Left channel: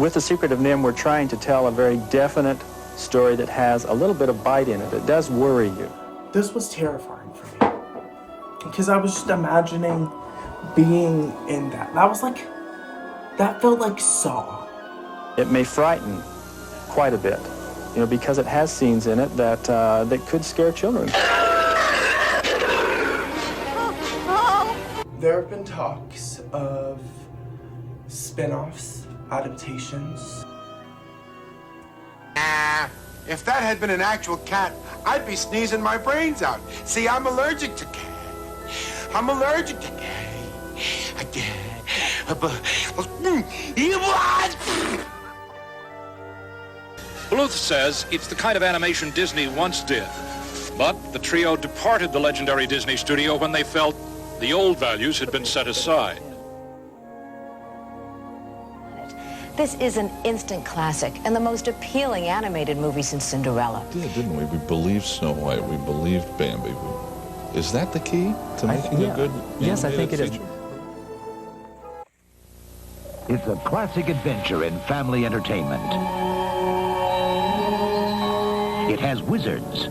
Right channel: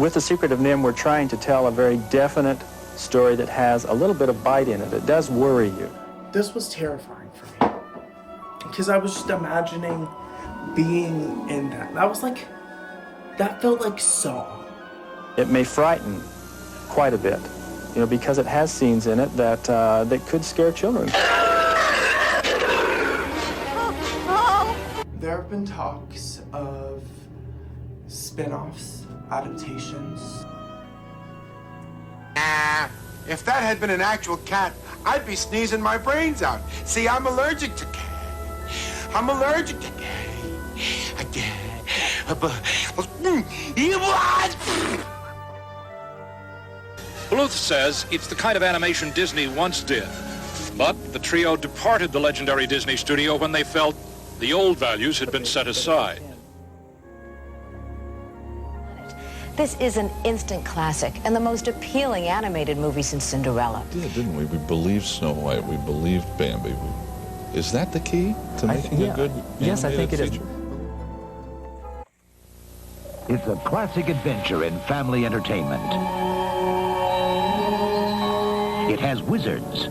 With The Secret of NIMH, we're trying to tell a very definite story that has a little bit of bite in it. It does worry you. This was terrifying for me because I was just imagining being in that. That felt like Saw. It may frighten quite a bit, you know, because it has scenes in it that could scare children. There have been talks of spin-offs, adaptations. If that had been an actual cat, I'd be sneezing my brains out. See, I'm allergic to cat. I'm allergic to cat. Bluth says it's the kind of animation Disney once did. But the trio departed the legendary Disney studio when they felt the old values had been set aside. This is an instant classic and the most appealing animated movie since Cinderella. We did, didn't we? We believed Snow White. We believed Bambi. Is that the key to making a good Yes, I think it is. It's a classic adventure in family entertainment. It has wizards,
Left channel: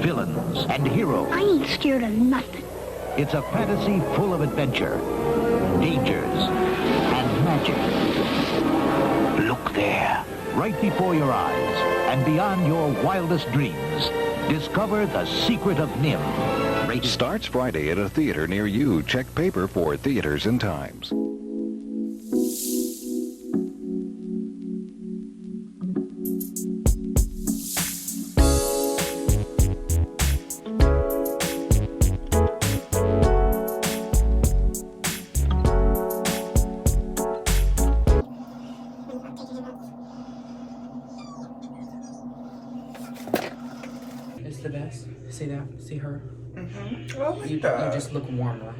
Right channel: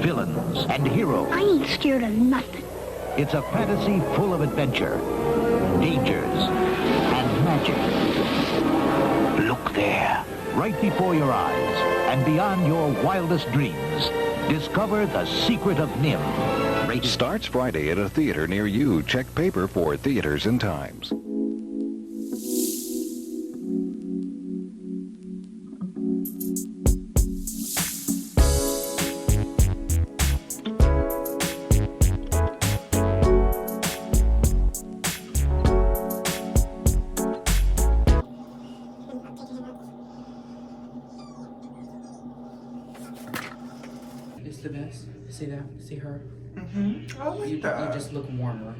villains, and heroes. I ain't scared of nothing. It's a fantasy full of adventure, dangers, and magic. Look there, right before your eyes, and beyond your wildest dreams. Discover The Secret of NIMH. Starts Friday at a theater near you. Check paper for theaters and times. It's the best. See that? See her? I like that. You just look warmer.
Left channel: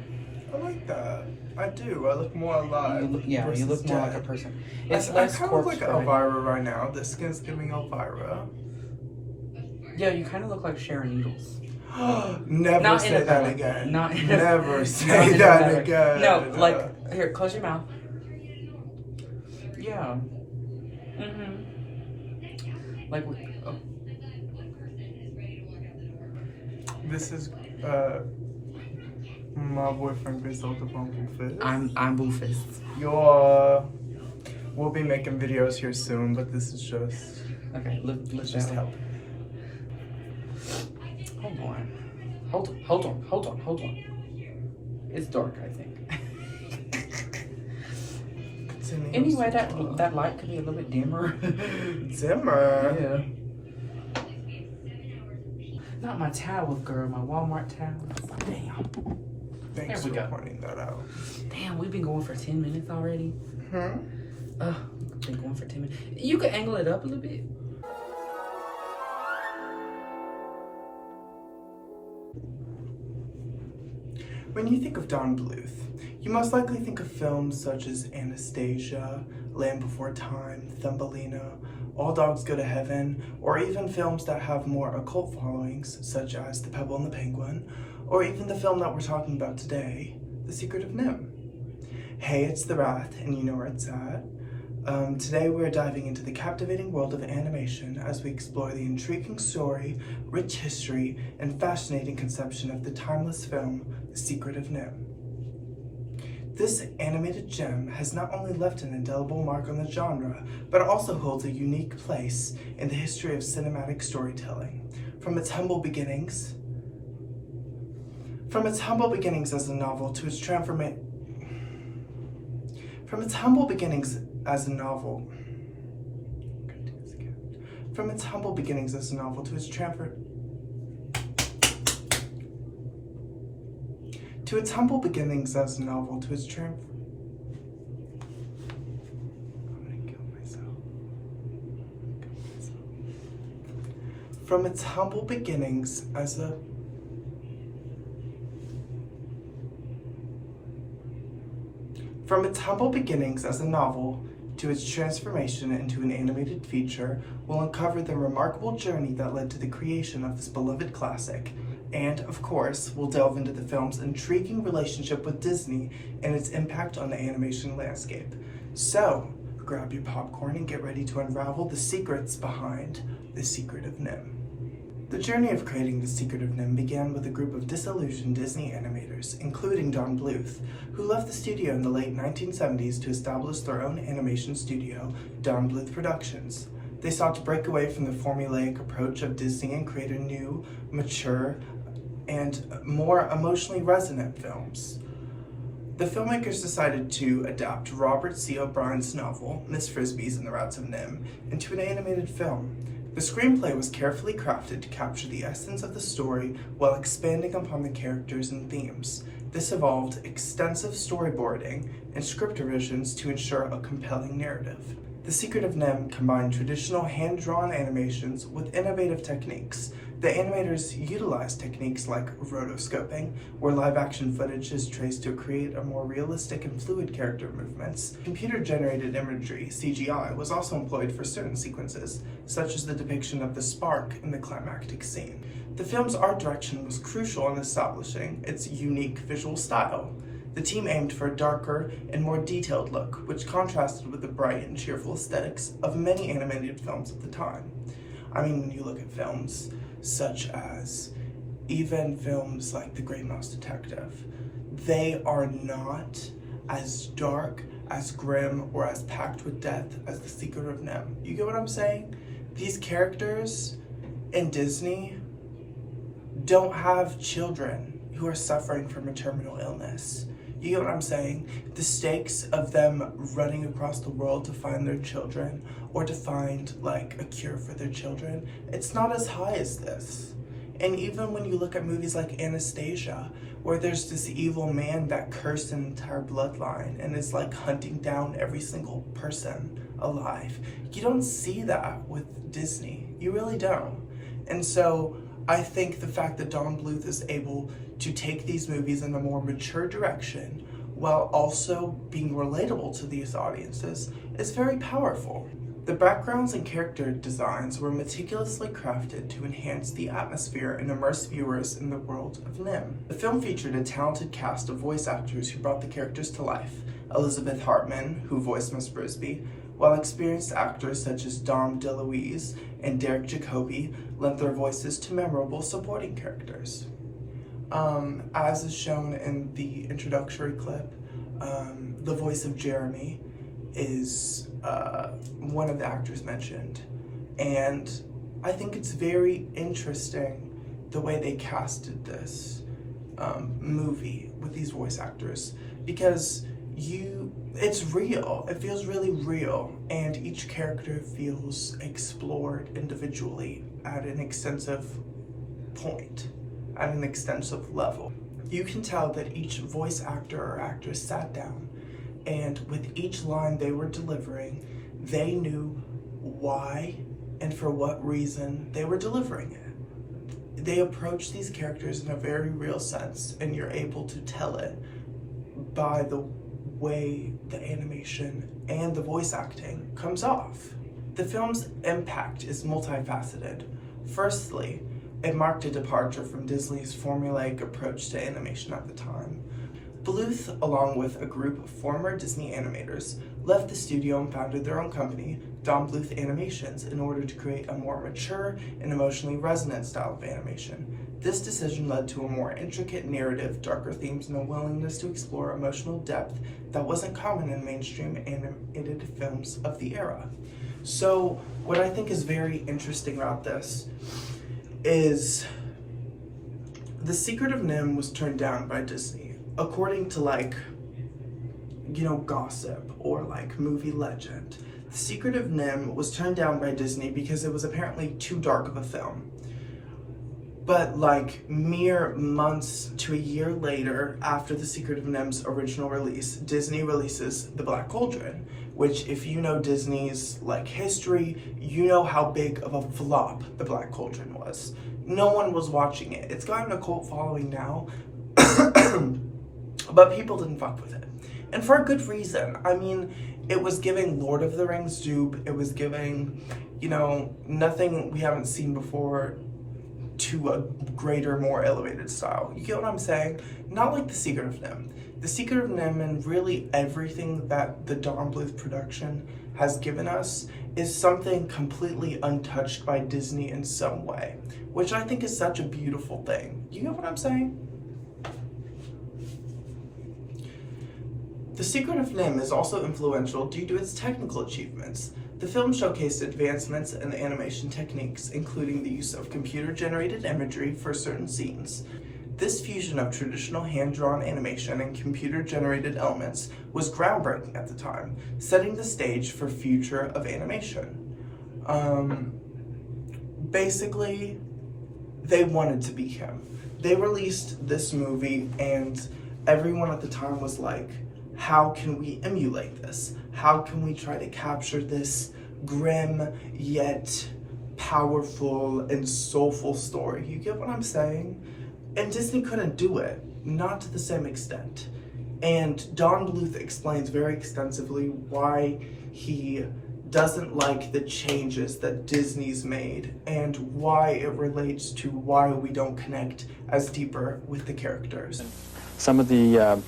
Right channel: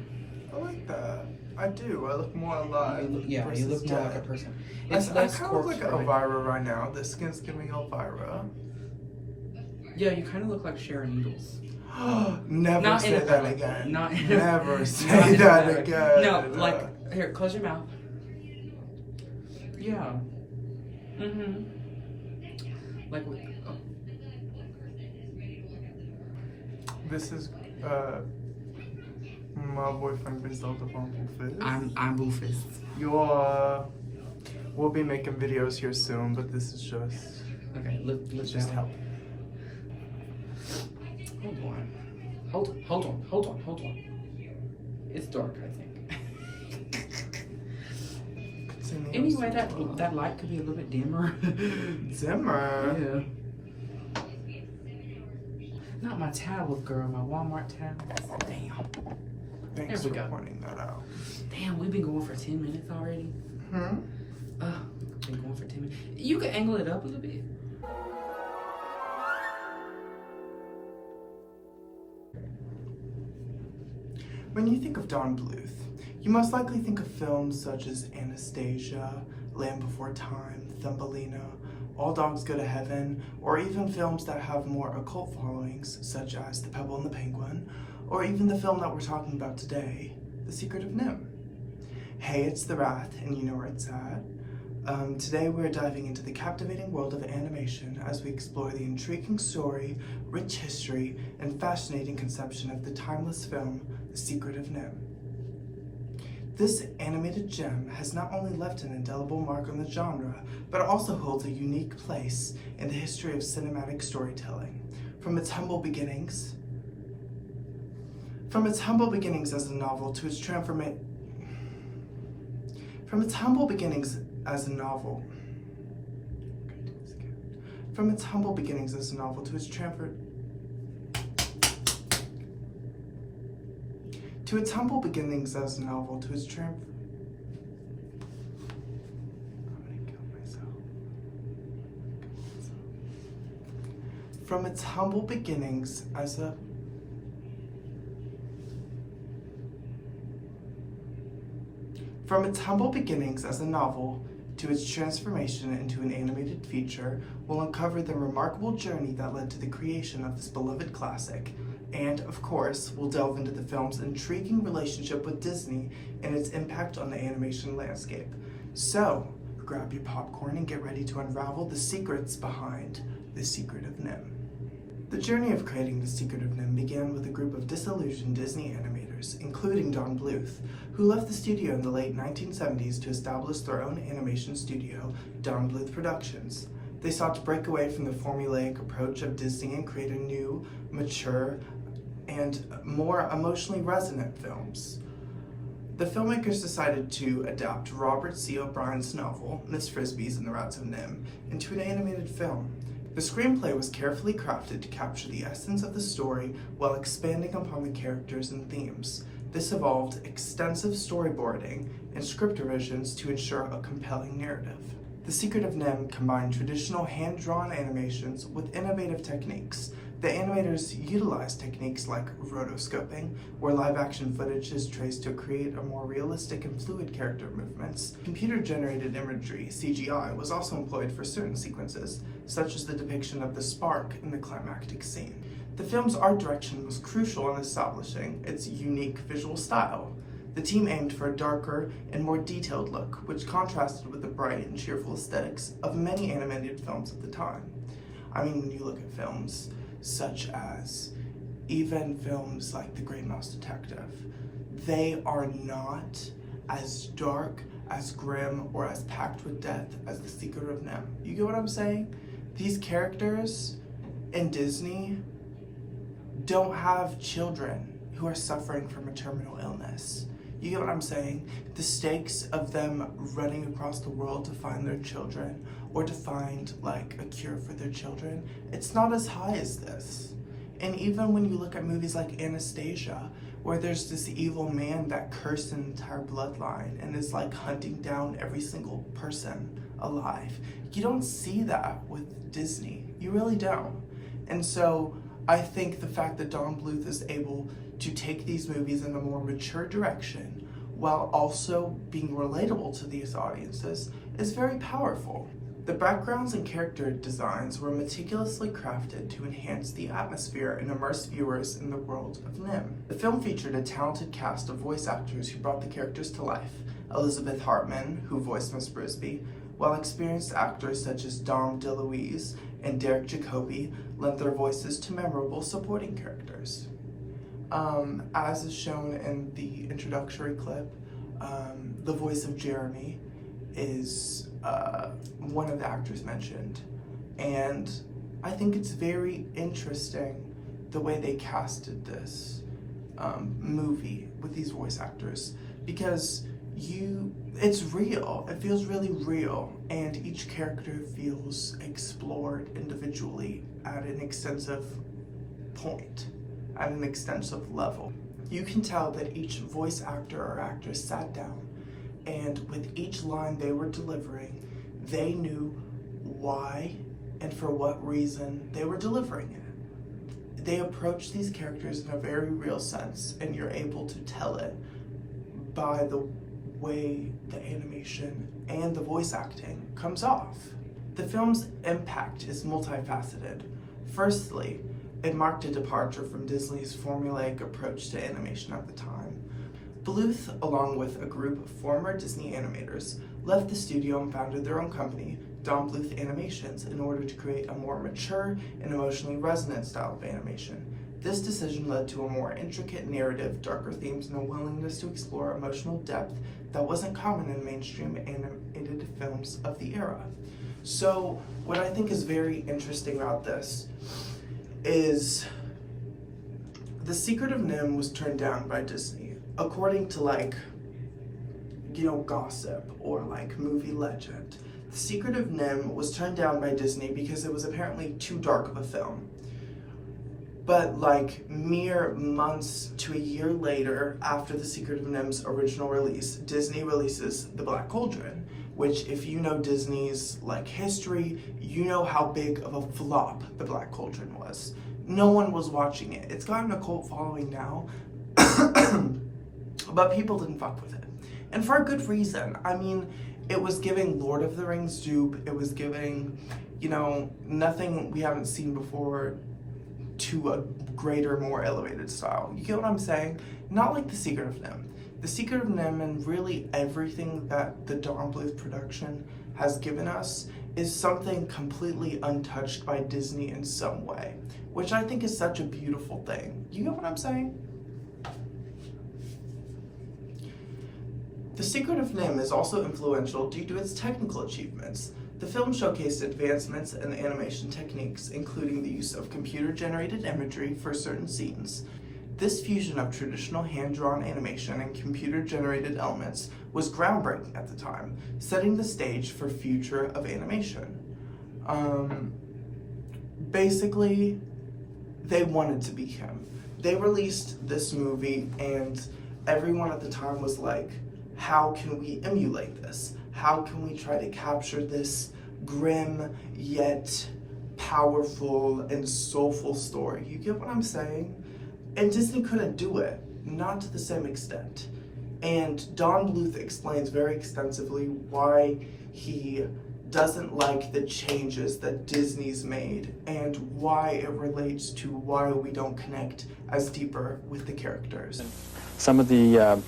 I like that. I do. I look more alive. You look more like a person. It's I less kind of look like corpse-bride. Elvira right now. The skin's giving Elvira. Yeah, you kind of look like Sharon Needles. Never Not say in a that way. again. Never Never say that again. No, like, here, close your mouth. Yeah. Like, oh. This is my boyfriend Griselda Bumblefish. I'm Boofus. We'll be making videos here soon, but this is just Okay, look just down. help. Hold on. It's dark, I think. Anyway, that light could be a little bit dimmer. Dimmer? Yeah. Not my towels, girl. My Walmart towels. Damn. Thanks There we for go. pointing that out. Damn, we've been going for 10 minutes already. Been going for 10 minutes. You can angle it up a little bit. When you think of Don Bluth, you must likely think of films such as Anastasia, Land Before Time, Thumbelina, All Dogs Go to Heaven, or even films that have more occult followings, such as The Pebble and the Penguin, or even the film that we're talking about today, The Secret of NIMH. Hey, it's The Wrath, and you know where it's at. Today we're diving into the captivating world of animation as we explore the intriguing story, rich history, and fascinating conception of the timeless film, The Secret of NIMH. This animated gem has not only left an indelible mark on the genre, but also holds a unique place in the history of cinematic storytelling. From its humble beginnings as a novel to its transformation. From its humble beginnings as a novel to its transformation into an animated feature, we'll uncover the remarkable journey that led to the creation of this beloved classic. And, of course, we'll delve into the film's intriguing relationship with Disney and its impact on the animation landscape. So, grab your popcorn and get ready to unravel the secrets behind The Secret of Nimh. The journey of creating The Secret of Nimh began with a group of disillusioned Disney animators, including Don Bluth, who left the studio in the late 1970s to establish their own animation studio, Don Bluth Productions. They sought to break away from the formulaic approach of Disney and create a new, mature, and more emotionally resonant films. The filmmakers decided to adapt Robert C. O'Brien's novel, Miss Frisby's and the Rats of Nimh, into an animated film. The screenplay was carefully crafted to capture the essence of the story while expanding upon the characters and themes. This involved extensive storyboarding and script revisions to ensure a compelling narrative. The Secret of Nimh combined traditional hand-drawn animations with innovative techniques. The animators utilized techniques like rotoscoping, where live-action footage is traced to create a more realistic and fluid character movements. Computer-generated imagery, CGI, was also employed for certain sequences, such as the depiction of the spark in the climactic scene. The film's art direction was crucial in establishing its unique visual style. The team aimed for a darker and more detailed look, which contrasted with the bright and cheerful aesthetics of many animated films at the time. I mean, when you look at films such as even films like The Great Mouse Detective, they are not as dark, as grim, or as packed with death as The Secret of Nimh. You get what I'm saying? These characters in Disney don't have children who are suffering from a terminal illness. You get what I'm saying? The stakes of them running across the world to find their children or to find like a cure for their children, it's not as high as this. And even when you look at movies like Anastasia, where there's this evil man that cursed an entire bloodline and is like hunting down every single person alive, you don't see that with Disney. You really don't. And so I think the fact that Don Bluth is able to take these movies in a more mature direction while also being relatable to these audiences is very powerful. The backgrounds and character designs were meticulously crafted to enhance the atmosphere and immerse viewers in the world of Nimh. The film featured a talented cast of voice actors who brought the characters to life. Elizabeth Hartman, who voiced Miss Frisby, while experienced actors such as Dom DeLuise and Derek Jacobi lent their voices to memorable supporting characters. As is shown in the introductory clip, the voice of Jeremy is one of the actors mentioned. And I think it's very interesting the way they casted this movie with these voice actors, because it's real. It feels really real, and each character feels explored individually at an extensive point, at an extensive level. You can tell that each voice actor or actress sat down, and with each line they were delivering, they knew why and for what reason they were delivering it. They approach these characters in a very real sense, and you're able to tell it by the way the animation and the voice acting comes off. The film's impact is multifaceted. Firstly, it marked a departure from Disney's formulaic approach to animation at the time. Bluth, along with a group of former Disney animators, left the studio and founded their own company, Don Bluth Animations, in order to create a more mature and emotionally resonant style of animation. This decision led to a more intricate narrative, darker themes, and a willingness to explore emotional depth that wasn't common in mainstream animated films of the era. So what I think is very interesting about this is The Secret of Nimh was turned down by Disney, according to gossip or movie legend. The Secret of Nimh was turned down by Disney because it was apparently too dark of a film. But mere months to a year later, after The Secret of Nimh's original release, Disney releases The Black Cauldron, which, if you know Disney's history, you know how big of a flop The Black Cauldron was. No one was watching it. It's gotten a cult following now, but people didn't fuck with it. And for a good reason. I mean, it was giving Lord of the Rings dupe. It was giving, nothing we haven't seen before to a greater, more elevated style. You get what I'm saying? Not like The Secret of Nimh. The Secret of Nimh and really everything that the Don Bluth production has given us is something completely untouched by Disney in some way, which I think is such a beautiful thing. You get what I'm saying? The Secret of Nimh is also influential due to its technical achievements. The film showcased advancements in animation techniques, including the use of computer-generated imagery for certain scenes. This fusion of traditional hand-drawn animation and computer-generated elements was groundbreaking at the time, setting the stage for future of animation. Basically, they wanted to be him. They released this movie and everyone at the time was like, how can we emulate this? How can we try to capture this grim yet powerful and soulful story? You get what I'm saying? And Disney couldn't do it, not to the same extent. And Don Bluth explains very extensively why he doesn't like the changes that Disney's made and why it relates to why we don't connect as deeper with the characters. Some of the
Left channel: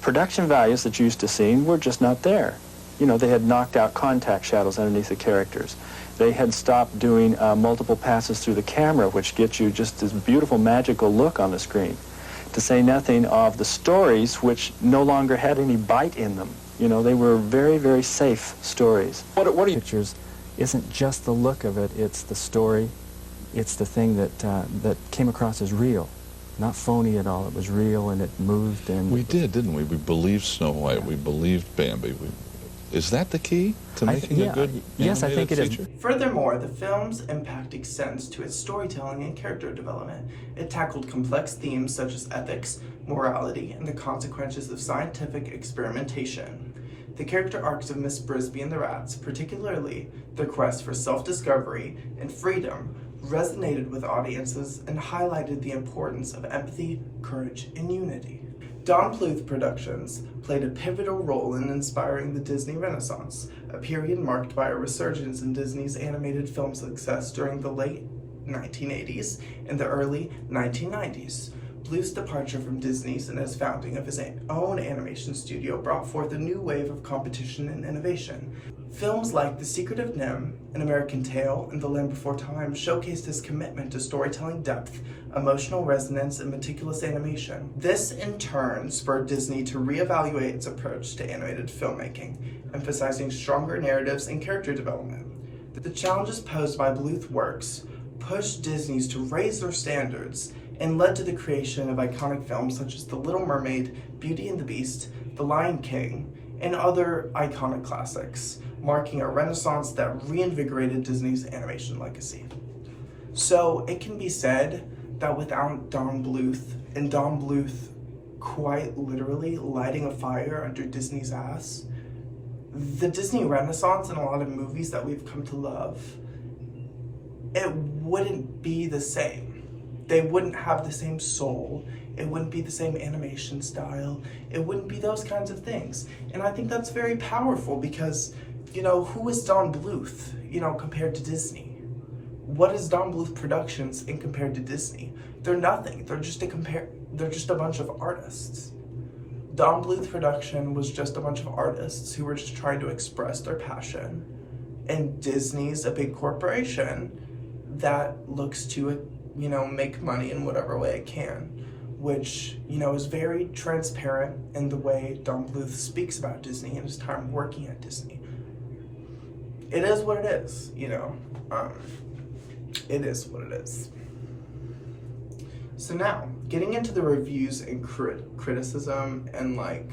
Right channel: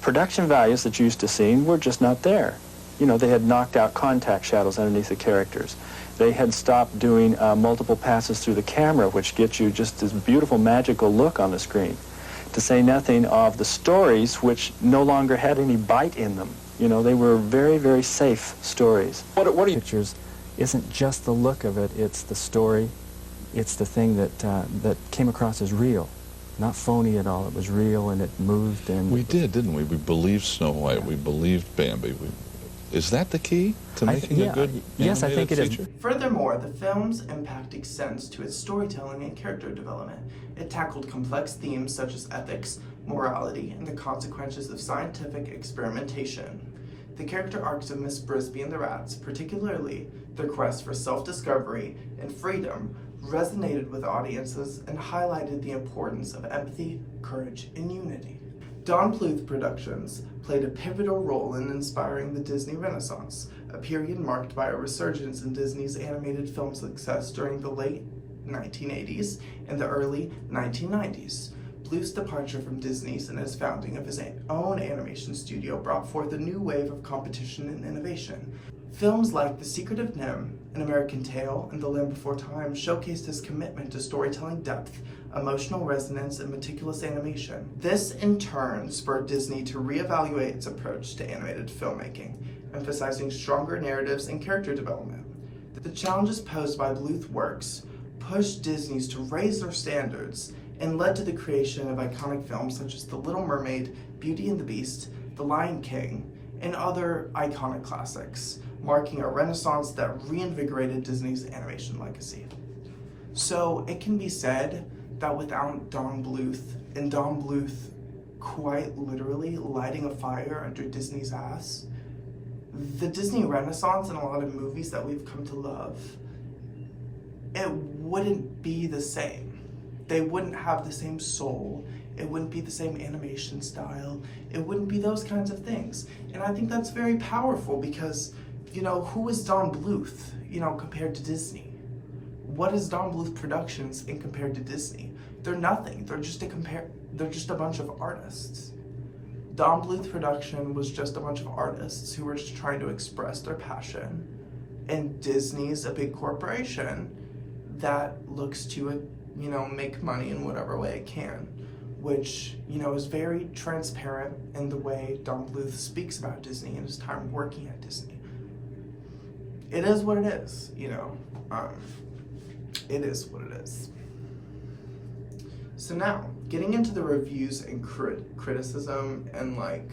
production values that you used to see were just not there. You know, they had knocked out contact shadows underneath the characters. They had stopped doing multiple passes through the camera, which gets you just this beautiful, magical look on the screen. To say nothing of the stories, which no longer had any bite in them. You know, they were very, very safe stories. What are you... Pictures isn't just the look of it, it's the story. It's the thing that, that came across as real. Not phony at all. It was real and it moved and... We did, didn't we? We believed Snow White. Yeah. We believed Bambi. Is that the key to making a good yes, I think it feature? is. Furthermore, the film's impact extends to its storytelling and character development. It tackled complex themes such as ethics, morality, and the consequences of scientific experimentation. The character arcs of Miss Brisby and the Rats, particularly their quest for self-discovery and freedom, resonated with audiences and highlighted the importance of empathy, courage, and unity. Don Bluth Productions played a pivotal role in inspiring the Disney Renaissance, a period marked by a resurgence in Disney's animated film success during the late 1980s and the early 1990s. Bluth's departure from Disney's and his founding of his own animation studio brought forth a new wave of competition and innovation. Films like The Secret of Nimh, An American Tale, and The Land Before Time showcased his commitment to storytelling depth, emotional resonance, and meticulous animation. This, in turn, spurred Disney to reevaluate its approach to animated filmmaking, emphasizing stronger narratives and character development. The challenges posed by Bluth works pushed Disney's to raise their standards and led to the creation of iconic films such as The Little Mermaid, Beauty and the Beast, The Lion King, and other iconic classics, marking a renaissance that reinvigorated Disney's animation legacy. So it can be said that without Don Bluth, and Don Bluth quite literally lighting a fire under Disney's ass, the Disney Renaissance and a lot of movies that we've come to love, it wouldn't be the same. They wouldn't have the same soul. It wouldn't be the same animation style. It wouldn't be those kinds of things. And I think that's very powerful because, you know, who is Don Bluth, you know, compared to Disney? What is Don Bluth Productions in compared to Disney? They're nothing. They're just a bunch of artists. Don Bluth Production was just a bunch of artists who were just trying to express their passion. And Disney's a big corporation that looks to, you know, make money in whatever way it can, which, you know, is very transparent in the way Don Bluth speaks about Disney and his time working at Disney. It is what it is, you know. It is what it is. So now, getting into the reviews and criticism and, like,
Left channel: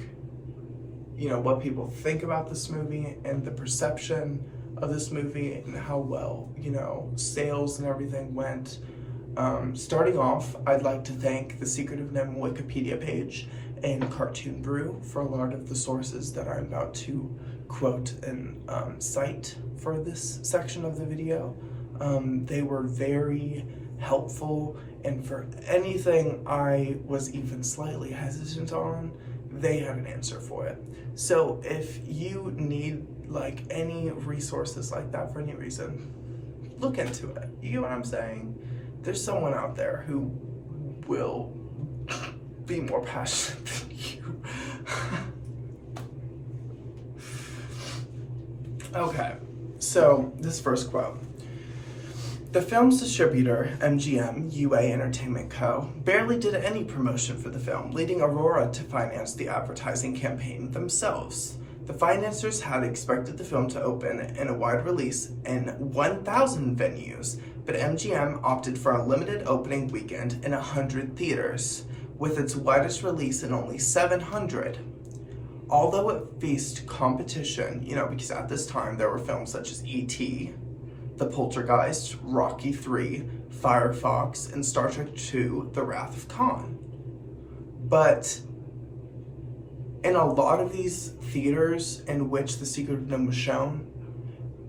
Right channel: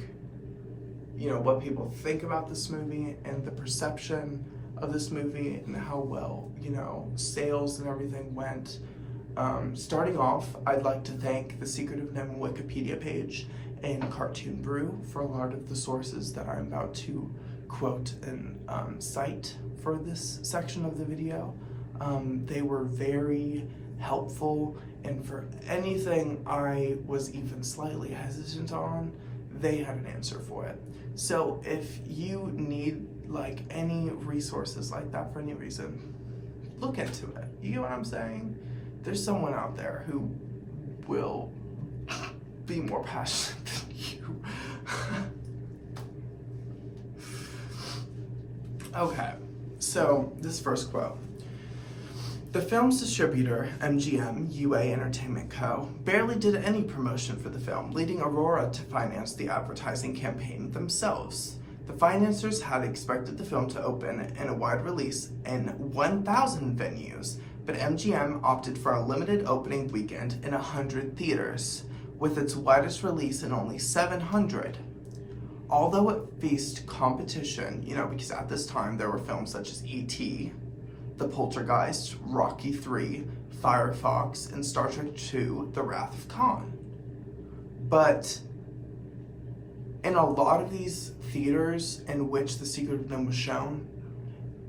you know, what people think about this movie and the perception of this movie and how well, you know, sales and everything went. Starting off, I'd like to thank the Secret of Nimh Wikipedia page and Cartoon Brew for a lot of the sources that I'm about to quote and cite for this section of the video. They were very helpful, and for anything I was even slightly hesitant on, they had an answer for it. So if you need like any resources like that for any reason, look into it. You get what I'm saying? There's someone out there who will be more passionate than you. Okay, so this first quote. The film's distributor, MGM UA Entertainment Co., barely did any promotion for the film, leading Aurora to finance the advertising campaign themselves. The financiers had expected the film to open in a wide release in 1,000 venues, but MGM opted for a limited opening weekend in 100 theaters, with its widest release in only 700. Although it faced competition, because at this time there were films such as E.T., The Poltergeist, Rocky III, Firefox, and Star Trek II, The Wrath of Khan. But in a lot of these theaters in which The Secret of NIMH was shown,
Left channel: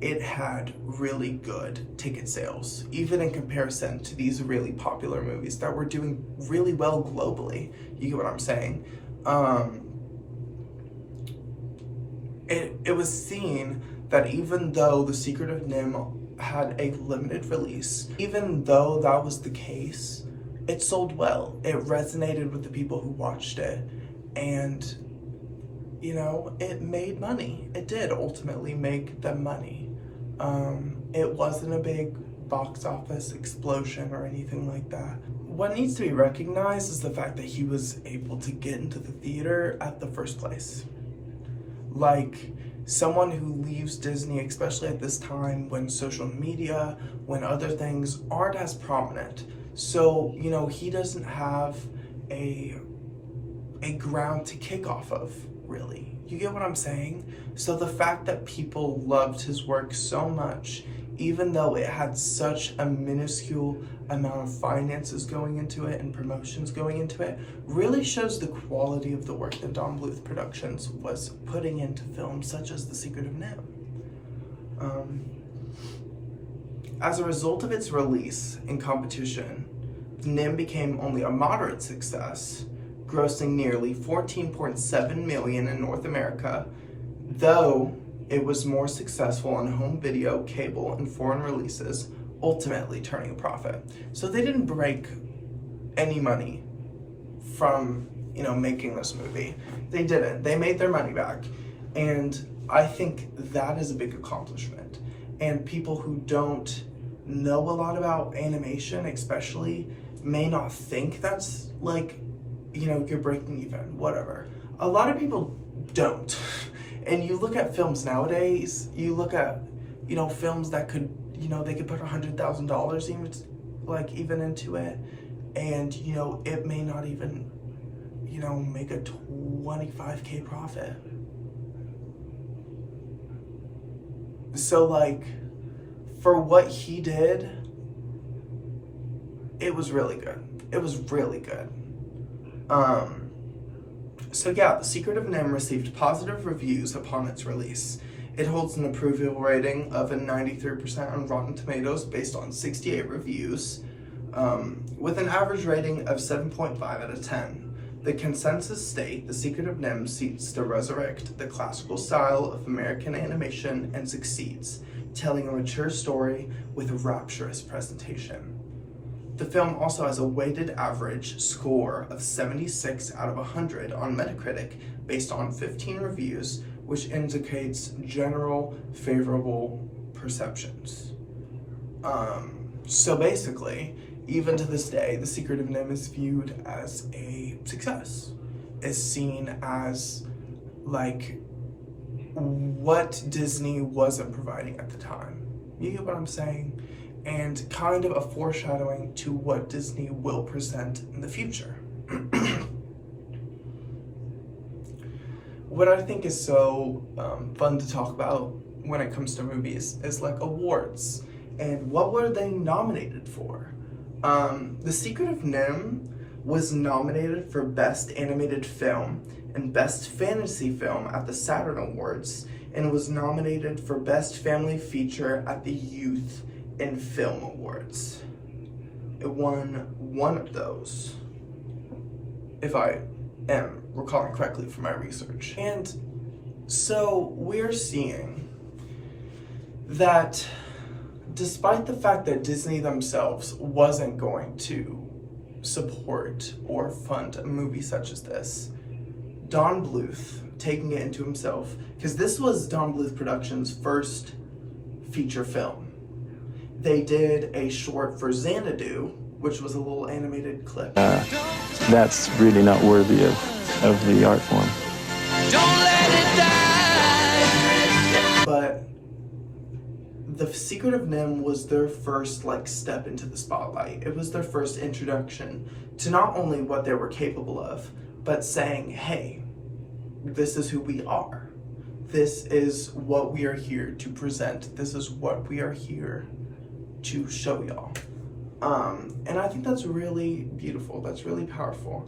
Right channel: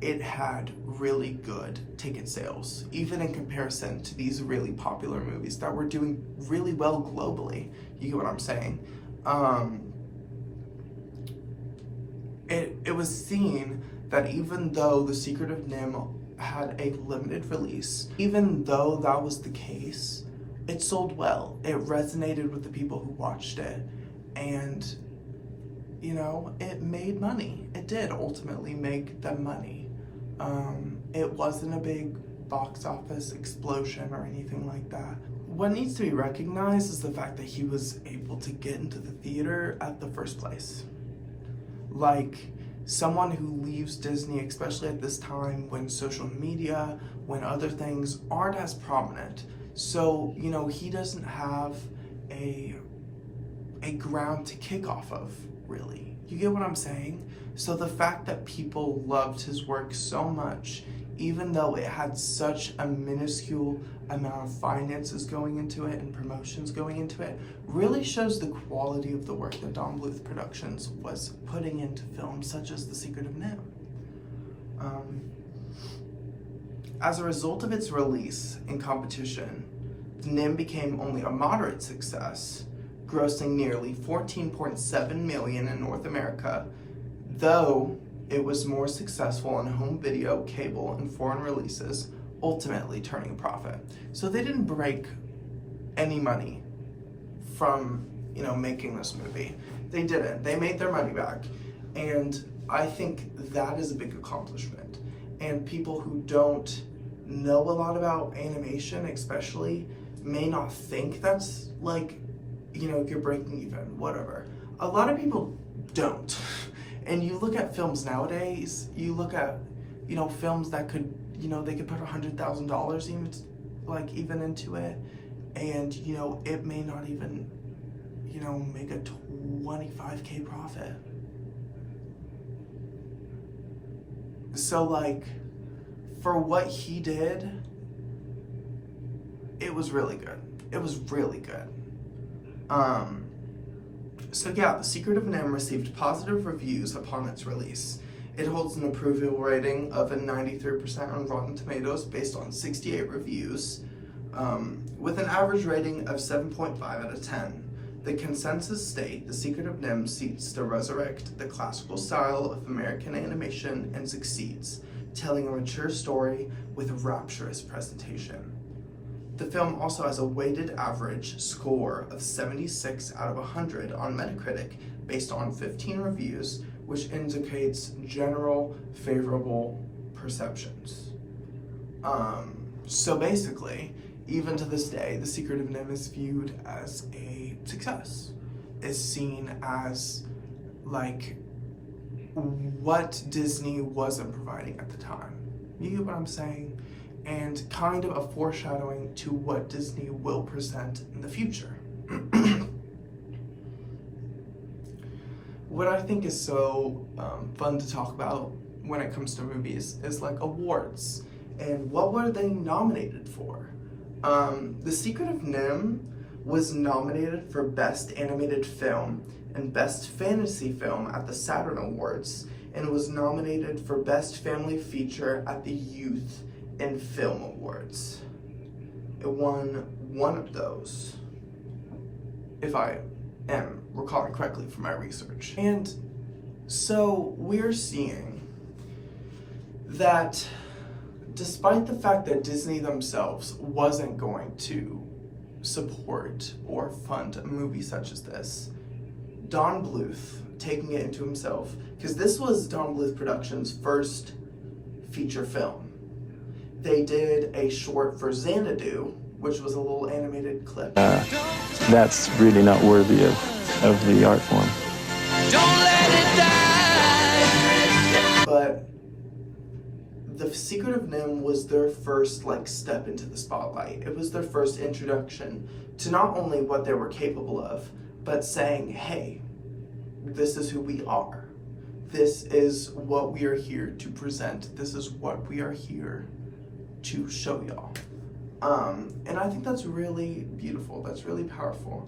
it had really good ticket sales, even in comparison to these really popular movies that were doing really well globally. You get what I'm saying? It was seen that even though The Secret of NIMH had a limited release, even though that was the case, it sold well. It resonated with the people who watched it, and it made money. It did ultimately make them money. It wasn't a big box office explosion or anything like that. What needs to be recognized is the fact that he was able to get into the theater at the first place. Like, someone who leaves Disney, especially at this time when social media, when other things aren't as prominent. So, he doesn't have a ground to kick off of, really. You get what I'm saying? So the fact that people loved his work so much, even though it had such a minuscule amount of finances going into it and promotions going into it, really shows the quality of the work that Don Bluth Productions was putting into films such as The Secret of NIMH. As a result of its release in competition, NIMH became only a moderate success, grossing nearly $14.7 million in North America, though it was more successful on home video, cable, and foreign releases, ultimately turning a profit. So they didn't break any money from, making this movie. They didn't. They made their money back. And I think that is a big accomplishment. And people who don't know a lot about animation, especially, may not think that's you're breaking even, whatever. A lot of people don't. And you look at films nowadays, you look at, films that could, they could put $100,000 even into it, and, it may not even, make a 25K profit. So, for what he did, it was really good. It was really good. So yeah, The Secret of NIMH received positive reviews upon its release. It holds an approval rating of a 93% on Rotten Tomatoes based on 68 reviews, with an average rating of 7.5 out of 10. The consensus state, The Secret of NIMH seeks to resurrect the classical style of American animation and succeeds, telling a mature story with a rapturous presentation. The film also has a weighted average score of 76 out of 100 on Metacritic based on 15 reviews, which indicates general favorable perceptions. So basically, even to this day, The Secret of NIMH is viewed as a success. Is seen as what Disney wasn't providing at the time. You get what I'm saying? And kind of a foreshadowing to what Disney will present in the future. What I think is so fun to talk about when it comes to movies is awards. And what were they nominated for? The Secret of NIMH was nominated for Best Animated Film and Best Fantasy Film at the Saturn Awards, and was nominated for Best Family Feature at the Youth in Film Awards. It won one of those, if I am recalling correctly from my research. And so we're seeing that despite the fact that Disney themselves wasn't going to support or fund a movie such as this, Don Bluth taking it into himself, because this was Don Bluth Productions' first feature film. They did a short for Xanadu, which was a little animated clip. That's really not worthy of the art form. Don't let it die. But The Secret of Nimh was their first step into the spotlight. It was their first introduction to not only what they were capable of, but saying, hey, this is who we are. This is what we are here to present. This is what we are here to show y'all. And I think that's really beautiful. That's really powerful.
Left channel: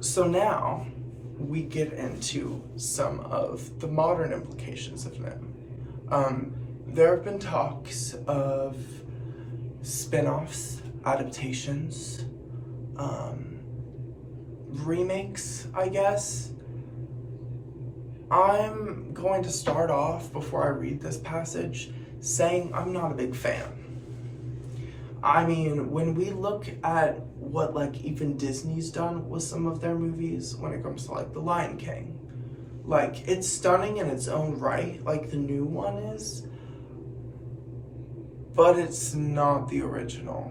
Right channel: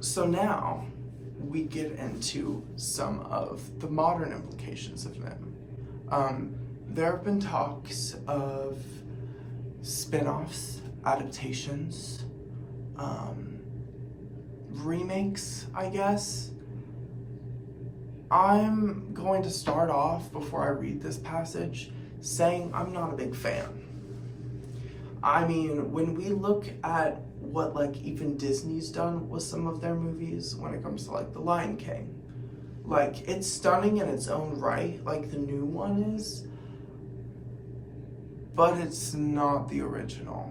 So now we get into some of the modern implications of Nimh. There have been talks of spin-offs, adaptations, remakes, I guess. I'm going to start off, before I read this passage, saying I'm not a big fan. I mean, when we look at what even Disney's done with some of their movies when it comes to The Lion King, it's stunning in its own right, the new one is, but it's not the original.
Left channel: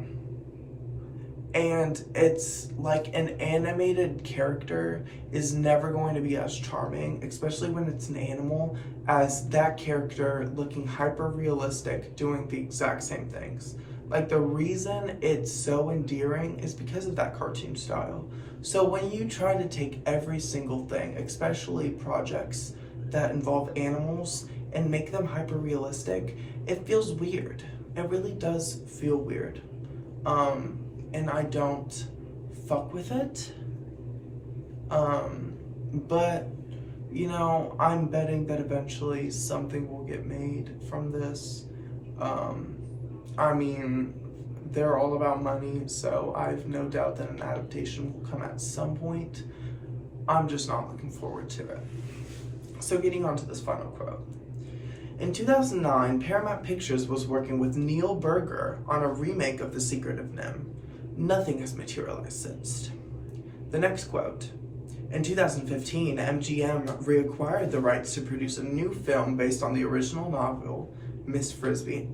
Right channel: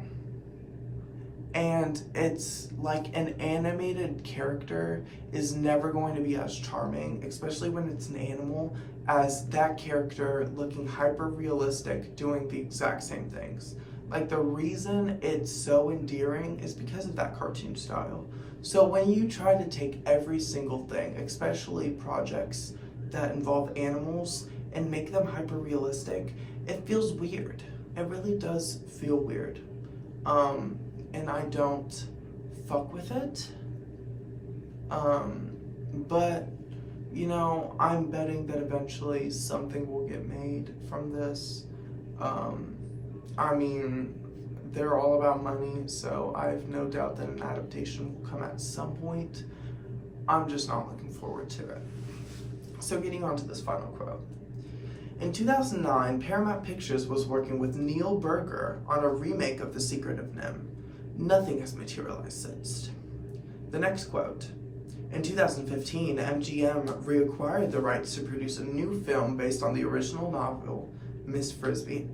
And it's an animated character is never going to be as charming, especially when it's an animal, as that character looking hyper realistic doing the exact same things. The reason it's so endearing is because of that cartoon style. So when you try to take every single thing, especially projects that involve animals, and make them hyper realistic, it feels weird. It really does feel weird. And I don't fuck with it. But, I'm betting that eventually something will get made from this. I mean, they're all about money, so I have no doubt that an adaptation will come at some point. I'm just not looking forward to it. So getting on to this final quote. In 2009, Paramount Pictures was working with Neil Burger on a remake of The Secret of Nimh. Nothing has materialized since. The next quote. In 2015, MGM reacquired the rights to produce a new film based on the original novel, Miss Frisbee.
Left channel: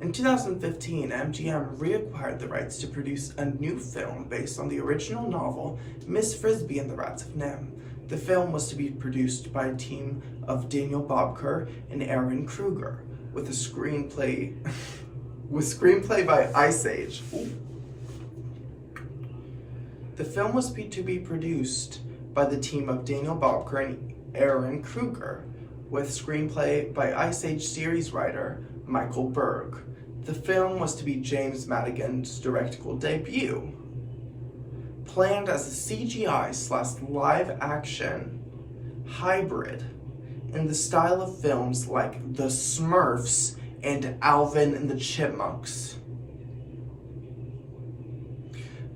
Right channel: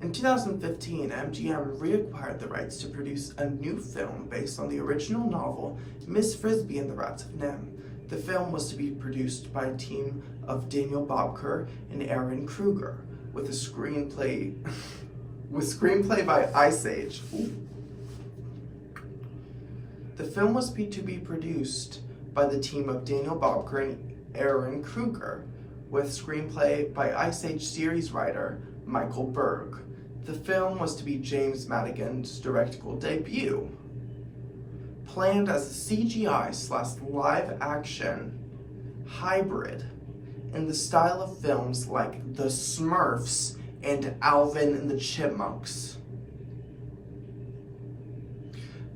In 2015, MGM reacquired the rights to produce a new film based on the original novel, Miss Frisbee and the Rats of Nimh. The film was to be produced by a team of Daniel Bobker and Aaron Kruger, with a screenplay by Ice Age. Ooh. The film was to be produced by the team of Daniel Bobker and Aaron Kruger, with screenplay by Ice Age series writer Michael Berg. The film was to be James Madigan's directorial debut. Planned as a CGI/live-action hybrid in the style of films like The Smurfs and Alvin and the Chipmunks.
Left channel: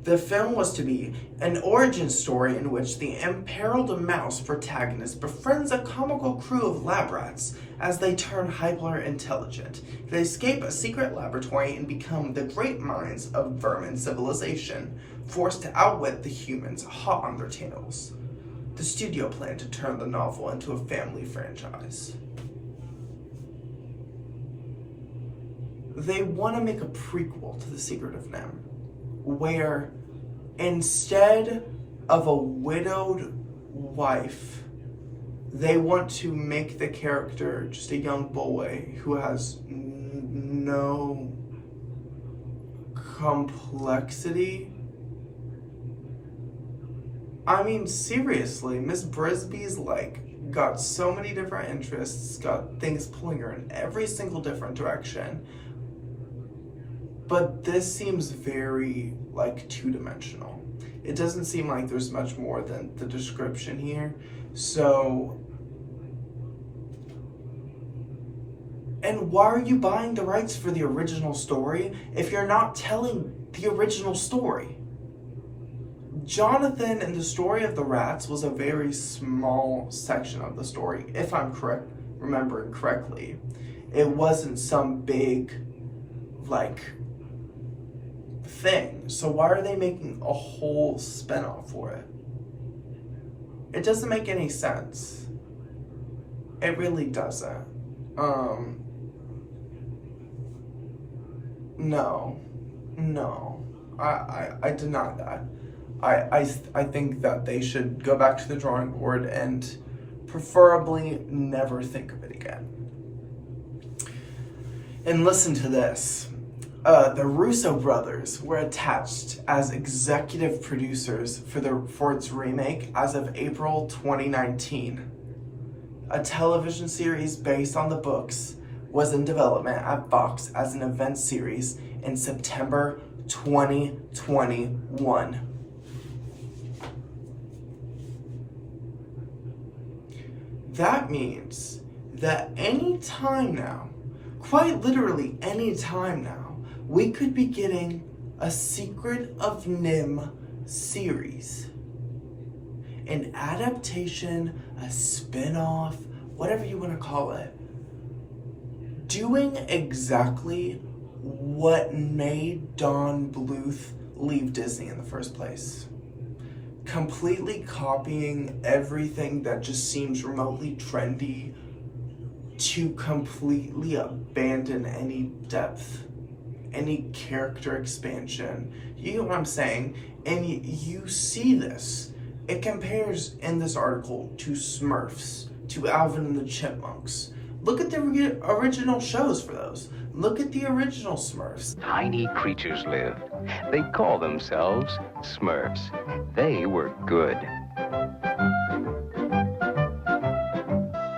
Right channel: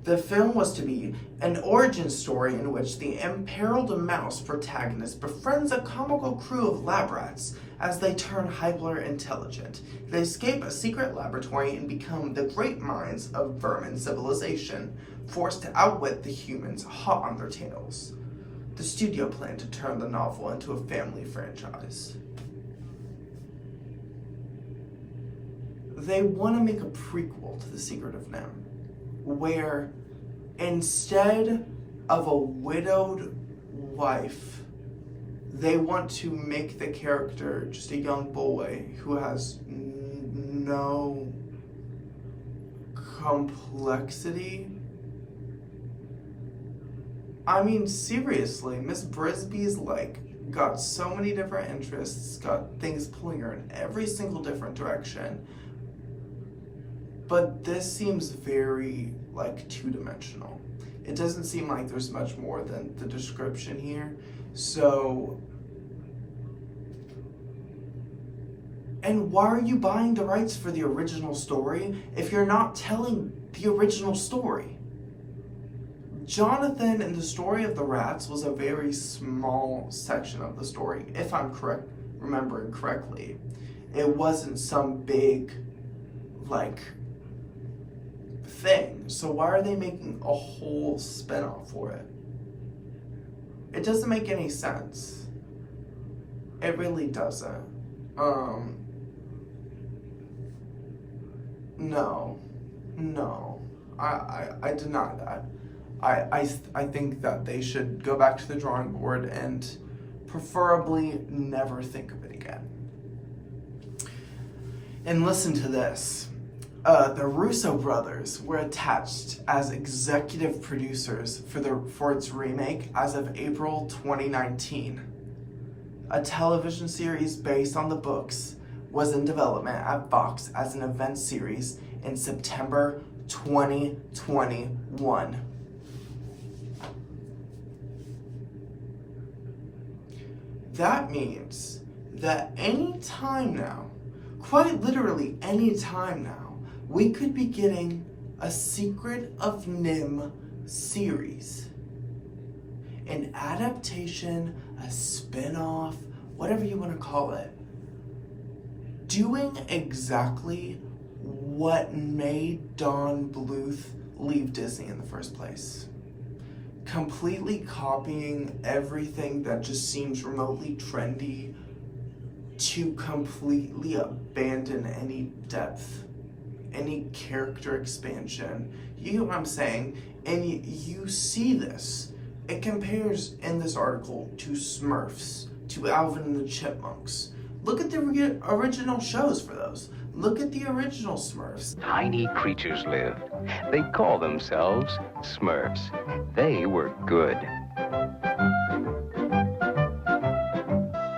The film was to be an origin story in which the imperiled mouse protagonist befriends a comical crew of lab rats as they turn hyper-intelligent. They escape a secret laboratory and become the great minds of vermin civilization, forced to outwit the humans hot on their tails. The studio planned to turn the novel into a family franchise. They want to make a prequel to The Secret of Nimh, where instead of a widowed wife, they want to make the character just a young boy who has no complexity. I mean, seriously, Miss Frisbee's got so many different interests, got things pulling her in every single different direction. But this seems very, two-dimensional. It doesn't seem like there's much more than the description here. So... And why are you buying the rights for the original story if you're not telling the original story? Jonathan and the story of the rats was a very small section of the story, if I'm remembering correctly. It wasn't some big, thing. So why are they making a whole spin-off for it? It doesn't make any sense. It really doesn't. No. I deny that. I think that they should go back to the drawing board and preferably never think of it again. And listen to this. The Russo brothers were attached as executive producers for its remake as of April 2019. A television series based on the books was in development at Fox as an event series in September 2021. That means that any time now, quite literally any time now, we could be getting a Secret of Nimh series. An adaptation, a spin-off, whatever you want to call it. Doing exactly what made Don Bluth leave Disney in the first place. Completely copying everything that just seems remotely trendy to completely abandon any depth, any character expansion. You know what I'm saying? And you see this. It compares in this article to Smurfs, to Alvin and the Chipmunks. Look at the original shows for those. Look at the original Smurfs. Tiny creatures lived. They call themselves Smurfs. They were good.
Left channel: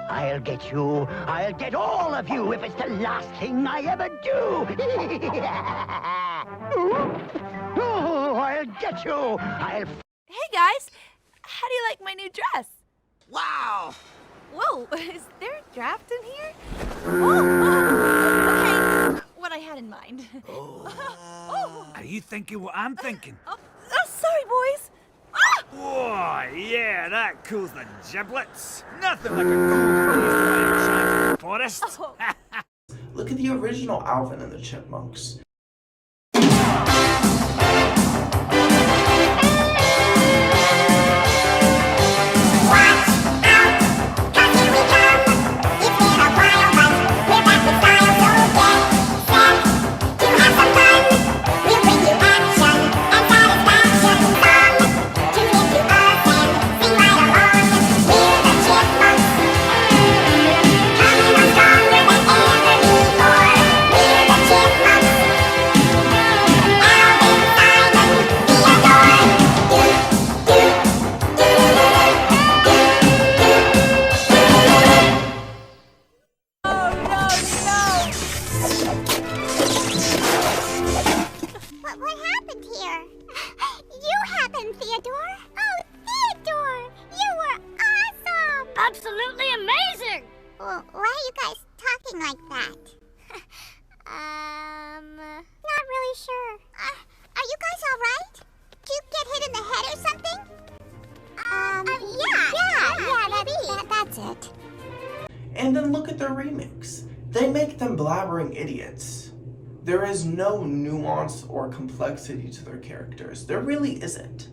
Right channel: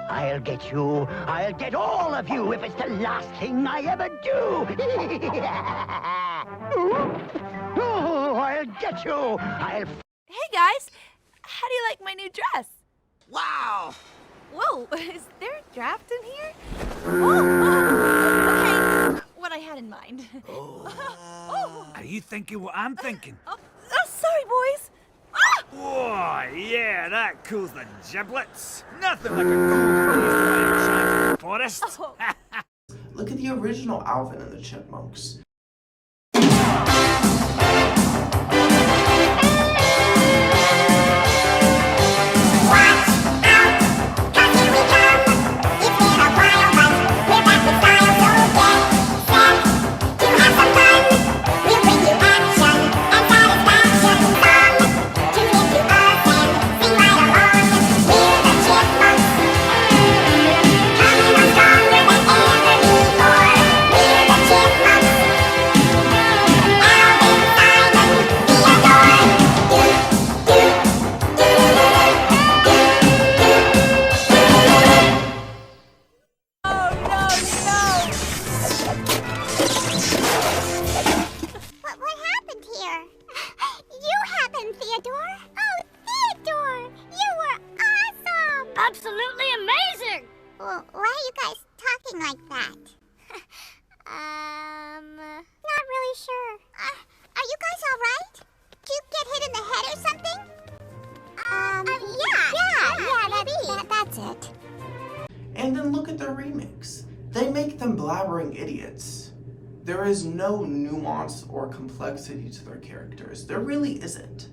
I'll get you. I'll get all of you if it's the last thing I ever do. Oh, I'll get you. Hey guys, how do you like my new dress? Wow. Whoa, is there a draft in here? Okay, what I had in mind. Are you thinking what I'm thinking? Sorry, boys. Whoa, yeah, that cools the giblets. Nothing like a cool breeze in the forest. Look at the original Alvin and the Chipmunks. Absolutely amazing! Well, why are you guys talking like that? Not really sure. Are you guys alright? Did you get hit in the head or something? Yeah, that's it. And then look at the remix. They make them blabbering idiots. There is no nuance or complexity to their characters. There really isn't.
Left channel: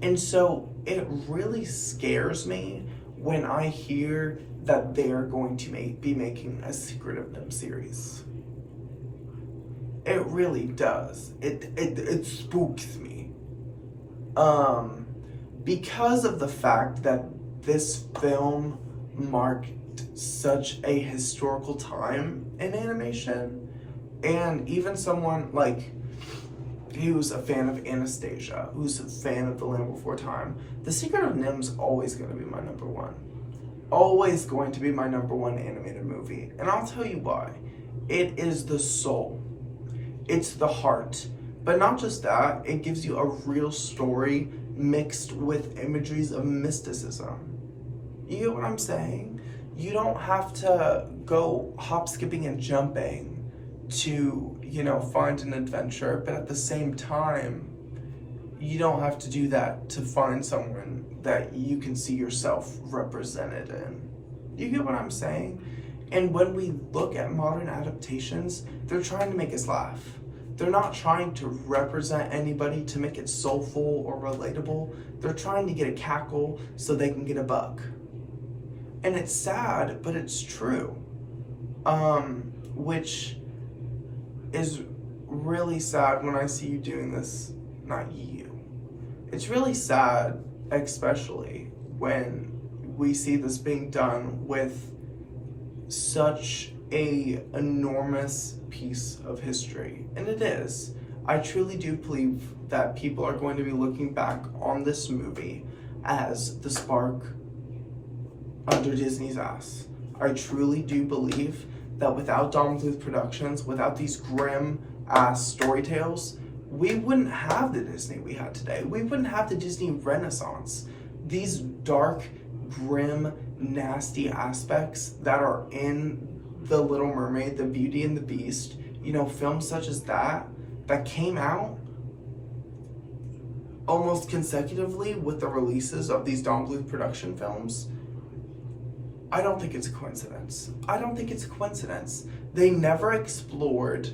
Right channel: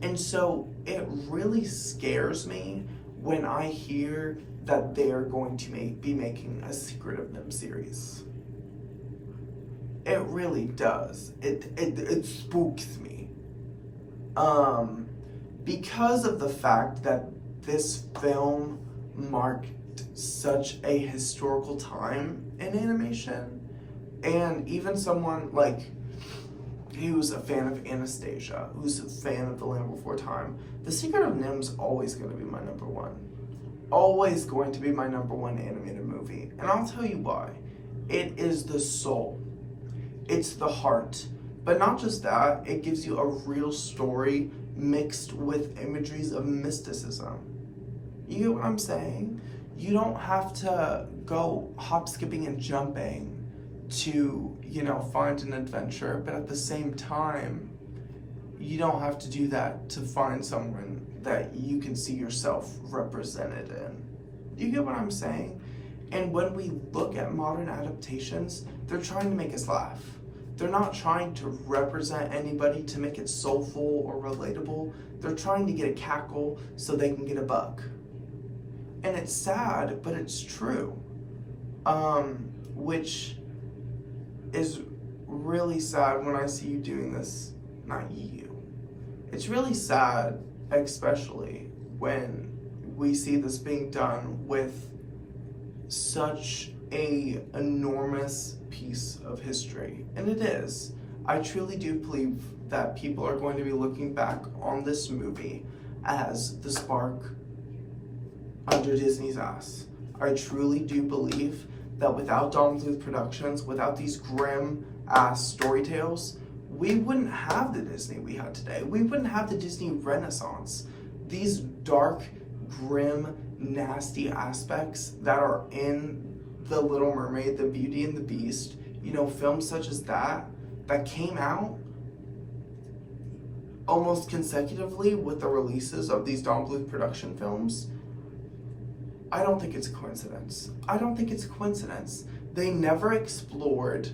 And so it really scares me when I hear that they are going to be making a Secret of Nimh series. It really does. It spooks me. Because of the fact that this film marked such a historical time in animation, and even someone like who's a fan of Anastasia, who's a fan of The Land Before Time, The Secret of Nimh's always going to be my number one. Always going to be my number one animated movie. And I'll tell you why. It is the soul. It's the heart. But not just that, it gives you a real story mixed with imageries of mysticism. You get what I'm saying? You don't have to go hop, skipping, and jumping to, find an adventure, but at the same time, you don't have to do that to find someone that you can see yourself represented in. You get what I'm saying? And when we look at modern adaptations, they're trying to make us laugh. They're not trying to represent anybody to make it soulful or relatable. They're trying to get a cackle so they can get a buck. And it's sad, but it's true. Which is really sad when I see you doing this, not you. It's really sad, especially when we see this being done with such a enormous piece of history. And it is. I truly do believe that people are going to be looking back on this movie as the spark under Disney's ass. I truly do believe that without Don Bluth Productions, without these grim ass story tales, we wouldn't have the Disney we had today. We wouldn't have the Disney Renaissance. These dark, grim, nasty aspects that are in The Little Mermaid, The Beauty and the Beast, you know, films such as that came out almost consecutively with the releases of these Don Bluth production films. I don't think it's a coincidence. I don't think it's a coincidence. They never explored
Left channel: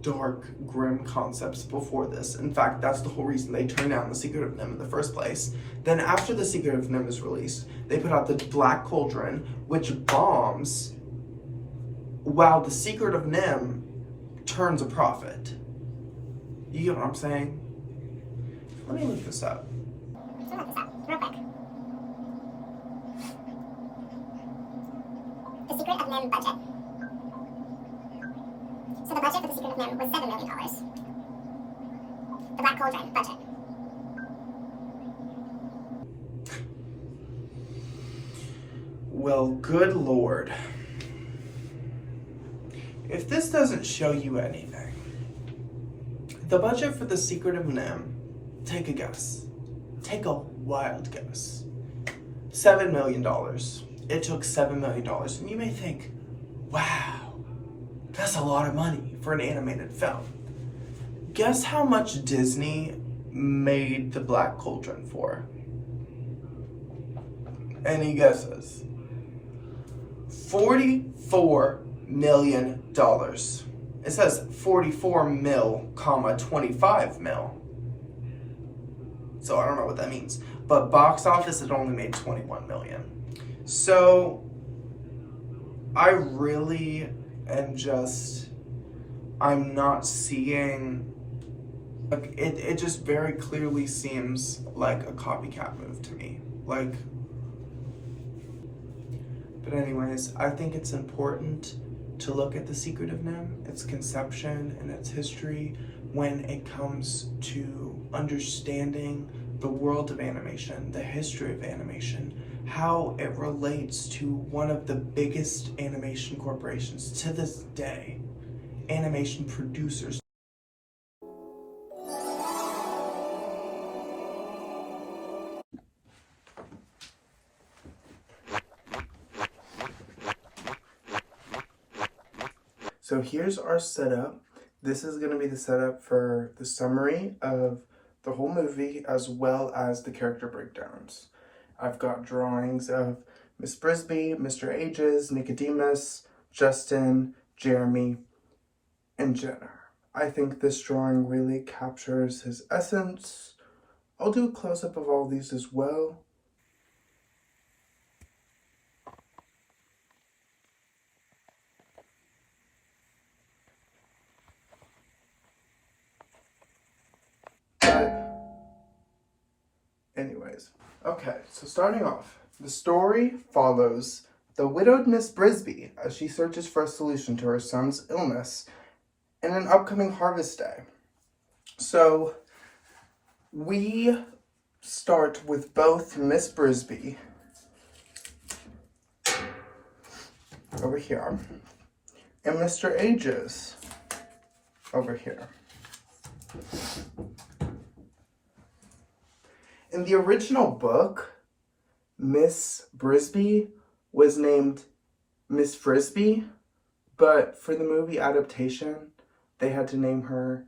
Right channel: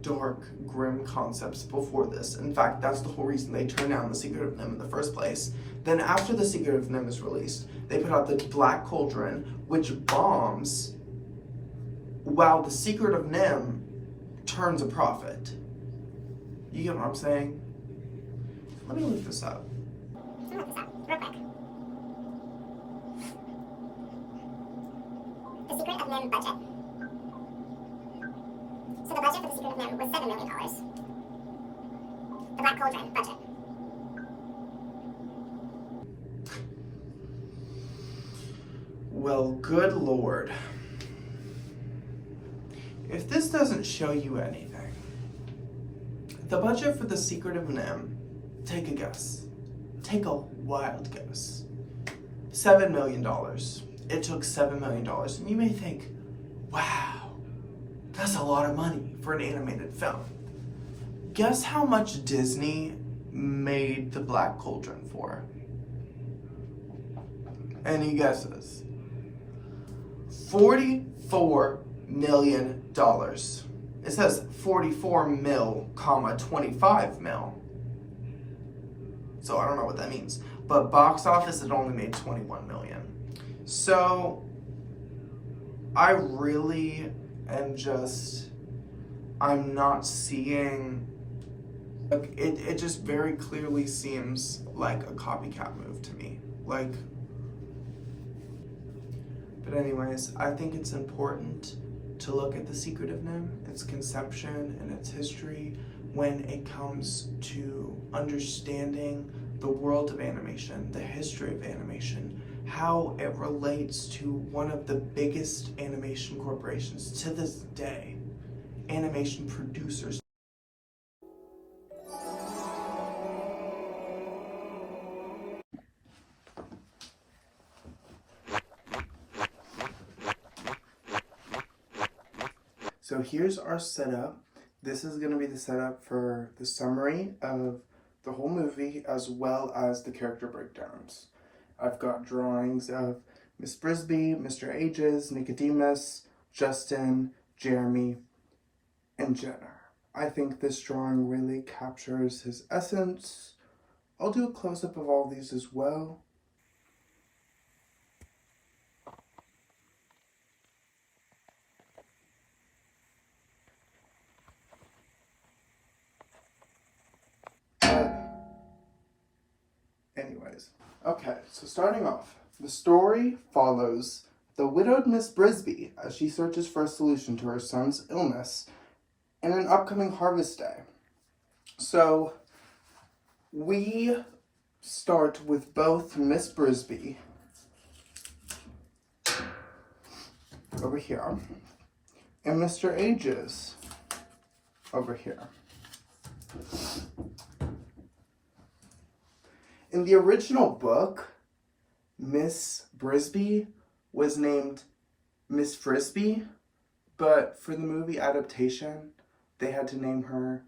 dark, grim concepts before this. In fact, that's the whole reason they turned down The Secret of Nimh in the first place. Then after The Secret of Nimh is released, they put out The Black Cauldron, which bombs, while The Secret of Nimh turns a profit. You get what I'm saying? Let me look this up. Real quick. The Secret of Nimh budget. So the budget for The Secret of Nimh was $7 million. The Black Cauldron budget. Well, good Lord. If this doesn't show you anything, the budget for The Secret of Nimh, take a guess. Take a wild guess. $7 million. It took $7 million. And you may think, wow, that's a lot of money for an animated film. Guess how much Disney made The Black Cauldron for? Any guesses? $44 million. It says 44 mil, comma, 25 mil. So I don't know what that means. But box office, it only made 21 million. So I really am just, I'm not seeing, like, it just very clearly seems like a copycat move to me. Like, but anyways, I think it's important to look at The Secret of Nimh, its conception and its history when it comes to understanding the world of animation, the history of animation, how it relates to one of the biggest animation corporations to this day, animation producers. So here's our setup. This is going to be the setup for the summary of the whole movie as well as the character breakdowns. I've got drawings of Miss Brisby, Mr. Ages, Nicodemus, Justin, Jeremy, and Jenna. I think this drawing really captures his essence. I'll do a close-up of all these as well. Anyways, okay, so starting off, the story follows the widowed Miss Brisby as she searches for a solution to her son's illness in an upcoming harvest day. So we start with both Miss Brisby over here and Mr. Ages over here. In the original book, Miss Brisby was named Miss Frisbee, but for the movie adaptation, they had to name her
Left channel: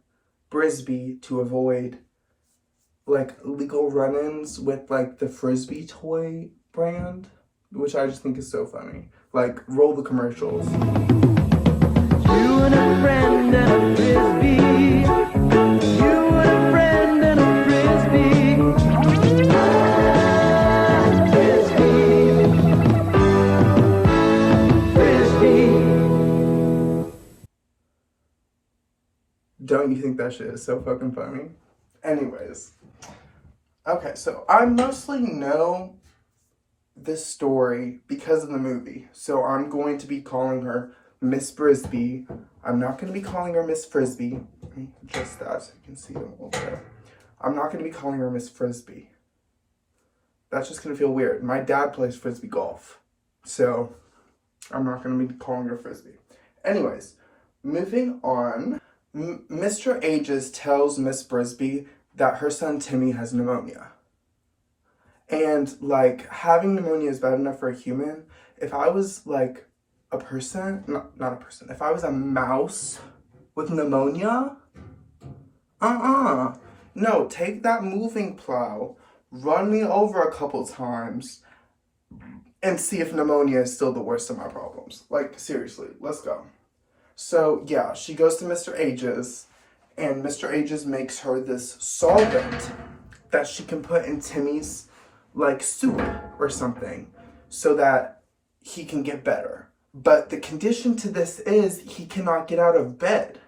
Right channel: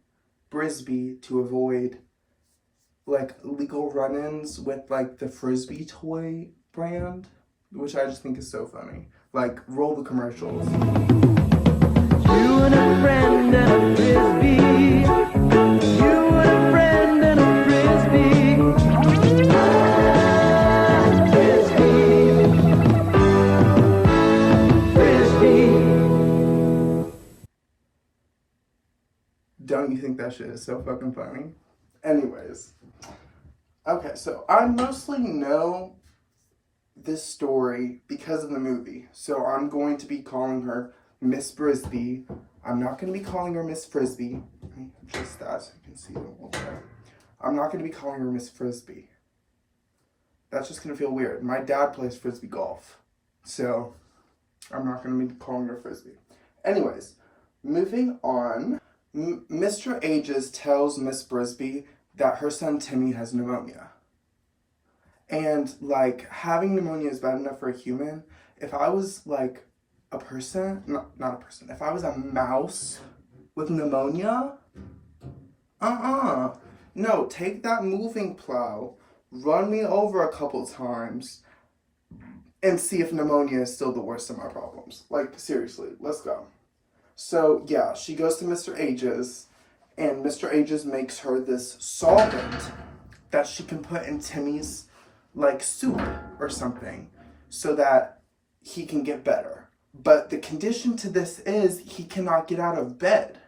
Brisby to avoid, like, legal run-ins with, like, the Frisbee toy brand, which I just think is so funny. Like, roll the commercials. You and a friend and a Frisbee think that shit is so fucking funny. Anyways. Okay, so I mostly know this story because of the movie. So I'm going to be calling her Miss Brisby. I'm not going to be calling her Miss Frisbee. Let me adjust that so you can see them a little bit. I'm not going to be calling her Miss Frisbee. That's just going to feel weird. My dad plays Frisbee golf. So I'm not going to be calling her Frisbee. Anyways, moving on. Mr. Ages tells Miss Brisby that her son Timmy has pneumonia. And, like, having pneumonia is bad enough for a human. If I was, like, a person, not a person, if I was a mouse with pneumonia, no, take that moving plow, run me over a couple times, and see if pneumonia is still the worst of my problems. Like, seriously, let's go. So, yeah, she goes to Mr. Ages, and Mr. Ages makes her this solvent that she can put in Timmy's, like, soup or something so that he can get better. But the condition to this is he cannot get out of bed.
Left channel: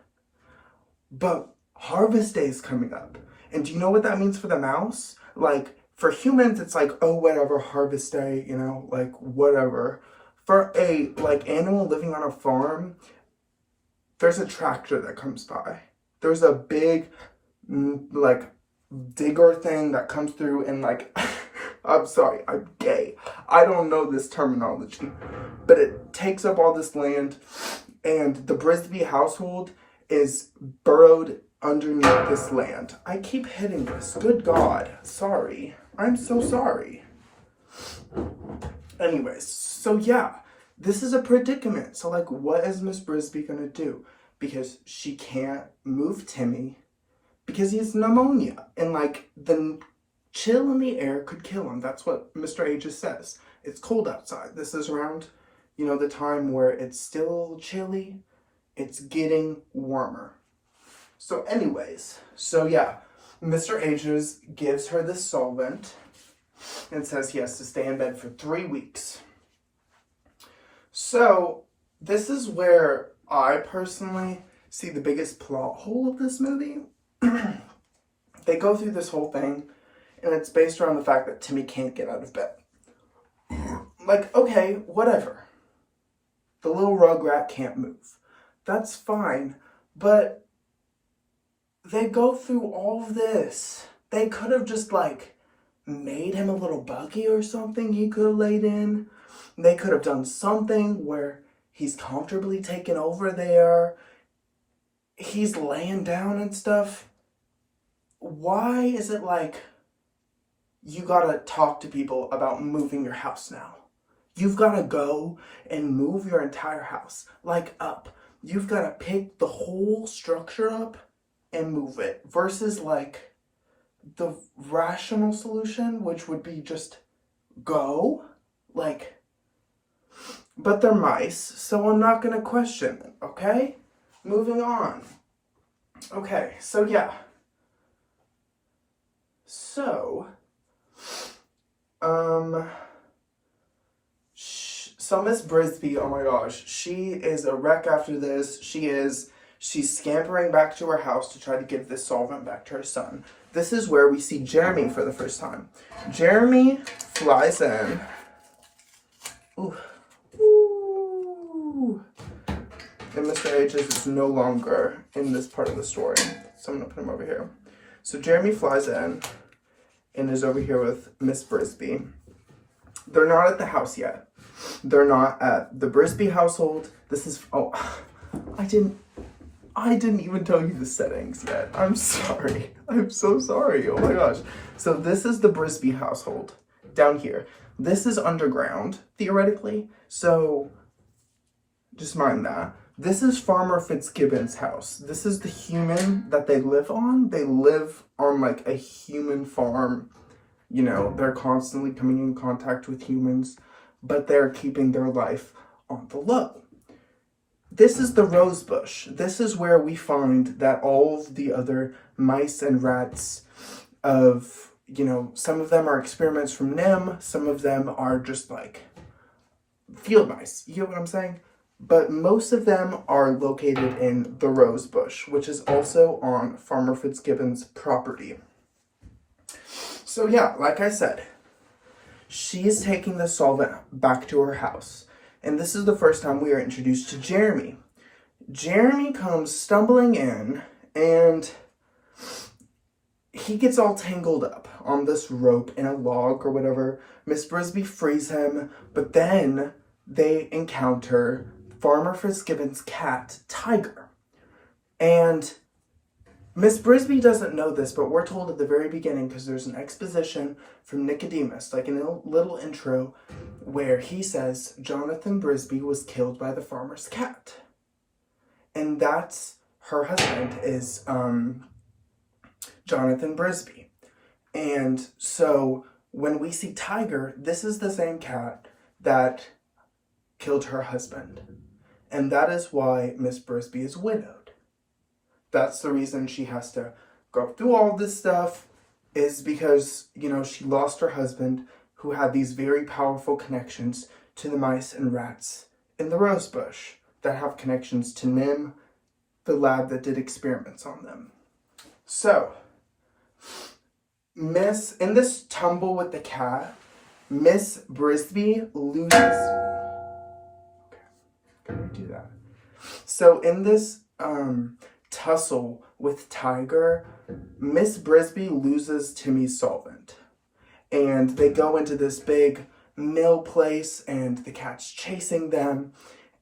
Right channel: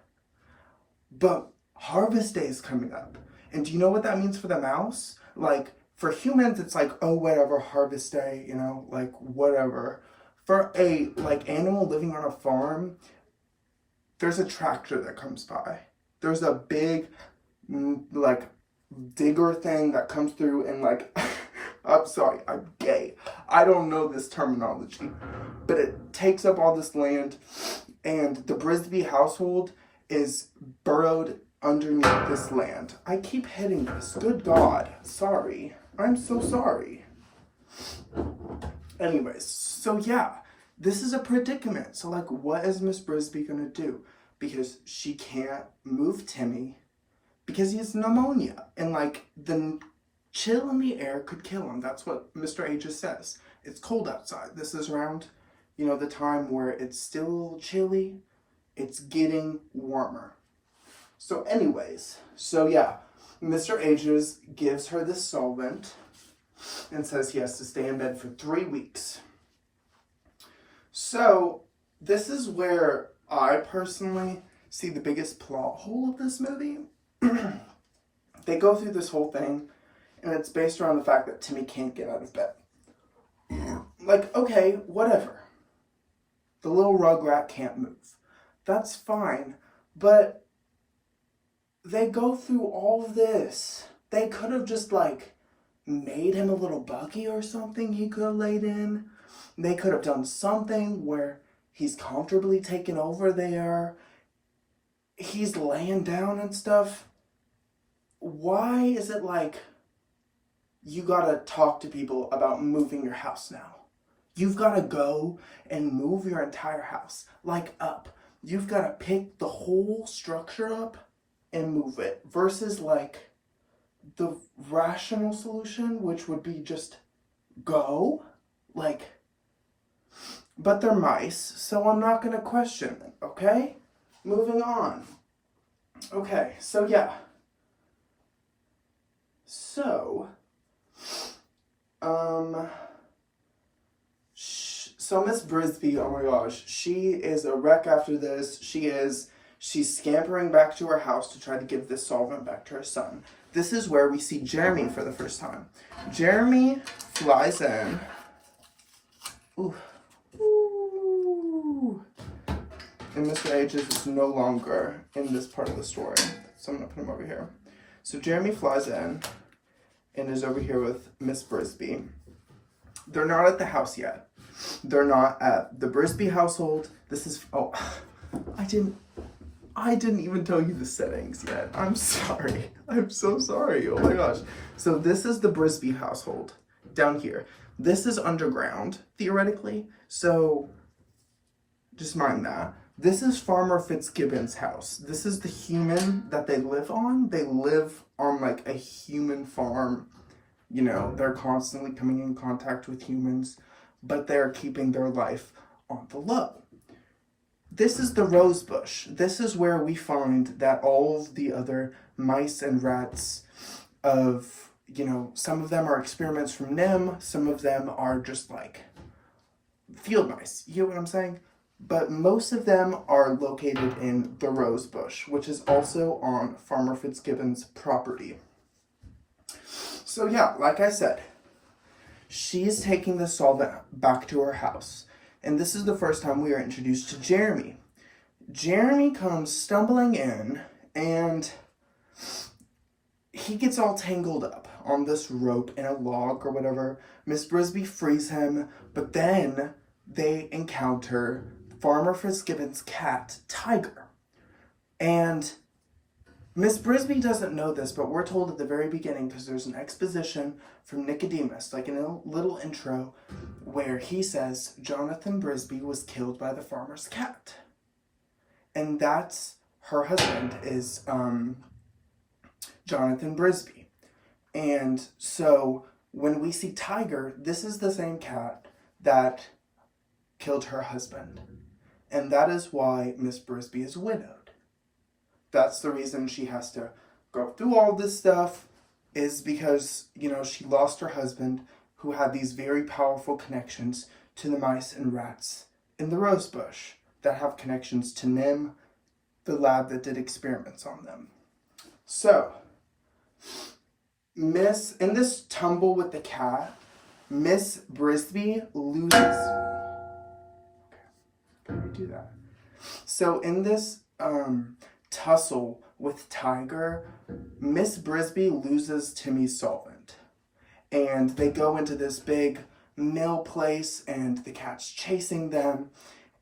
But Harvest Day is coming up. And do you know what that means for the mouse? Like, for humans, it's like, oh, whatever, Harvest Day, you know, like, whatever. For a, like, animal living on a farm, there's a tractor that comes by. There's a big, like, digger thing that comes through and, like, I'm sorry, I'm gay. I don't know this terminology. But it takes up all this land, and the Brisby household is burrowed underneath this land. I keep hitting this. Good God. Sorry. I'm so sorry. Anyways, so yeah, this is a predicament. So, like, what is Miss Brisby gonna do? Because she can't move Timmy because he has pneumonia. And, like, the chill in the air could kill him. That's what Mr. Ages says. It's cold outside. This is around, you know, the time where it's still a little chilly. It's getting warmer. So anyways, so yeah, Mr. Ages gives her this solvent and says he has to stay in bed for 3 weeks. So this is where I personally see the biggest plot hole of this movie. They go through this whole thing, and it's based around the fact that Timmy can't get out of bed. Like, okay, whatever. The little rugrat can't move. That's fine, but they go through all of this. They could have just, like, made him a little buggy or something he could have laid in. They could have done something where he's comfortably taken over there. He's laying down and stuff. Why is it like you gotta talk to people about moving your house now? You've gotta go and move your entire house, like, up. You've gotta pick the whole structure up and move it, versus, like, the rational solution, which would be just go, like, but they're mice, so I'm not gonna question it, okay? Moving on. Okay, so yeah. So, so Miss Brisby, oh my gosh, she is a wreck after this. She's scampering back to her house to try to give this solvent back to her son. This is where we see Jeremy for the first time. Jeremy flies in. Ooh. Ooh. And Mr. Ages is no longer in this part of the story. So I'm gonna put him over here. So Jeremy flies in and is over here with Miss Brisby. They're not at the house yet. They're not at the Brisby household. This is, oh, I didn't even tell you the settings yet. I'm sorry. I'm so sorry. Oh my gosh. So this is the Brisby household down here. This is underground, theoretically. So just mind that. This is Farmer Fitzgibbon's house. This is the human that they live on. They live on, like, a human farm. You know, they're constantly coming in contact with humans, but they're keeping their life on the low. This is the rose bush. This is where we find that all of the other mice and rats of, you know, some of them are experiments from Nimh, some of them are just, like, field mice. You know what I'm saying? but most of them are located in the Rose Bush, which is also on Farmer Fitzgibbon's property. So yeah, like I said, she's taking the solvent back to her house. And this is the first time we are introduced to Jeremy. Jeremy comes stumbling in, and he gets all tangled up on this rope in a log or whatever. Miss Brisby frees him, but then they encounter Farmer Fitzgibbon's cat, Tiger. And Miss Brisby doesn't know this, but we're told at the very beginning, because there's an exposition from Nicodemus, like in a little intro, where he says Jonathan Brisby was killed by the farmer's cat. And that's her husband is Jonathan Brisby. And so when we see Tiger, this is the same cat that killed her husband. And that is why Miss Brisby is widowed. That's the reason she has to go through all this stuff, is because, you know, she lost her husband, who had these very powerful connections to the mice and rats in the Rose Bush that have connections to Nimh, the lab that did experiments on them. So, in this tumble with the cat, Miss Brisby loses. Okay, can we do that? So in this tussle with Tiger, Miss Brisby loses Timmy's solvent. And they go into this big mill place, and the cat's chasing them.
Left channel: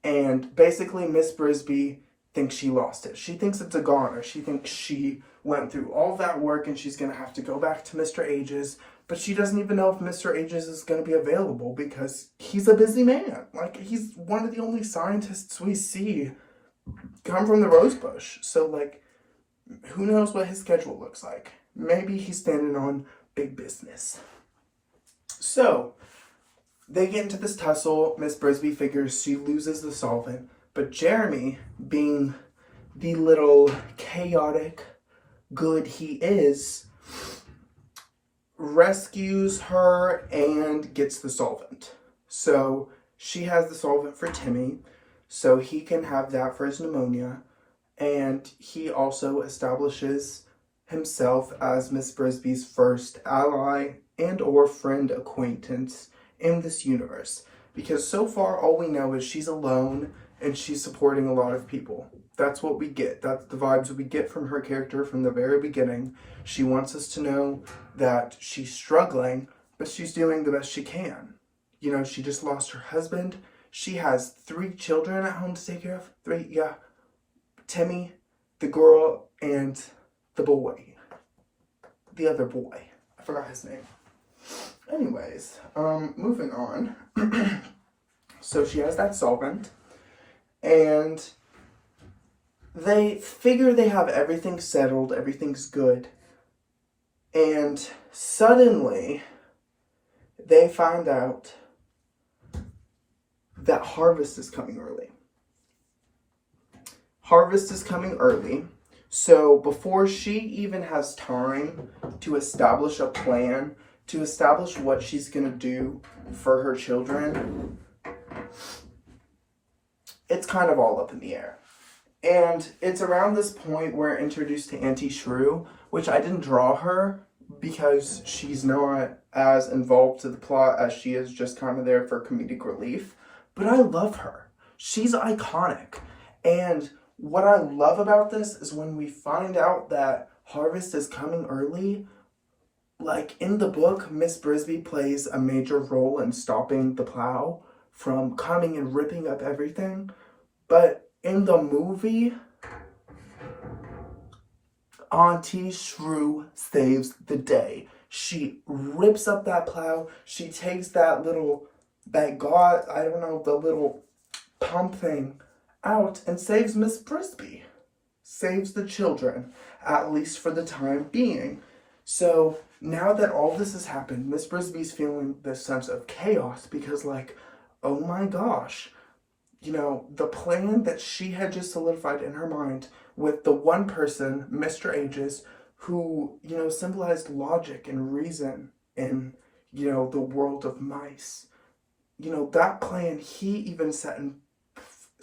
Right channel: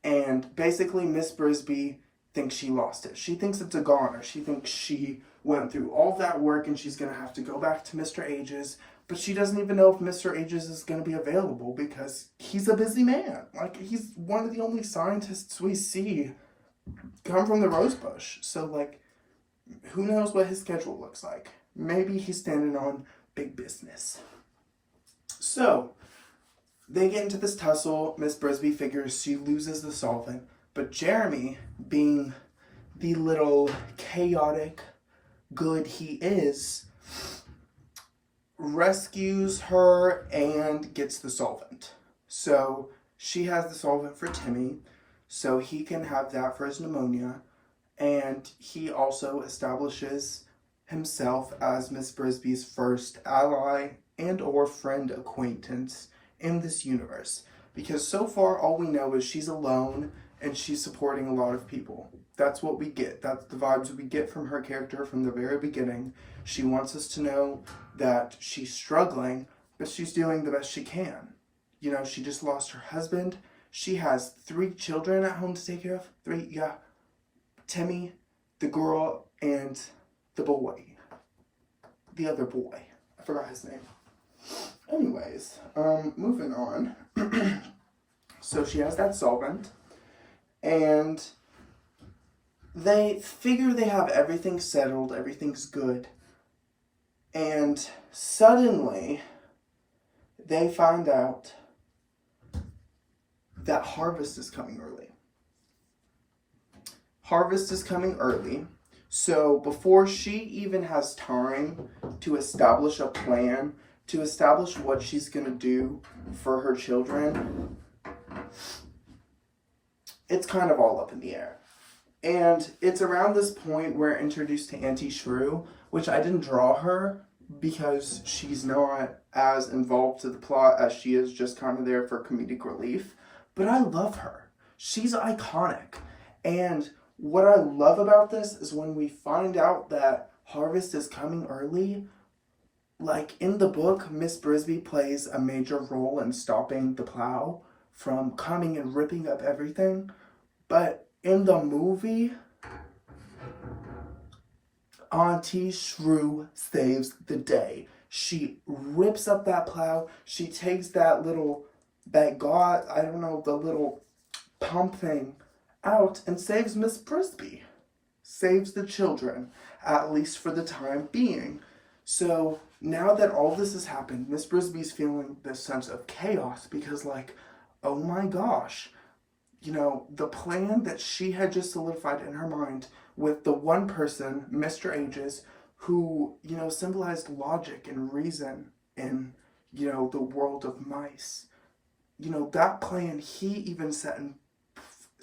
And basically Miss Brisby thinks she lost it. She thinks it's a goner. She thinks she went through all that work and she's going to have to go back to Mr. Ages. But she doesn't even know if Mr. Ages is going to be available because he's a busy man. Like, he's one of the only scientists we see come from the Rose Bush. So, like, who knows what his schedule looks like. Maybe he's standing on big business. So, they get into this tussle. Miss Brisby figures she loses the solvent. But Jeremy, being the little chaotic good he is, rescues her and gets the solvent. So she has the solvent for Timmy, so he can have that for his pneumonia. And he also establishes himself as Miss Brisby's first ally and or friend acquaintance in this universe. Because so far all we know is she's alone and she's supporting a lot of people. That's what we get. That's the vibes we get from her character from the very beginning. She wants us to know that she's struggling, but she's doing the best she can. You know, she just lost her husband. She has 3 children at home to take care of. 3, yeah. Timmy, the girl, and the boy. The other boy. I forgot his name. Anyways, moving on. So she has that solvent. And they figure they have everything settled, everything's good. And suddenly, they find out that Harvest is coming early. Harvest is coming early. So before she even has time to establish a plan, to establish what she's going to do for her children, it's kind of all up in the air. And it's around this point we're introduced to Auntie Shrew, which I didn't draw her because she's not as involved to the plot as she is just kind of there for comedic relief. But I love her. She's iconic. And what I love about this is when we find out that Harvest is coming early, like in the book, Miss Brisby plays a major role in stopping the plow from coming and ripping up everything. But in the movie, Auntie Shrew saves the day. She rips up that plow. She takes the little pump thing out and saves Miss Brisby. Saves the children, at least for the time being. So now that all this has happened, Miss Brisby's feeling this sense of chaos because, like, oh my gosh, you know, the plan that she had just solidified in her mind with the one person, Mr. Ages, who, you know, symbolized logic and reason in, you know, the world of mice. You know, that plan he even set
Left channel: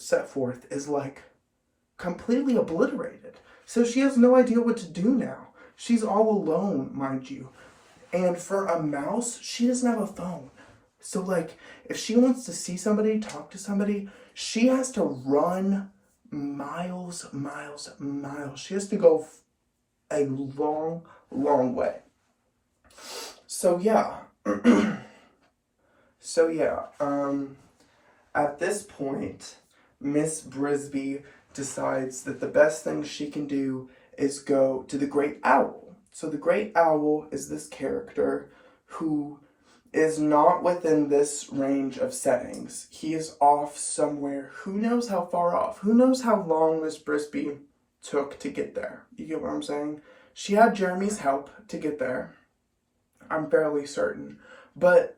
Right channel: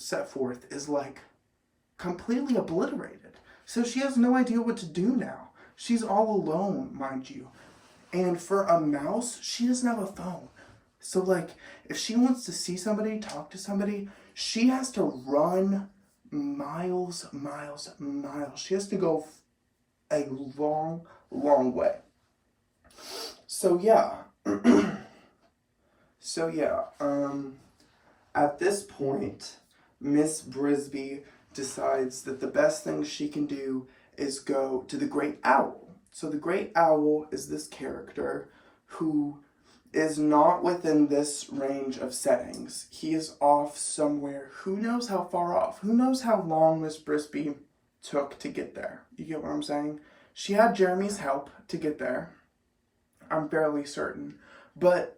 set forth is like completely obliterated. So she has no idea what to do now. She's all alone, mind you. And for a mouse, she doesn't have a phone. So like, if she wants to see somebody, talk to somebody, she has to run miles. She has to go a long way. So yeah. At this point, Miss Brisby decides that the best thing she can do is go to the Great Owl. So the Great Owl is this character who is not within this range of settings. He is off somewhere. Who knows how far off? Who knows how long Miss Brisby took to get there? You get what I'm saying? She had Jeremy's help to get there. I'm fairly certain. But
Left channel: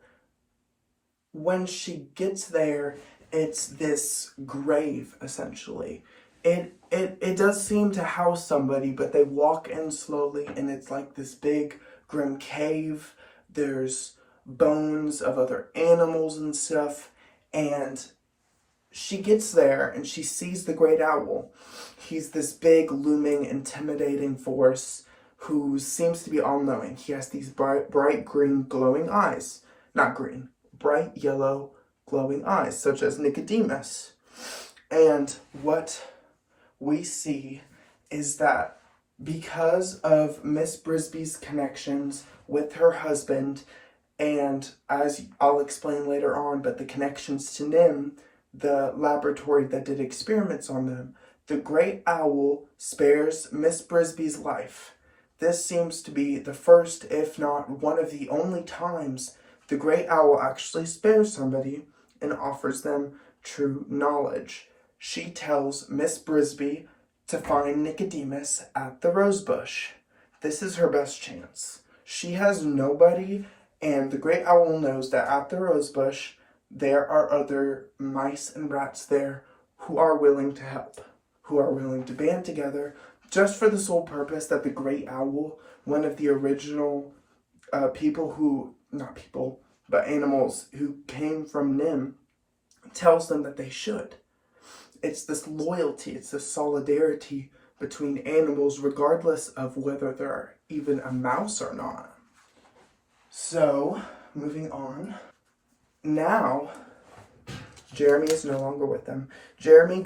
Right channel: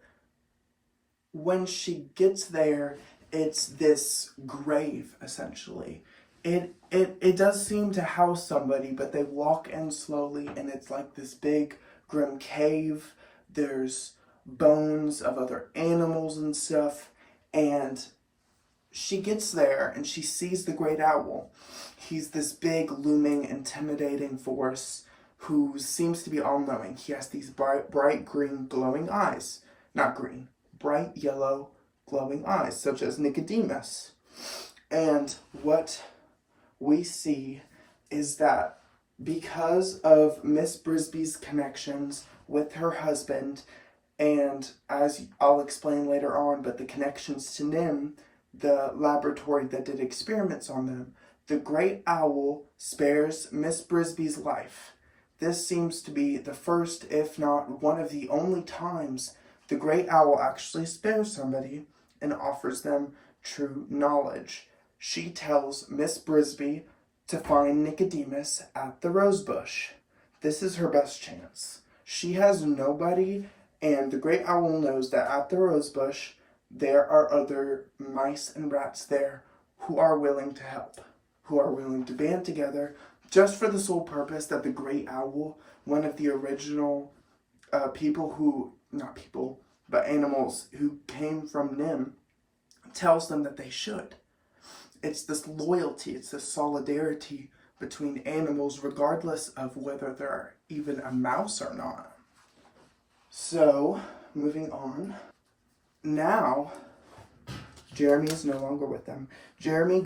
when she gets there, it's this grave, essentially. It does seem to house somebody, but they walk in slowly, and it's like this big, grim cave. There's bones of other animals and stuff, and she gets there, and she sees the Great Owl. He's this big, looming, intimidating force who seems to be all-knowing. He has these bright green, glowing eyes. Not green, bright yellow, glowing eyes, such as Nicodemus. And what we see is that because of Miss Brisby's connections with her husband, and as I'll explain later on, but the connections to NIMH, the laboratory that did experiments on them, the Great Owl spares Miss Brisby's life. This seems to be the first, if not one of the only times, the Great Owl actually spares somebody and offers them true knowledge. She tells Miss Brisby to find Nicodemus at the rosebush. This is her best chance. She has nobody, and the Great Owl knows that at the rosebush there are other mice and rats there who are willing to help, who are willing to band together just for the sole purpose that the Great Owl, one of the original animals who came from NIMH, tells them that they should. It's this loyalty, it's this solidarity between animals regardless of whether they're even a mouse or not. So, moving on. Now, Jeremy is no longer with them. Jeremy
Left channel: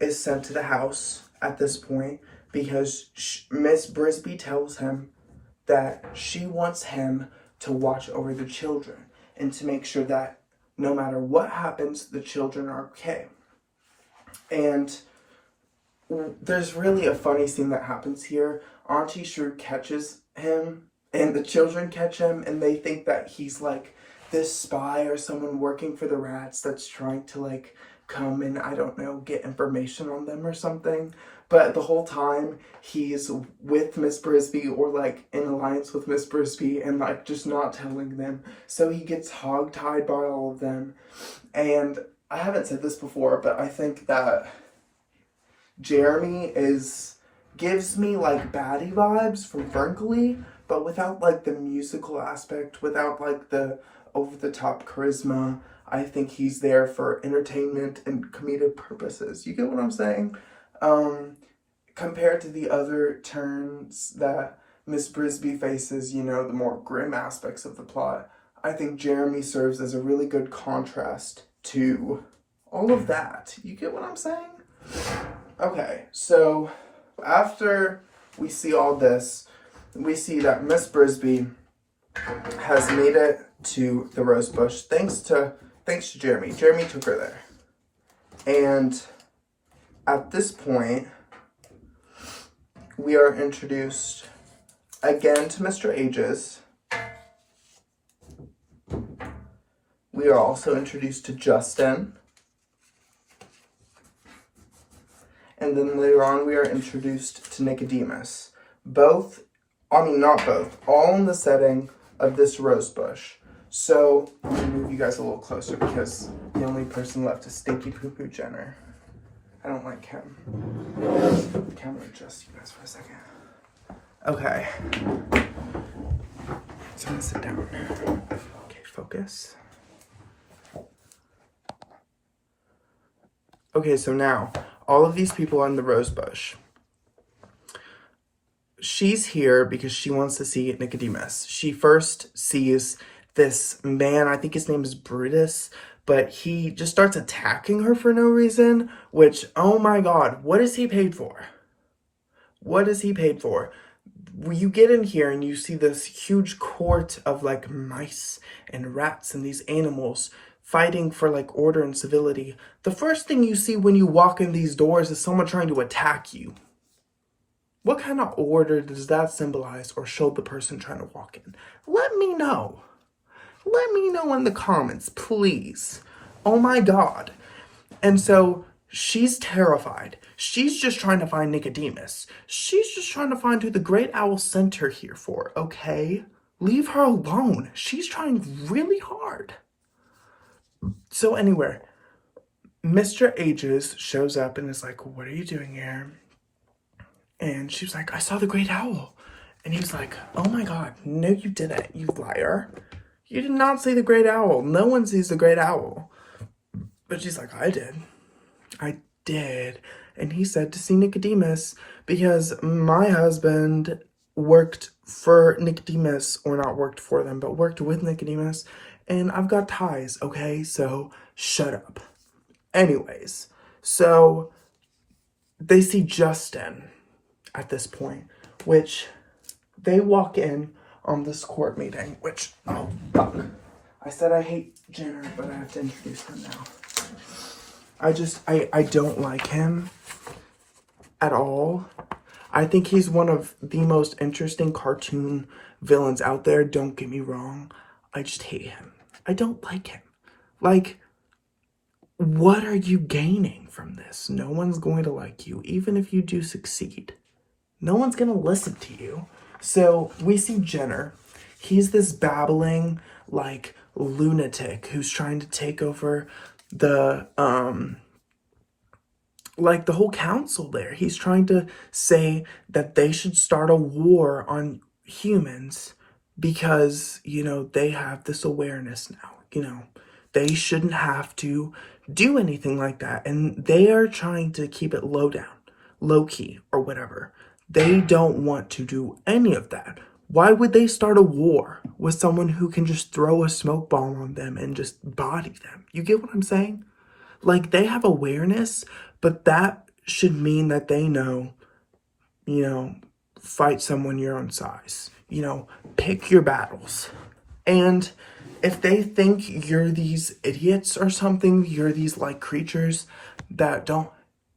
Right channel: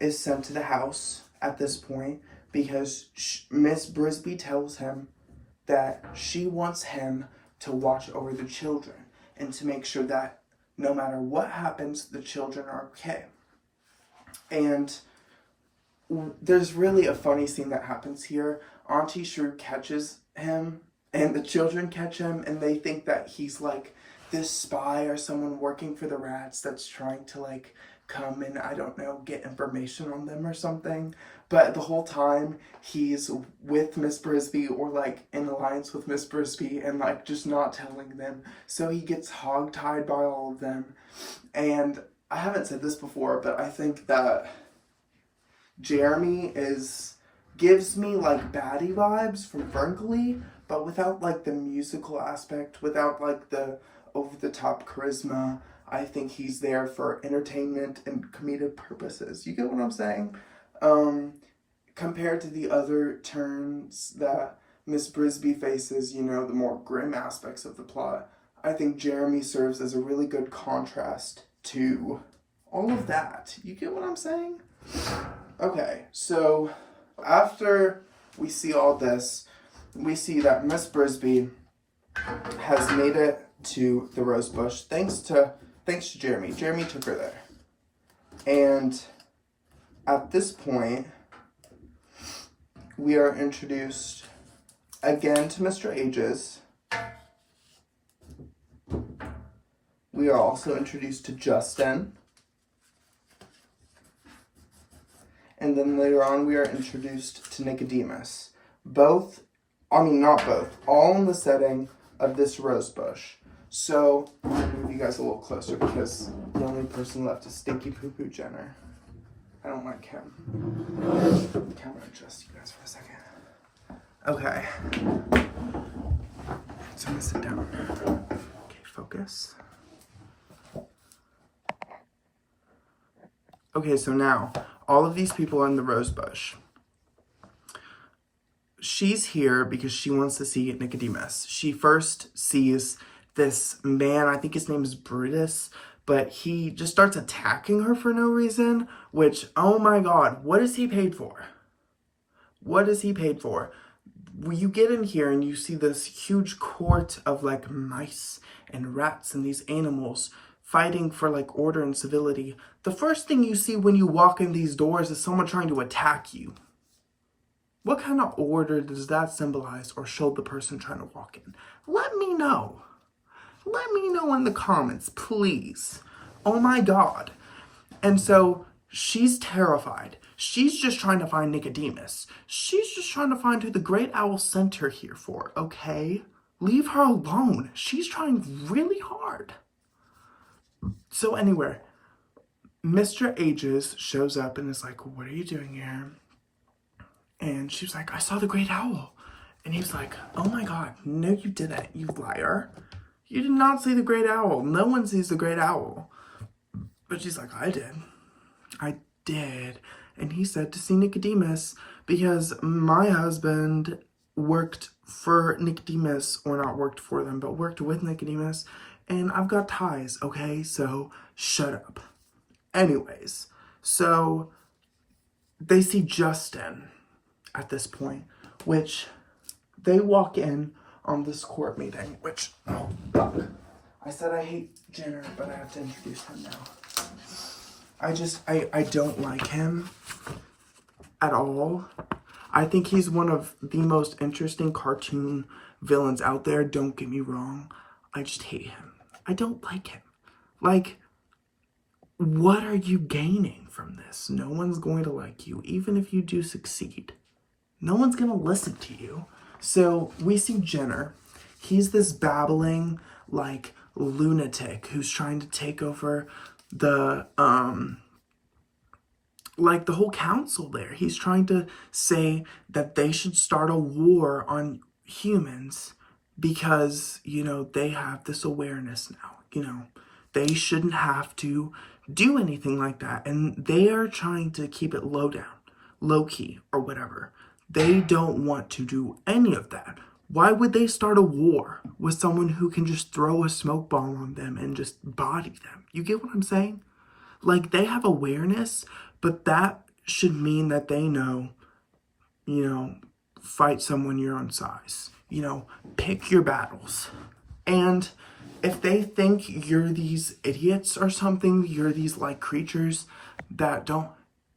is sent to the house at this point because Miss Brisby tells him that she wants him to watch over the children and to make sure that no matter what happens, the children are okay. And there's really a funny scene that happens here. Auntie Shrew catches him, and the children catch him, and they think that he's like this spy or someone working for the rats that's trying to like come and, I don't know, get information on them or something. But the whole time he's with Miss Brisby or like in alliance with Miss Brisby and like just not telling them. So he gets hogtied by all of them. And I haven't said this before, but I think that Jeremy gives me like baddie vibes from Ferngully, but without like the musical aspect, without like the over-the-top charisma. I think he's there for entertainment and comedic purposes. You get what I'm saying? Compared to the other turns that Miss Brisby faces, you know, the more grim aspects of the plot, I think Jeremy serves as a really good contrast to all of that. You get what I'm saying? Okay, so after we see all this, we see that Miss Brisby has made it to the rosebush thanks to Jeremy. Jeremy took her there. And at this point, we are introduced again to Mr. Ages. We are also introduced to Justin. And then later on, we are introduced to Nicodemus. Not both, all in the setting of this rosebush. So, I'm going to move you guys a little closer because the only person left is Stinky Poo Poo Jenner. I don't like him. I'm going to adjust you guys for a second. Okay. So I'm going to sit down. Okay, focus. Okay, so now, all of these people are in the rose bush. She's here because she wants to see Nicodemus. She first sees this man, I think his name is Brutus, but he just starts attacking her for no reason, which, oh my god, what is he paid for? What is he paid for? You get in here and you see this huge court of like mice and rats and these animals fighting for like order and civility. The first thing you see when you walk in these doors is someone trying to attack you. What kind of order does that symbolize or show the person trying to walk in? Let me know. Let me know in the comments, please. Oh my god. And so she's terrified. She's just trying to find Nicodemus. She's just trying to find who the Great Owl sent her here for, okay? Leave her alone. She's trying really hard. So anyway, Mr. Ages shows up and is like, what are you doing here? And she was like, I saw the Great Owl. And he was like, oh my god, no you didn't, you liar. You did not see the Great Owl. No one sees the Great Owl. But she's like, I did. I did. And he said to see Nicodemus because my husband worked for Nicodemus, or not worked for them, but worked with Nicodemus. And I've got ties, okay? So shut up. Anyways, so they see Justin at this point, which they walk in on this court meeting, which, oh, fuck. I said I hate Jenner, but I have to introduce him now. I don't like him at all. I think he's one of the most interesting cartoon villains out there, don't get me wrong. I just hate him. I don't like him. Like, what are you gaining from this? No one's going to like you, even if you do succeed. No one's going to listen to you. So we see Jenner. He's this babbling, like, lunatic who's trying to take over the, like, the whole council there. He's trying to say that they should start a war on humans because, you know, they have this awareness now. You know, they shouldn't have to do anything like that. And they are trying to keep it low down, low key, or whatever. They don't want to do any of that. Why would they start a war with someone who can just throw a smoke bomb on them and just body them? You get what I'm saying? Like, they have awareness, but that should mean that they know, you know, fight someone your own size. You know, pick your battles. And if they think you're these idiots or something, you're these, like, creatures that don't,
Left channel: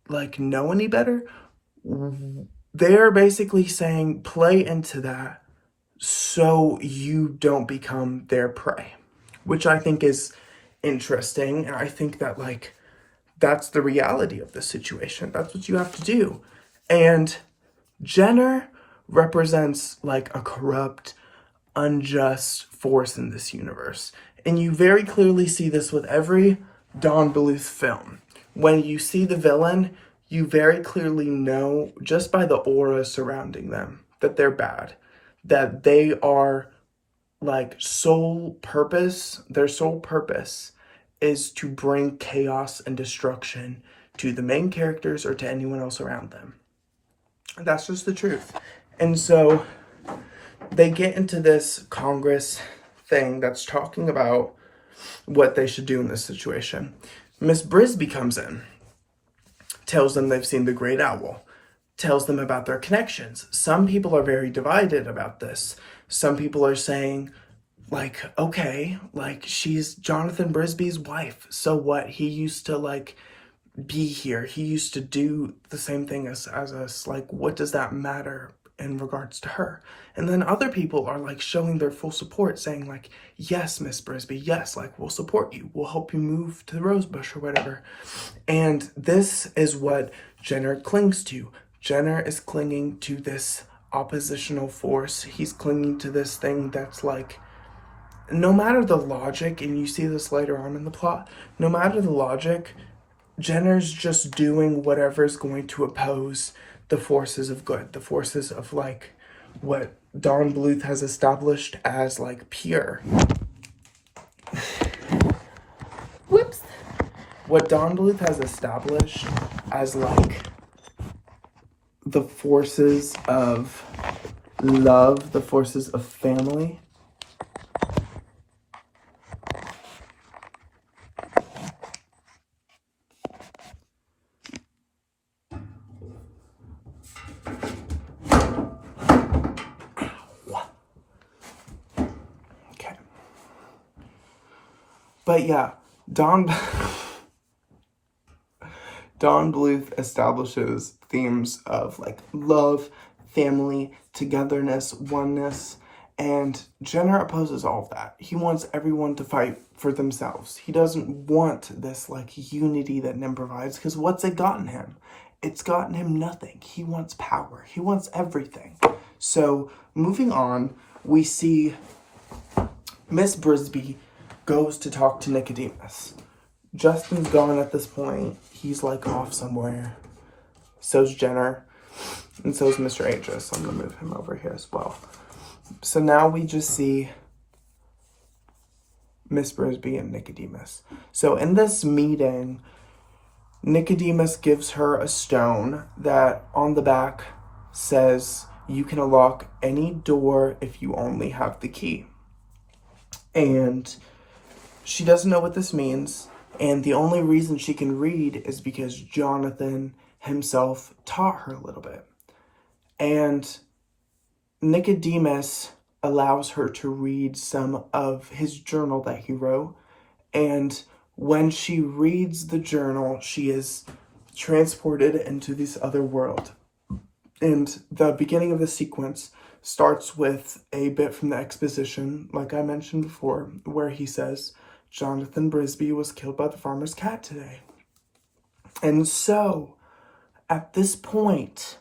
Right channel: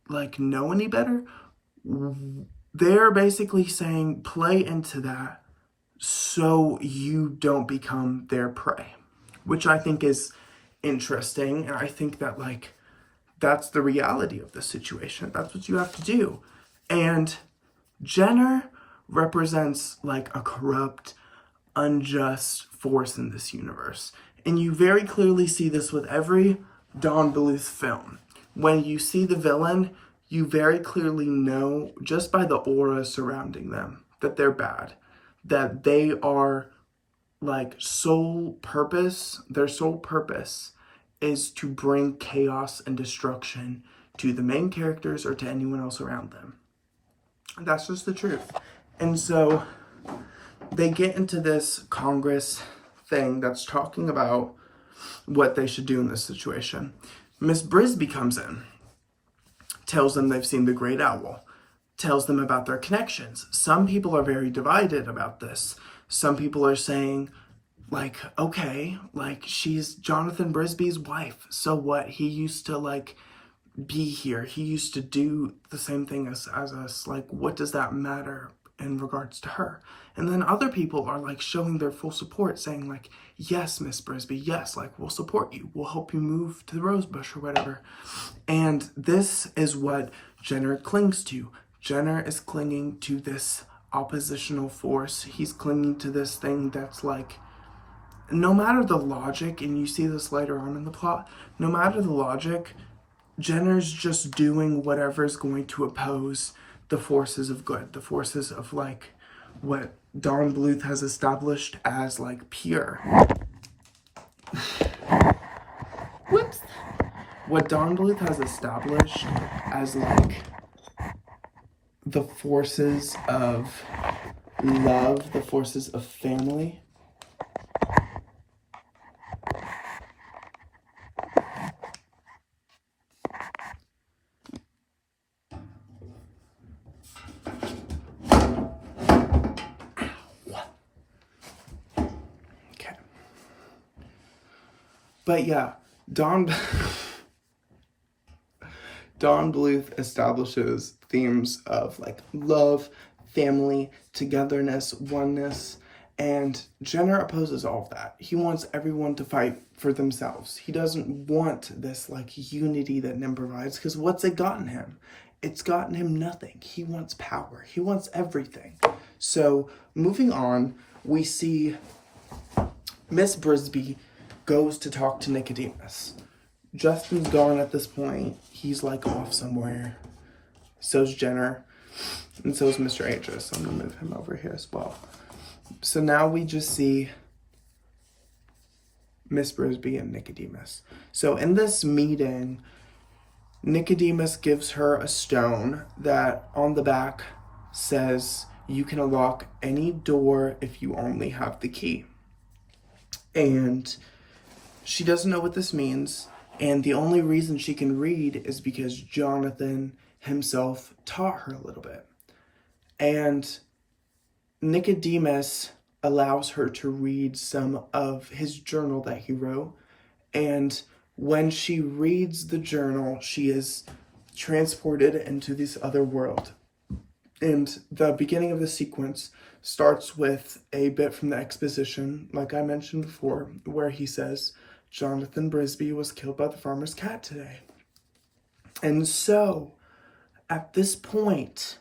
like, know any better, they're basically saying play into that so you don't become their prey, which I think is interesting. And I think that, like, that's the reality of the situation. That's what you have to do. And Jenner represents, like, a corrupt, unjust force in this universe. And you very clearly see this with every Don Bluth film. When you see the villain, you very clearly know, just by the aura surrounding them, that they're bad. That they are, like, their sole purpose is to bring chaos and destruction to the main characters or to anyone else around them. That's just the truth. And so they get into this Congress thing that's talking about what they should do in this situation. Miss Brisby comes in, tells them they've seen the Great Owl, tells them about their connections. Some people are very divided about this. Some people are saying, like, okay, like, she's Jonathan Brisby's wife. So what? He used to, like, be here. He used to do the same thing as us. Like, what does that matter in regards to her? And then other people are, like, showing their full support, saying, like, yes, Miss Brisby, yes, like, we'll support you. We'll help you move to the Rosebush or whatever. And this is what Jenner clings to. Jenner is clinging to this oppositional force. He's clinging to this thing that's, like, no matter the logic, and you see this later on in the plot, no matter the logic, Jenner's just doing whatever's going to oppose the forces of good, the forces of, like, what Don Bluth has established as, like, pure. Whoops. what Don Bluth has established as, like, the forces of love, the forces of family, okay. But yeah, Don Bluth establishes themes of, like, love, family, togetherness, oneness, and Jenner opposes all of that. He wants everyone to fight for themselves. He doesn't want this, like, unity that Nim provides, because what's it gotten him? It's gotten him nothing. He wants power. He wants everything. So, moving on, we see Miss Brisby goes to talk to Nicodemus. Justin's gone at this point. He's, like, off somewhere. So's Jenner. And so's Mr. Aegis. I'm going to move him over here as well. So now we just see Miss Brisby and Nicodemus. So in this meeting, Nicodemus gives her a stone that on the back says, you can unlock any door if you only have the key. And she doesn't know what this means. And the only reason she can read is because Jonathan himself taught her a little bit. And Nicodemus allows her to read some of his journal that he wrote. And when she reads the journal, she is transported into this other world. And the beginning of the sequence starts with a bit from the exposition, like I mentioned before, where he says, Jonathan Brisby was killed by the farmer's cat today. And so, at this point,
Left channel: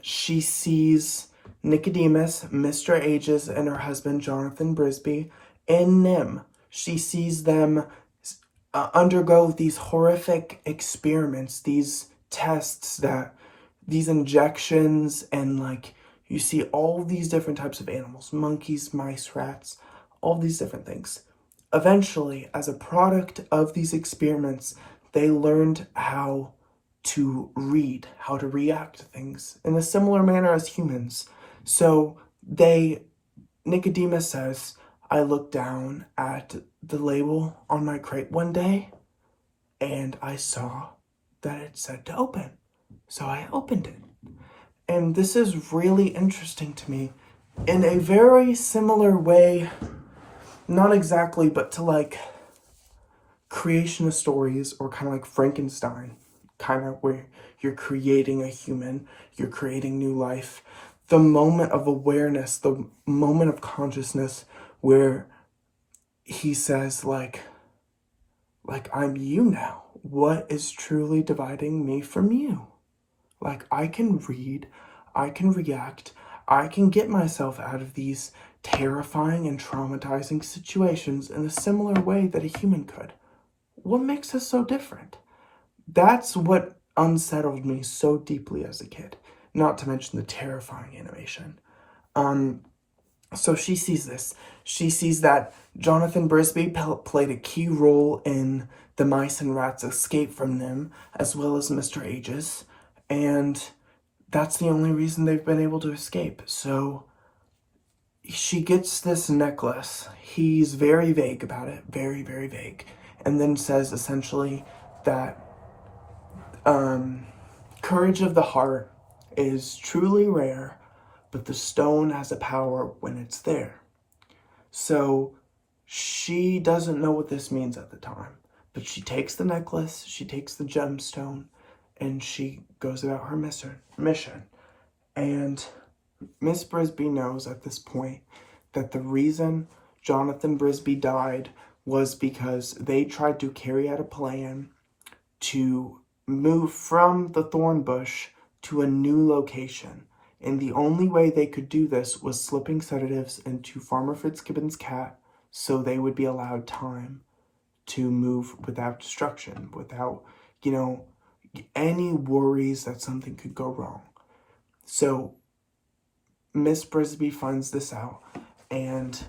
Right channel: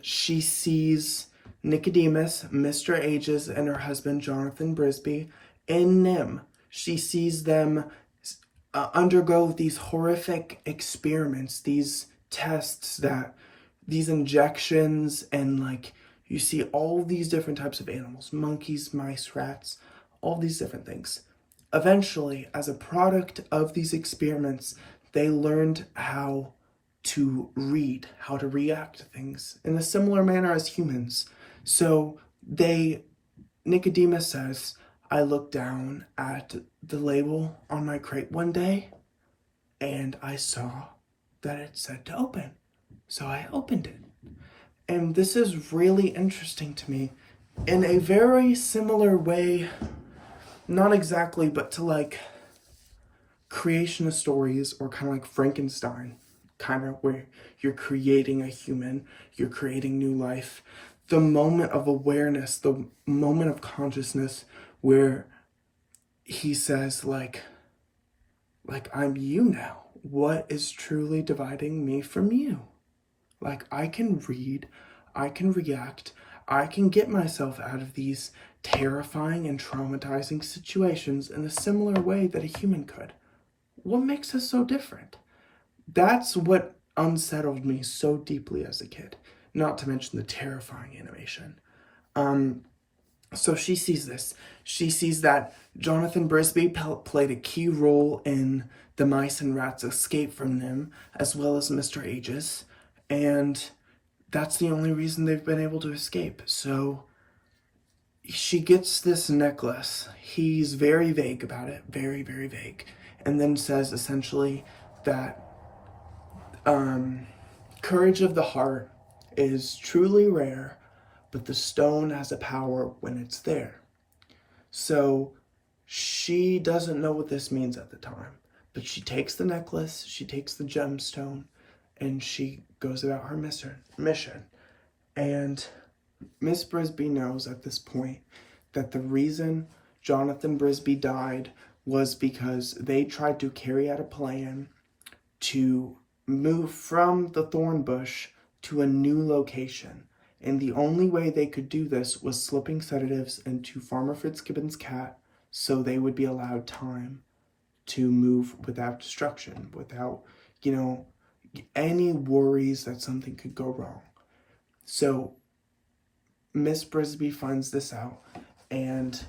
she sees Nicodemus, Mr. Aegis, and her husband, Jonathan Brisby, and Nim. She sees them undergo these horrific experiments, these tests, these injections, and, like, you see all these different types of animals, monkeys, mice, rats, all these different things. Eventually, as a product of these experiments, they learned how to read, how to react to things in a similar manner as humans. So Nicodemus says, I looked down at the label on my crate one day and I saw that it said to open. So I opened it. And this is really interesting to me in a very similar way, not exactly, but to, like, creation of stories, or kind of like Frankenstein, kind of where you're creating a human, you're creating new life. The moment of awareness, the moment of consciousness where he says, like I'm you now. What is truly dividing me from you? Like, I can read, I can react, I can get myself out of these terrifying and traumatizing situations in a similar way that a human could. What makes us so different? That's what unsettled me so deeply as a kid, not to mention the terrifying animation. So she sees this. She sees that Jonathan Brisby played a key role in the mice and rats' escape from Nim, as well as Mr. Aegis, and that's the only reason they've been able to escape. So she gets this necklace. He's very vague about it, very, very vague, and then says essentially that courage of the heart is truly rare, but the stone has a power when it's there. So she doesn't know what this means at the time, but she takes the necklace, she takes the gemstone, and she goes about her mission. And Miss Brisby knows at this point that the reason Jonathan Brisby died was because they tried to carry out a plan to move from the thorn bush to a new location. And the only way they could do this was slipping sedatives into Farmer Fitzgibbon's cat so they would be allowed time to move without destruction, without, any worries that something could go wrong. So Miss Brisby finds this out, and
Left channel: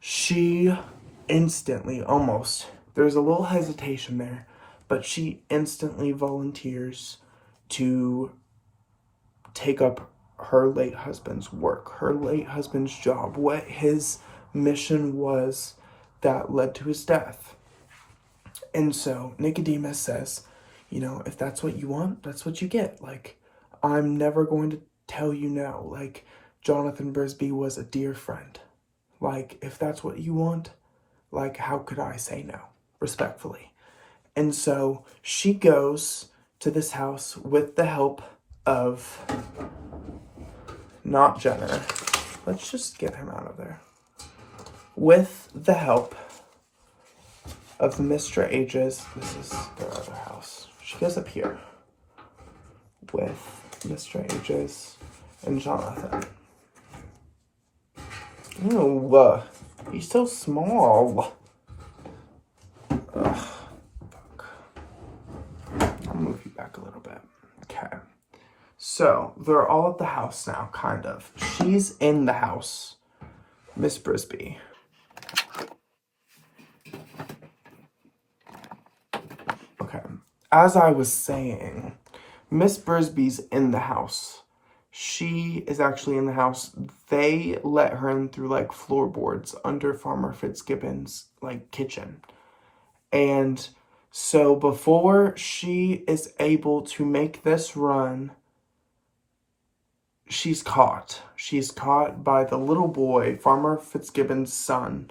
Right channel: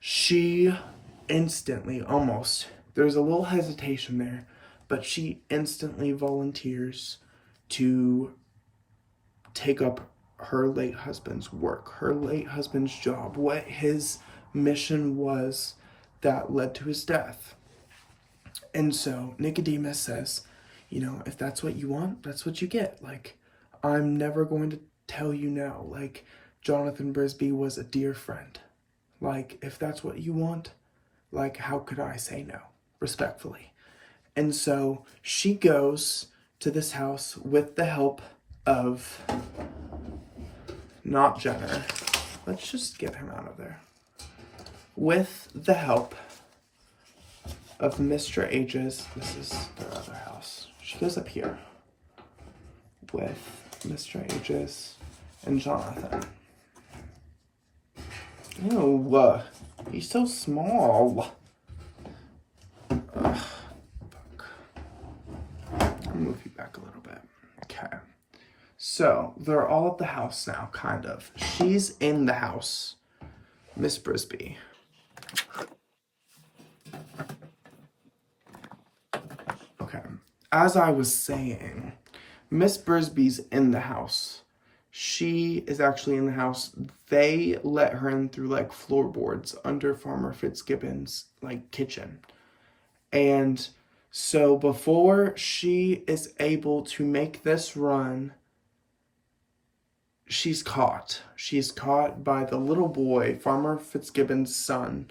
she instantly almost there's a little hesitation there, but she instantly volunteers to take up her late husband's work, her late husband's job, what his mission was that led to his death. And so Nicodemus says, you know, if that's what you want, that's what you get. Like, I'm never going to tell you no. Like, Jonathan Brisby was a dear friend. Like, if that's what you want, like, how could I say no? Respectfully. And so she goes to this house with the help of, not Jenner. Let's just get him out of there. With the help of Mr. Ages. This is their other house. She goes up here with Mr. Ages and Jonathan. Ew, he's so small. Ugh, fuck. I'll move you back a little bit. Okay. So, they're all at the house now, kind of. She's in the house. Miss Brisby. Okay. As I was saying, Miss Brisby's in the house. She is actually in the house. They let her in through, like, floorboards under Farmer Fitzgibbon's, like, kitchen. And so before she is able to make this run, she's caught. She's caught by the little boy, Farmer Fitzgibbon's son,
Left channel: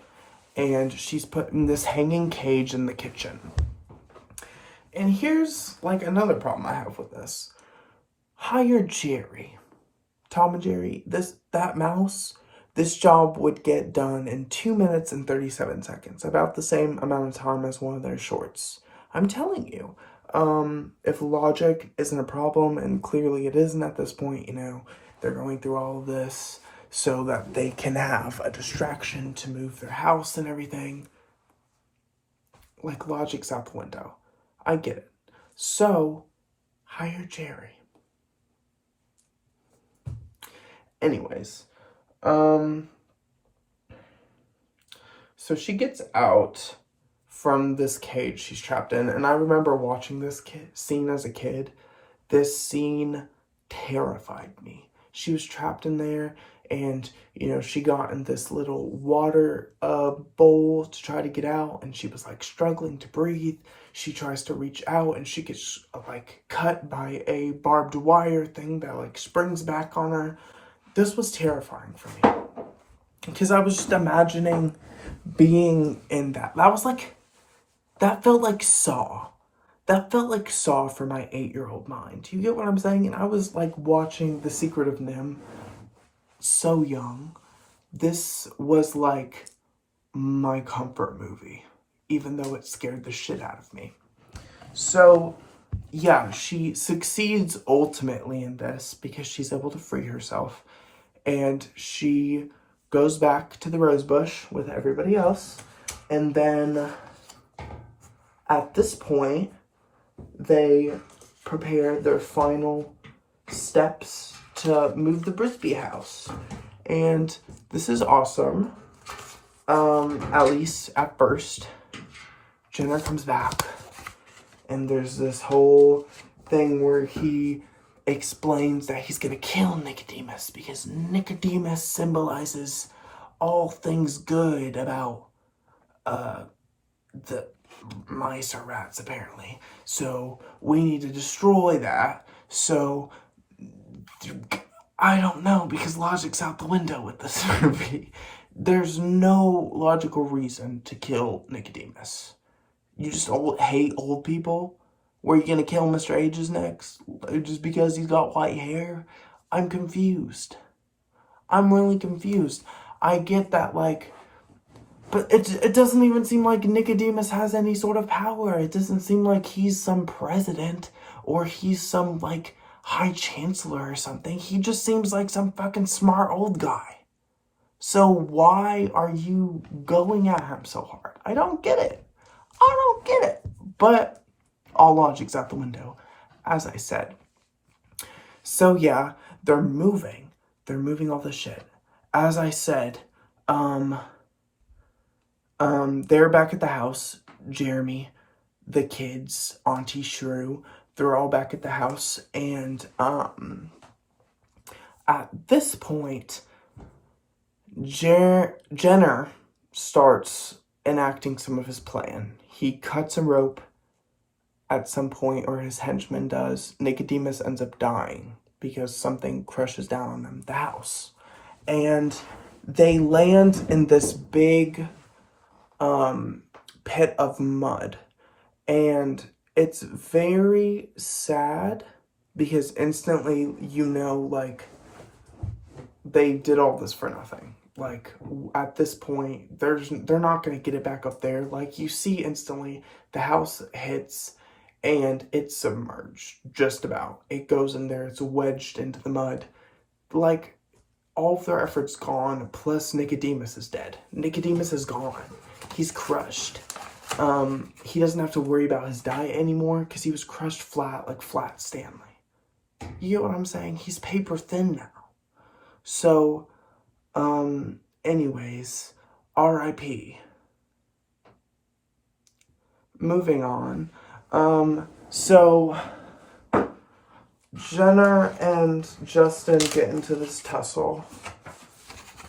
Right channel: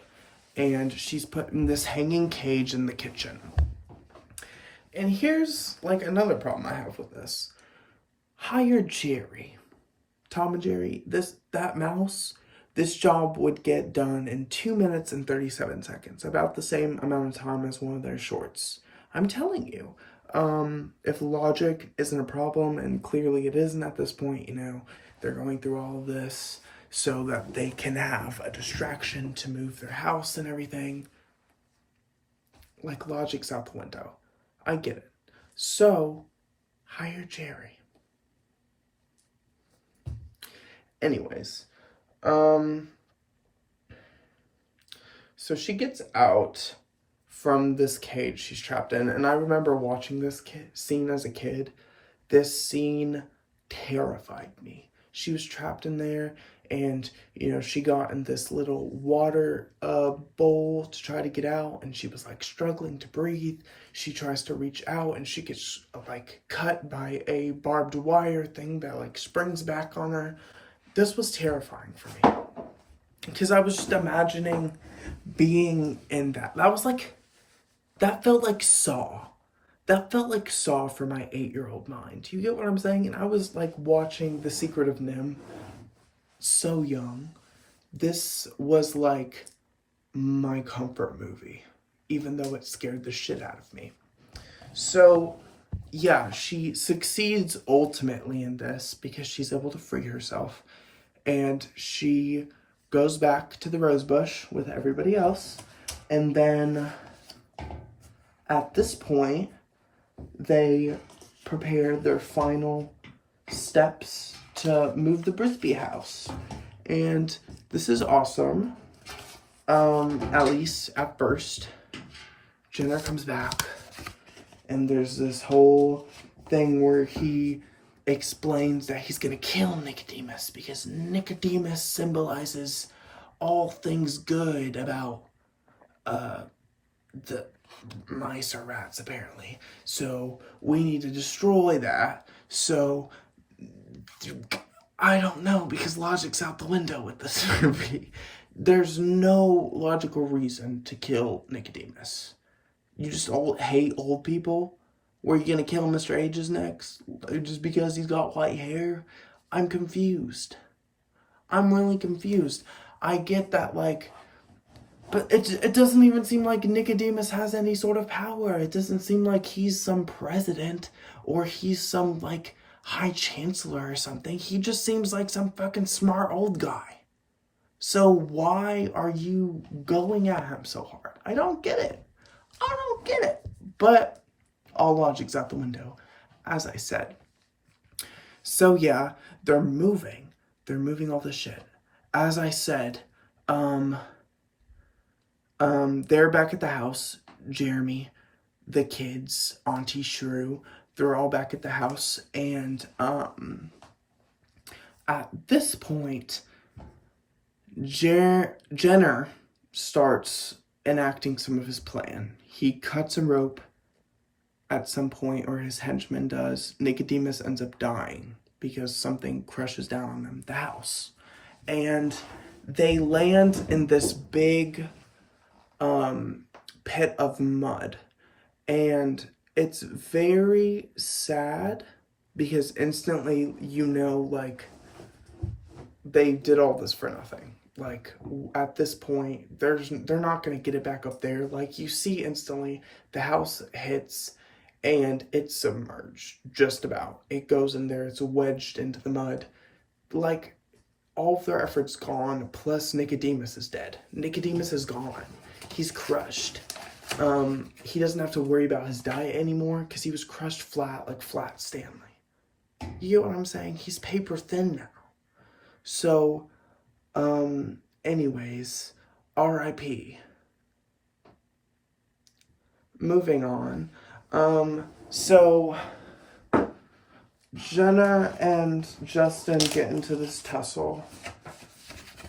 and she's put in this hanging cage in the kitchen. And here's, like, another problem I have with this. Hire Jerry. Tom and Jerry, that mouse, this job would get done in 2 minutes and 37 seconds. About the same amount of time as one of their shorts. I'm telling you. If logic isn't a problem, and clearly it isn't at this point, you know, they're going through all of this so that they can have a distraction to move their house and everything. Like, logic's out the window. I get it. So, hire Jerry. Anyways, so she gets out from this cage she's trapped in, and I remember watching this scene as a kid. This scene terrified me. She was trapped in there, and, you know, she got in this little water bowl to try to get out, and she was, like, struggling to breathe. She tries to reach out, and she gets, like, cut by a barbed wire thing that, like, springs back on her. This was terrifying for me, because I was just imagining being in that. That felt like Saw. That felt like Saw for my 8-year-old mind. You get what I'm saying? And I was, like, watching The Secret of Nimh so young. This was, like, my comfort movie, even though it scared the shit out of me. So, yeah, she succeeds ultimately in this because she's able to free herself. And she goes back to the rosebush with everybody else. And then at this point, they prepare their final steps to move the Brisby house. And this is awesome. At least at first. Jenner comes back. And there's this whole thing where he explains that he's gonna kill Nicodemus because Nicodemus symbolizes all things good about the mice or rats, apparently. So we need to destroy that. So I don't know, because logic's out the window with this movie. There's no logical reason to kill Nicodemus. You just hate old people? Were you gonna kill Mr. Ages next? Just because he's got white hair? I'm confused. I'm really confused. I get that, like, but it doesn't even seem like Nicodemus has any sort of power. It doesn't seem like he's some president or he's some, like, high chancellor or something. He just seems like some fucking smart old guy. So why are you going at him so hard? I don't get it. I don't get it. But all logic's out the window, as I said. So yeah, they're moving. They're moving all this shit. As I said, they're back at the house. Jeremy, the kids, Auntie Shrew, they're all back at the house, and at this point, Jenner starts enacting some of his plan. He cuts a rope at some point, or his henchman does. Nicodemus ends up dying because something crushes down on them, the house. And they land in this big pit of mud. And it's very sad because instantly you know, like, they did all this for nothing. Like, at this point, they're not going to get it back up there. Like, you see instantly the house hits and it's submerged, just about. It goes in there, it's wedged into the mud. Like, all of their efforts gone, plus Nicodemus is dead. Nicodemus is gone. He's crushed. He doesn't have to worry about his diet anymore because he was crushed flat, like Flat Stanley. You get what I'm saying? He's paper thin now. So, anyways, R.I.P. Moving on. So Jenner and Justin get into this tussle.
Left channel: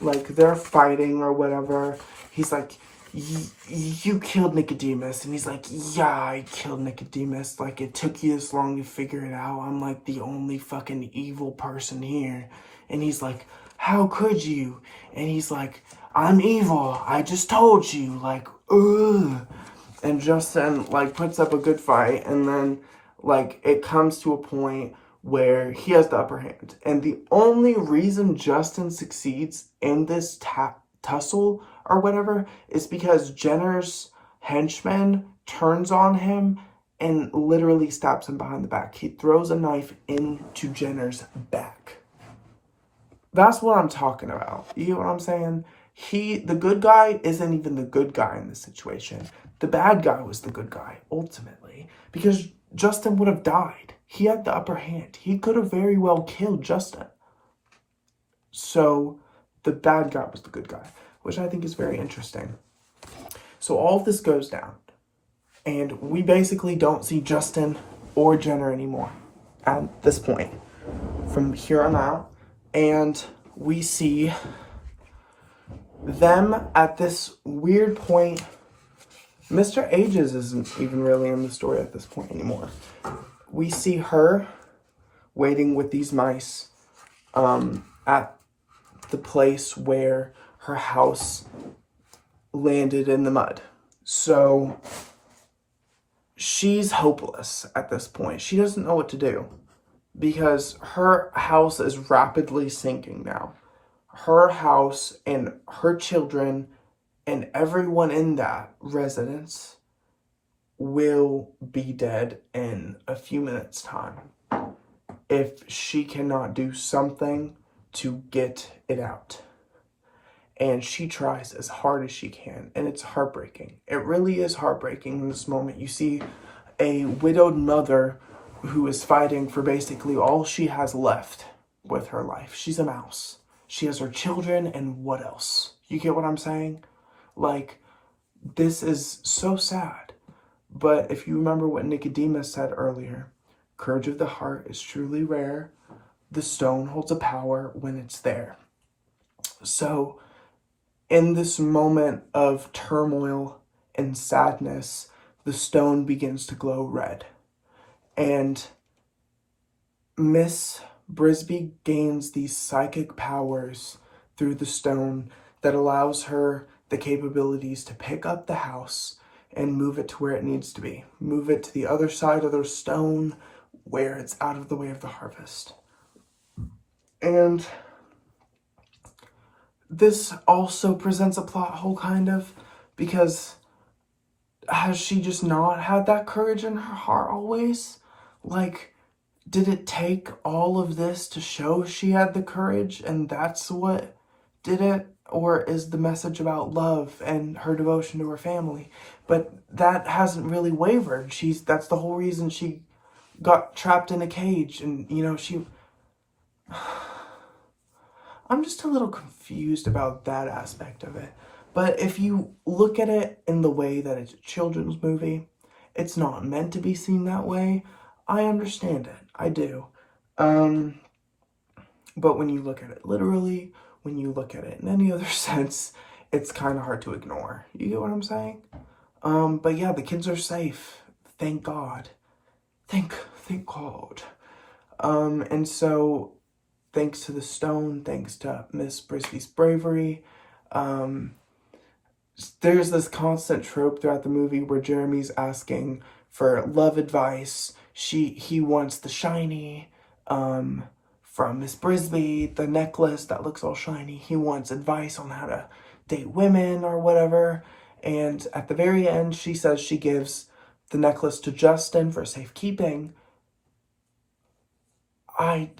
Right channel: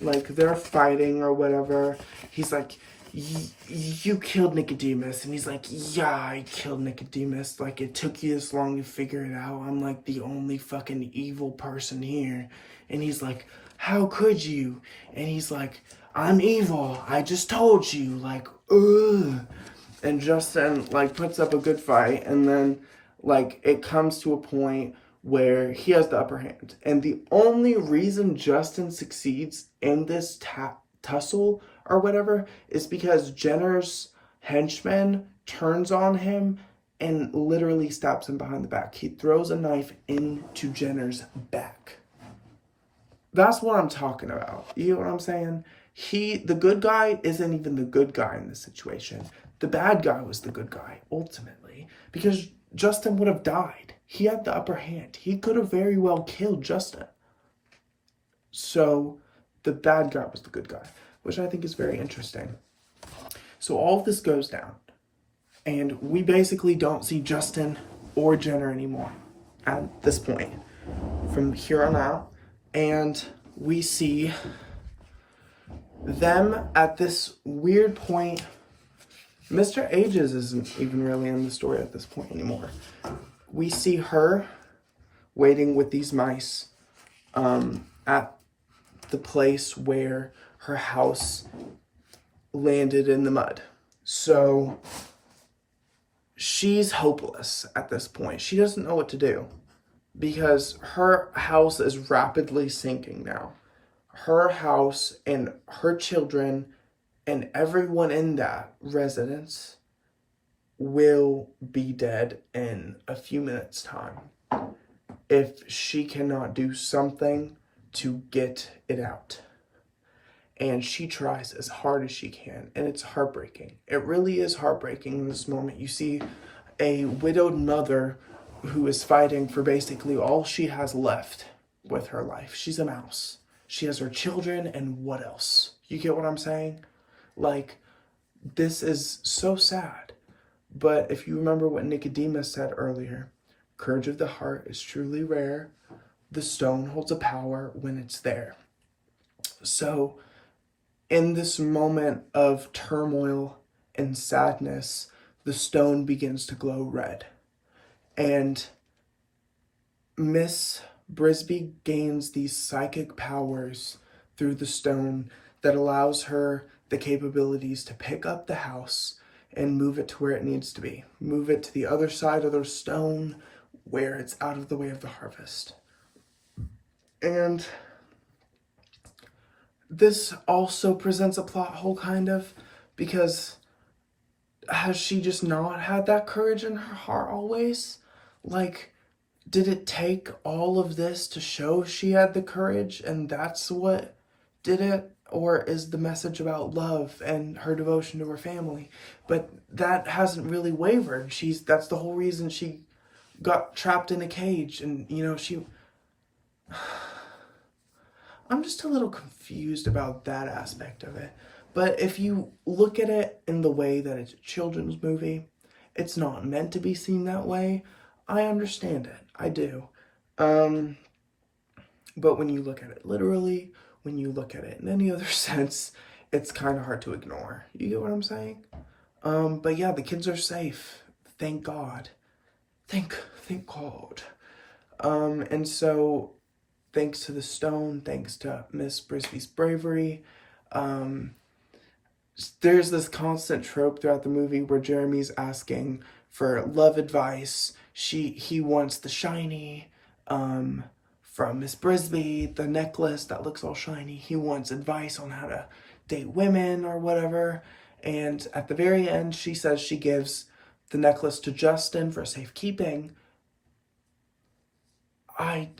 Like, they're fighting or whatever. He's like, you killed Nicodemus. And he's like, yeah, I killed Nicodemus. Like, it took you this long to figure it out. I'm like the only fucking evil person here. And he's like, how could you? And he's like, I'm evil. I just told you. Like, ugh. And Justin, like, puts up a good fight. And then, like, it comes to a point where he has the upper hand. And the only reason Justin succeeds in this tussle or whatever is because Jenner's henchman turns on him and literally stabs him behind the back. He throws a knife into Jenner's back. That's what I'm talking about. You know what I'm saying? The good guy isn't even the good guy in this situation. The bad guy was the good guy, ultimately, because Justin would have died. He had the upper hand. He could have very well killed Justin. So the bad guy was the good guy, which I think is very interesting. So all of this goes down, and we basically don't see Justin or Jenner anymore at this point from here on out. And we see them at this weird point. Mr. Ages isn't even really in the story at this point anymore. We see her waiting with these mice at the place where her house landed in the mud. So she's hopeless at this point. She doesn't know what to do because her house is rapidly sinking now. Her house and her children and everyone in that residence will be dead in a few minutes' time if she cannot do something to get it out. And she tries as hard as she can, and it's heartbreaking. It really is heartbreaking in this moment. You see a widowed mother who is fighting for basically all she has left with her life. She's a mouse. She has her children, and what else? You get what I'm saying? Like, this is so sad. But if you remember what Nicodemus said earlier, courage of the heart is truly rare. The stone holds a power when it's there. So, in this moment of turmoil and sadness, the stone begins to glow red. And Miss Brisby gains these psychic powers through the stone that allows her the capabilities to pick up the house and move it to where it needs to be. Move it to the other side of the stone where it's out of the way of the harvest. And this also presents a plot hole, kind of, because has she just not had that courage in her heart always? Like, did it take all of this to show she had the courage and that's what did it? Or is the message about love and her devotion to her family? But that hasn't really wavered. That's the whole reason she got trapped in a cage. And, you know, I'm just a little confused about that aspect of it. But if you look at it in the way that it's a children's movie, it's not meant to be seen that way. I understand it. I do. But when you look at it literally, when you look at it in any other sense, it's kind of hard to ignore. You get what I'm saying? But yeah, the kids are safe. Thank God. Thank God. And so, thanks to the stone, thanks to Miss Brisby's bravery, there's this constant trope throughout the movie where Jeremy's asking for love advice. He wants the shiny, from Miss Brisby, the necklace that looks all shiny. He wants advice on how to date women or whatever. And at the very end, she says she gives the necklace to Justin for safekeeping. I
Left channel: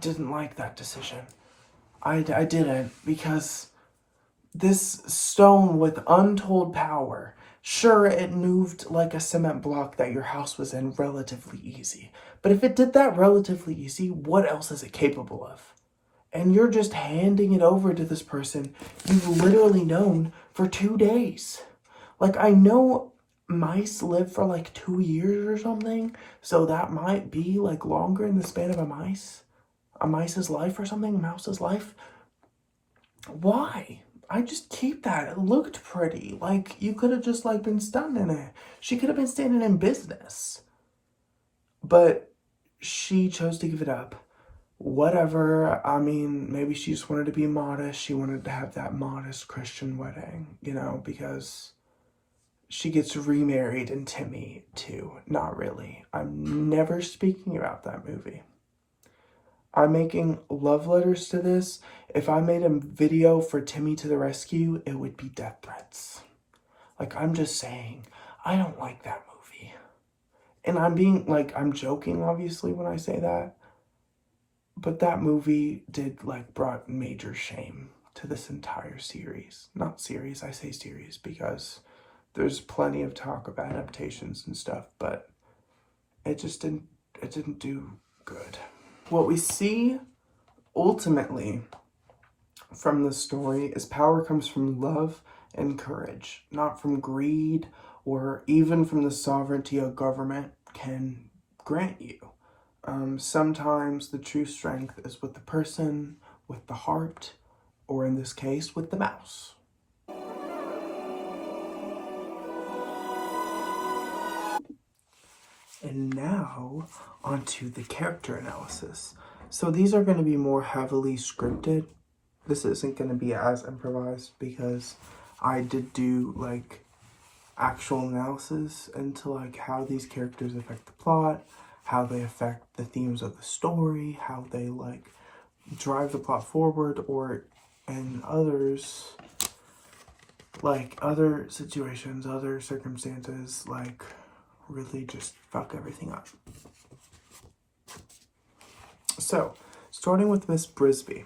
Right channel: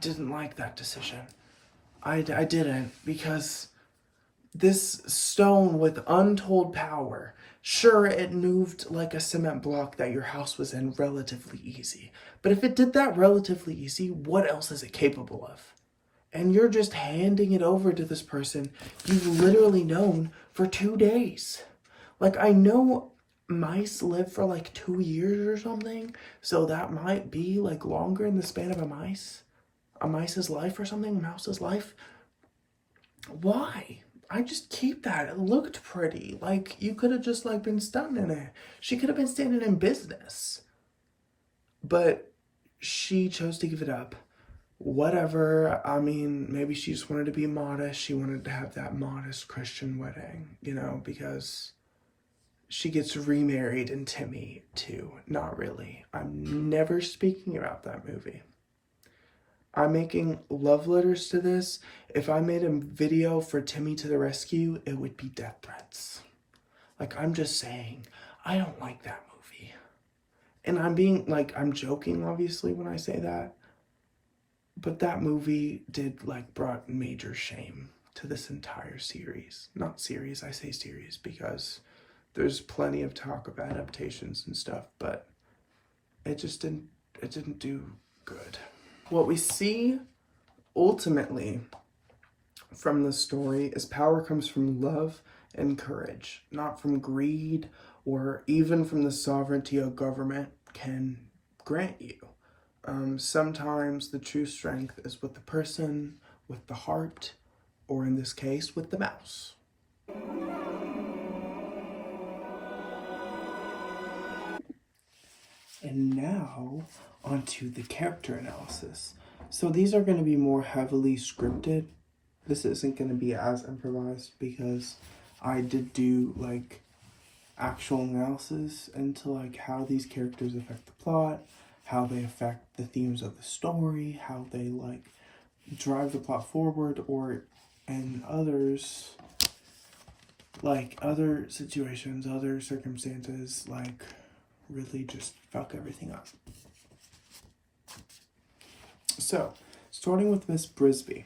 didn't like that decision. I didn't, because this stone with untold power, sure, it moved like a cement block that your house was in relatively easy. But if it did that relatively easy, what else is it capable of? And you're just handing it over to this person you've literally known for 2 days. Like, I know mice live for like 2 years or something, so that might be like longer in the span of a mice's life or something, a mouse's life. Why? I just keep that. It looked pretty. Like, you could have just like been stunned in it. She could have been standing in business. But she chose to give it up. Whatever. I mean, maybe she just wanted to be modest. She wanted to have that modest Christian wedding, you know, because she gets remarried in Timmy too. Not really. I'm never speaking about that movie. I'm making love letters to this. If I made a video for Timmy to the Rescue, it would be death threats. Like, I'm just saying, I don't like that movie. And I'm joking, obviously, when I say that. But that movie brought major shame to this entire series. Not series, I say series because there's plenty of talk of adaptations and stuff, but it didn't do good. What we see ultimately from the story is power comes from love and courage, not from greed or even from the sovereignty a government can grant you. Sometimes the true strength is with the person, with the heart, or in this case, with the mouse. And now, onto the character analysis. So these are going to be more heavily scripted. This isn't going to be as improvised because I did do actual analysis into how these characters affect the plot, how they affect the themes of the story, how they drive the plot forward, or in others, other situations, other circumstances, really just fuck everything up. So, starting with Miss Brisby.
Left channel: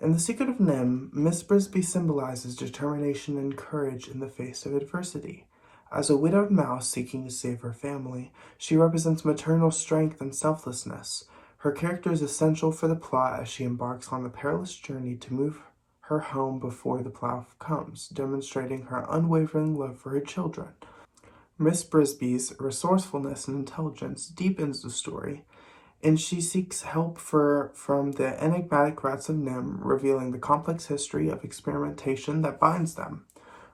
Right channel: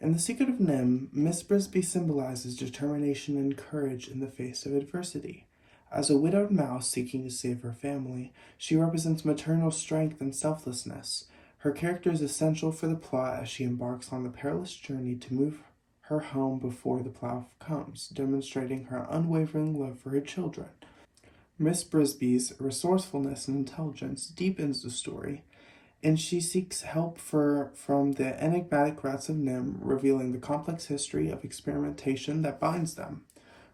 In The Secret of Nimh, Miss Brisby symbolizes determination and courage in the face of adversity. As a widowed mouse seeking to save her family, she represents maternal strength and selflessness. Her character is essential for the plot as she embarks on the perilous journey to move her home before the plow comes, demonstrating her unwavering love for her children. Miss Brisby's resourcefulness and intelligence deepens the story, and she seeks help from the enigmatic rats of Nimh, revealing the complex history of experimentation that binds them.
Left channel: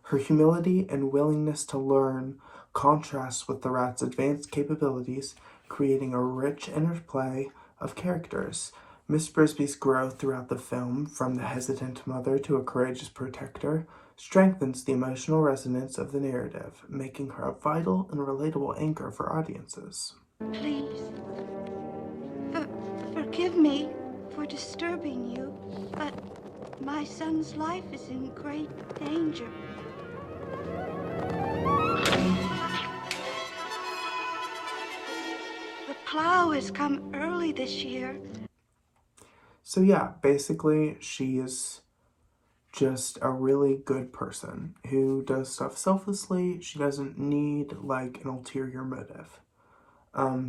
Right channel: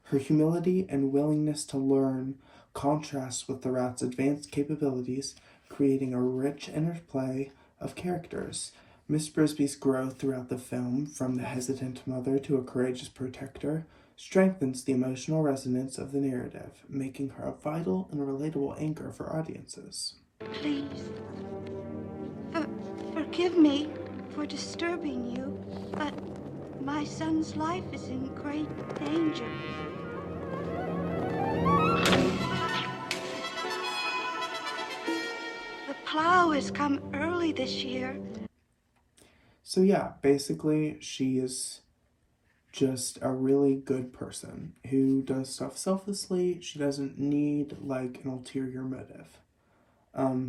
Her humility and willingness to learn contrasts with the rat's advanced capabilities, creating a rich interplay of characters. Miss Brisby's growth throughout the film, from the hesitant mother to a courageous protector, strengthens the emotional resonance of the narrative, making her a vital and relatable anchor for audiences. Please, forgive me for disturbing you, but my son's life is in great danger. The plow has come early this year. So yeah, basically she is just a really good person who does stuff selflessly. She doesn't need an ulterior motive.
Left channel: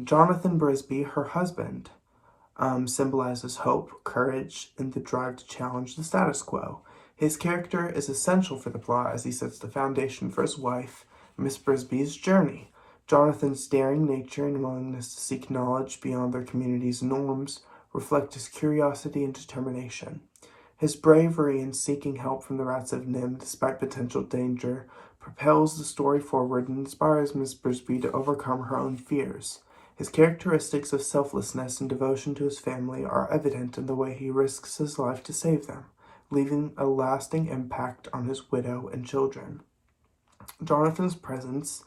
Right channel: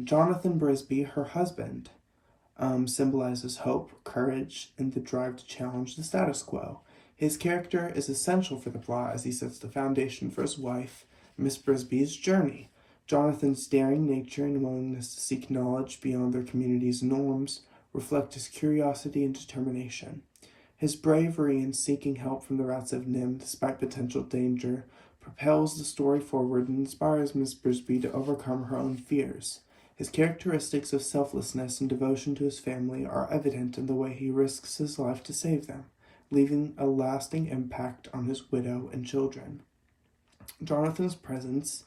Jonathan Brisby, her husband, symbolizes hope, courage, and the drive to challenge the status quo. His character is essential for the plot as he sets the foundation for his wife, Miss Brisby's journey. Jonathan's daring nature and willingness to seek knowledge beyond their community's norms reflect his curiosity and determination. His bravery in seeking help from the Rats of Nimh despite potential danger propels the story forward and inspires Miss Brisby to overcome her own fears. His characteristics of selflessness and devotion to his family are evident in the way he risks his life to save them, leaving a lasting impact on his widow and children. Jonathan's presence,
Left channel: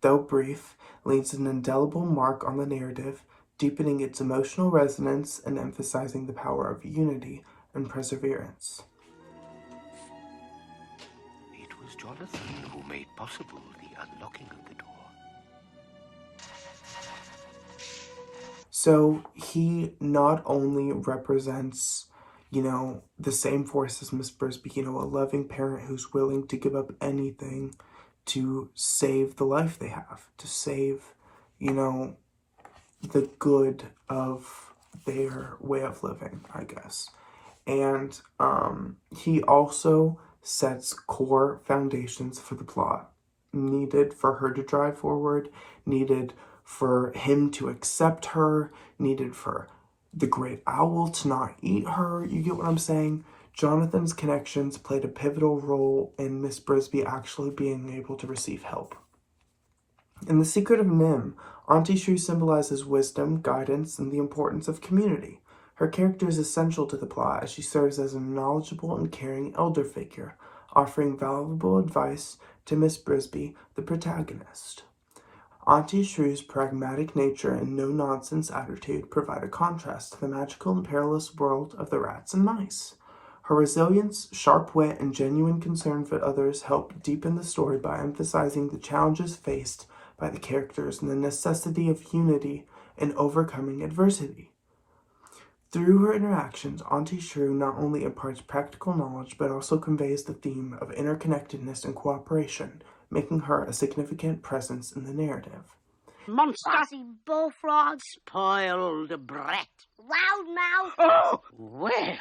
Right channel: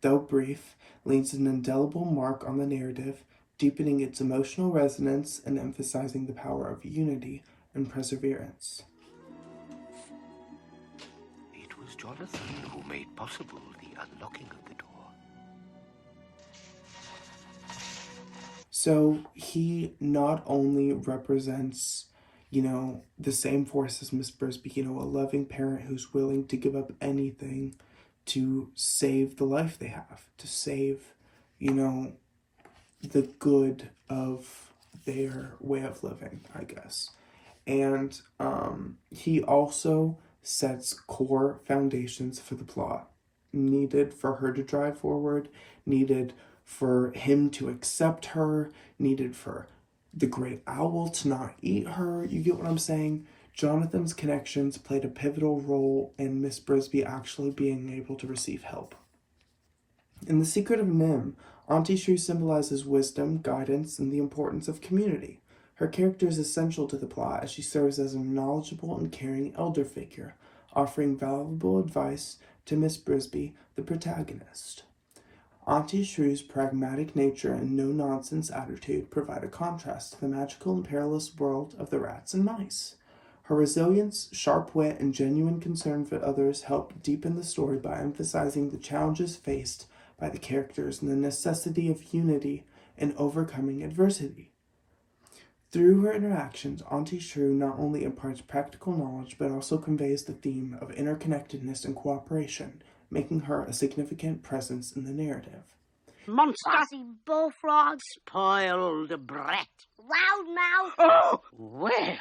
though brief, leaves an indelible mark on the narrative, deepening its emotional resonance and emphasizing the power of unity and perseverance. It was Jonathan who made possible the unlocking of the door. So he not only represents, the same force as Miss Brisby, a loving parent who's willing to give up anything to save the life they have, to save, the good of their way of living, I guess. And he also sets core foundations for the plot, needed for her to drive forward, needed for him to accept her, needed for the great owl to not eat her. You get what I'm saying? Jonathan's connections played a pivotal role in Miss Brisby actually being able to receive help. In The Secret of Nimh, Auntie Shrew symbolizes wisdom, guidance, and the importance of community. Her character is essential to the plot as she serves as a knowledgeable and caring elder figure, offering valuable advice to Miss Brisby, the protagonist. Auntie Shrew's pragmatic nature and no-nonsense attitude provide a contrast to the magical and perilous world of the rats and mice. Her resilience, sharp wit, and genuine concern for others help deepen the story by emphasizing the challenges faced by the characters and the necessity of unity in overcoming adversity. Through her interactions, Auntie Shrew not only imparts practical knowledge but also conveys the theme of interconnectedness and cooperation, making her a significant presence in the narrative. Monster! Fussy bullfrog! Spoiled brat! Loudmouth! Oh! Well,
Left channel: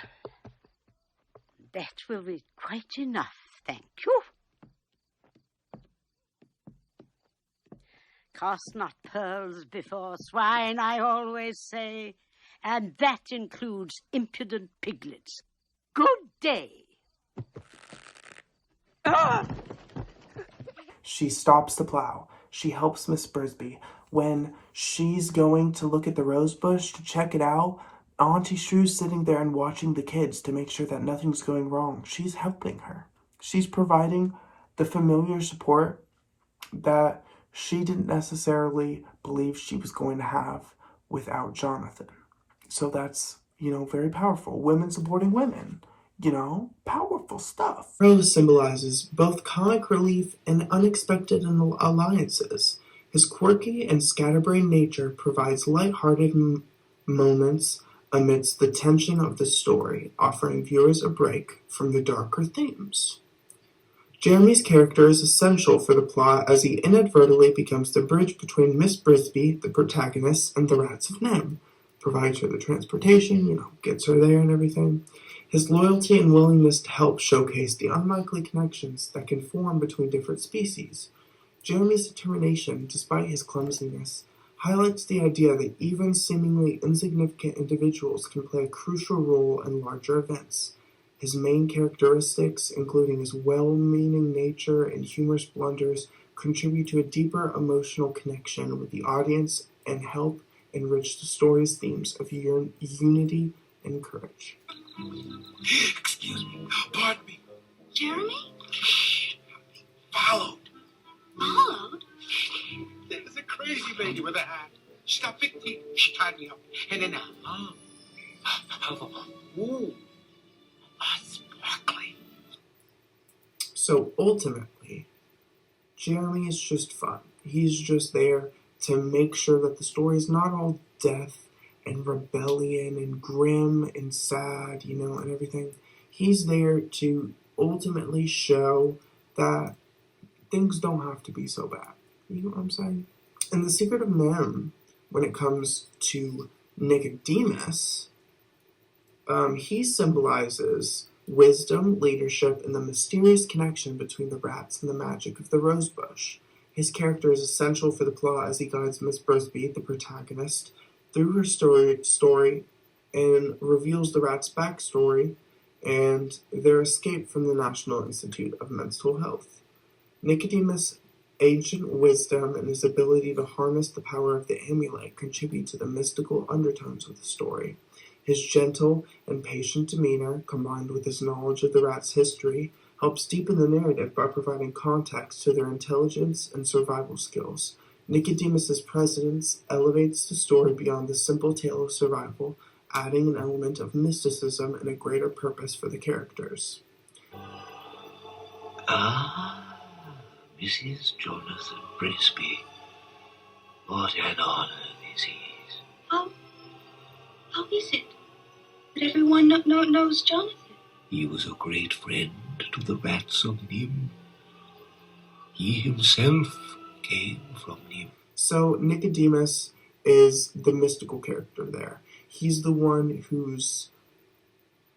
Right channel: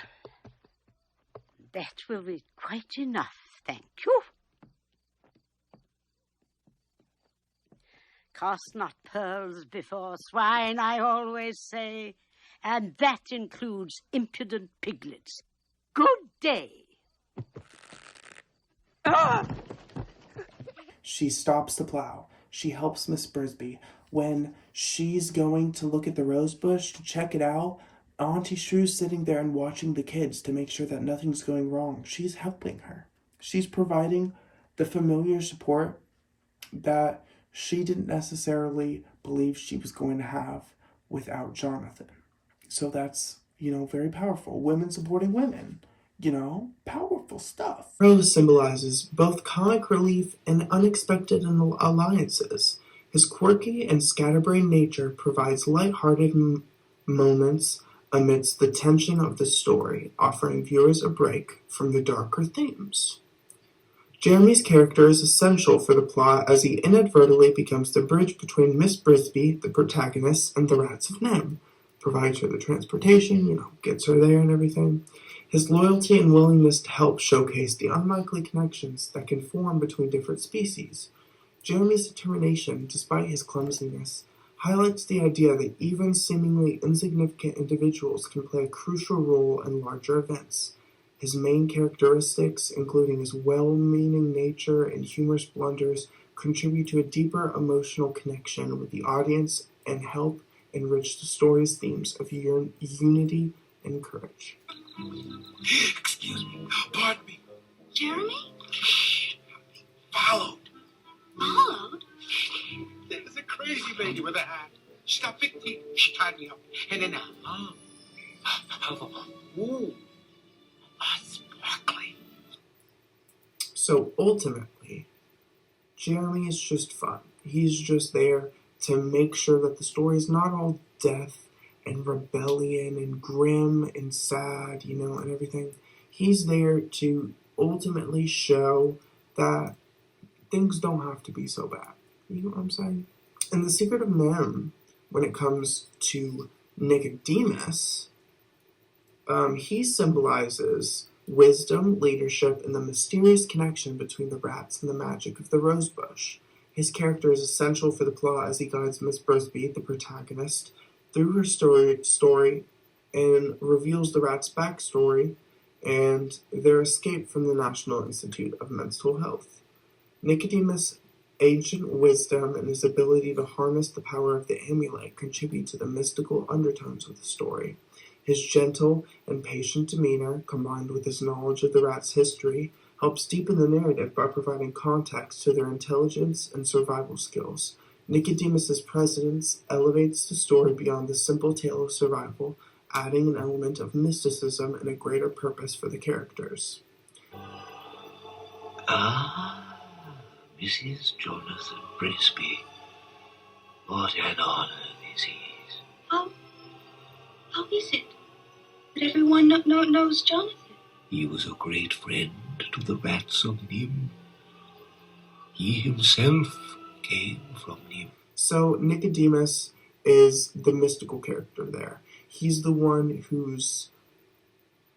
that will be quite enough, thank you. Cast not pearls before swine, I always say, and that includes impudent piglets. Good day. Ah! She stops the plow. She helps Miss Brisby. When she's going to look at the rose bush to check it out, Auntie Shrew's sitting there and watching the kids to make sure that nothing's going wrong. She's helping her. She's providing the familiar support that she didn't necessarily believe she was going to have without Jonathan. So that's, very powerful. Women supporting women. Powerful stuff. Rose symbolizes both comic relief and unexpected alliances. His quirky and scatterbrained nature provides lighthearted moments amidst the tension of the story, offering viewers a break from the darker themes. Jeremy's character is essential for the plot as he inadvertently becomes the bridge between Miss Brisby, the protagonist, and the Rats of Nimh. Provides her the transportation, gets her there and everything. His loyalty and willingness to help showcase the unlikely connections that can form between different species. Jeremy's determination, despite his clumsiness, highlights the idea that even seemingly insignificant individuals can play a crucial role in larger events. His main characteristics, including his well-meaning nature and humorous blunders, contribute to a deeper emotional connection with the audience and help enrich the story's themes of unity and courage. Excuse me. Pardon me. Jeremy? Followed. Followed? There's a crazy lady with a hat. She's got big teeth. She tied me up. And then, ooh. Sparkly. So ultimately, Jeremy is just fun. He's just there to make sure that the story is not all death and rebellion and grim and sad, and everything. He's there to ultimately show that things don't have to be so bad. You know what I'm saying? In The Secret of Nimh, when it comes to Nicodemus, he symbolizes wisdom, leadership, and the mysterious connection between the rats and the magic of the rosebush. His character is essential for the plot as he guides Miss Brisby, the protagonist, through her story and reveals the rats' backstory and their escape from the National Institute of Mental Health. Nicodemus' ancient wisdom and his ability to harness the power of the amulet contribute to the mystical undertones of the story. His gentle and patient demeanor, combined with his knowledge of the rats' history, helps deepen the narrative by providing context to their intelligence and survival skills. Nicodemus's presence elevates the story beyond the simple tale of survival, adding an element of mysticism and a greater purpose for the characters. Ah, Mrs. Jonathan Brisby. What an honor this is. How is it that everyone knows Jonathan? He was a great friend to the rats of Nimh. He himself came from Nimh. So Nicodemus is the mystical character there. He's the one who's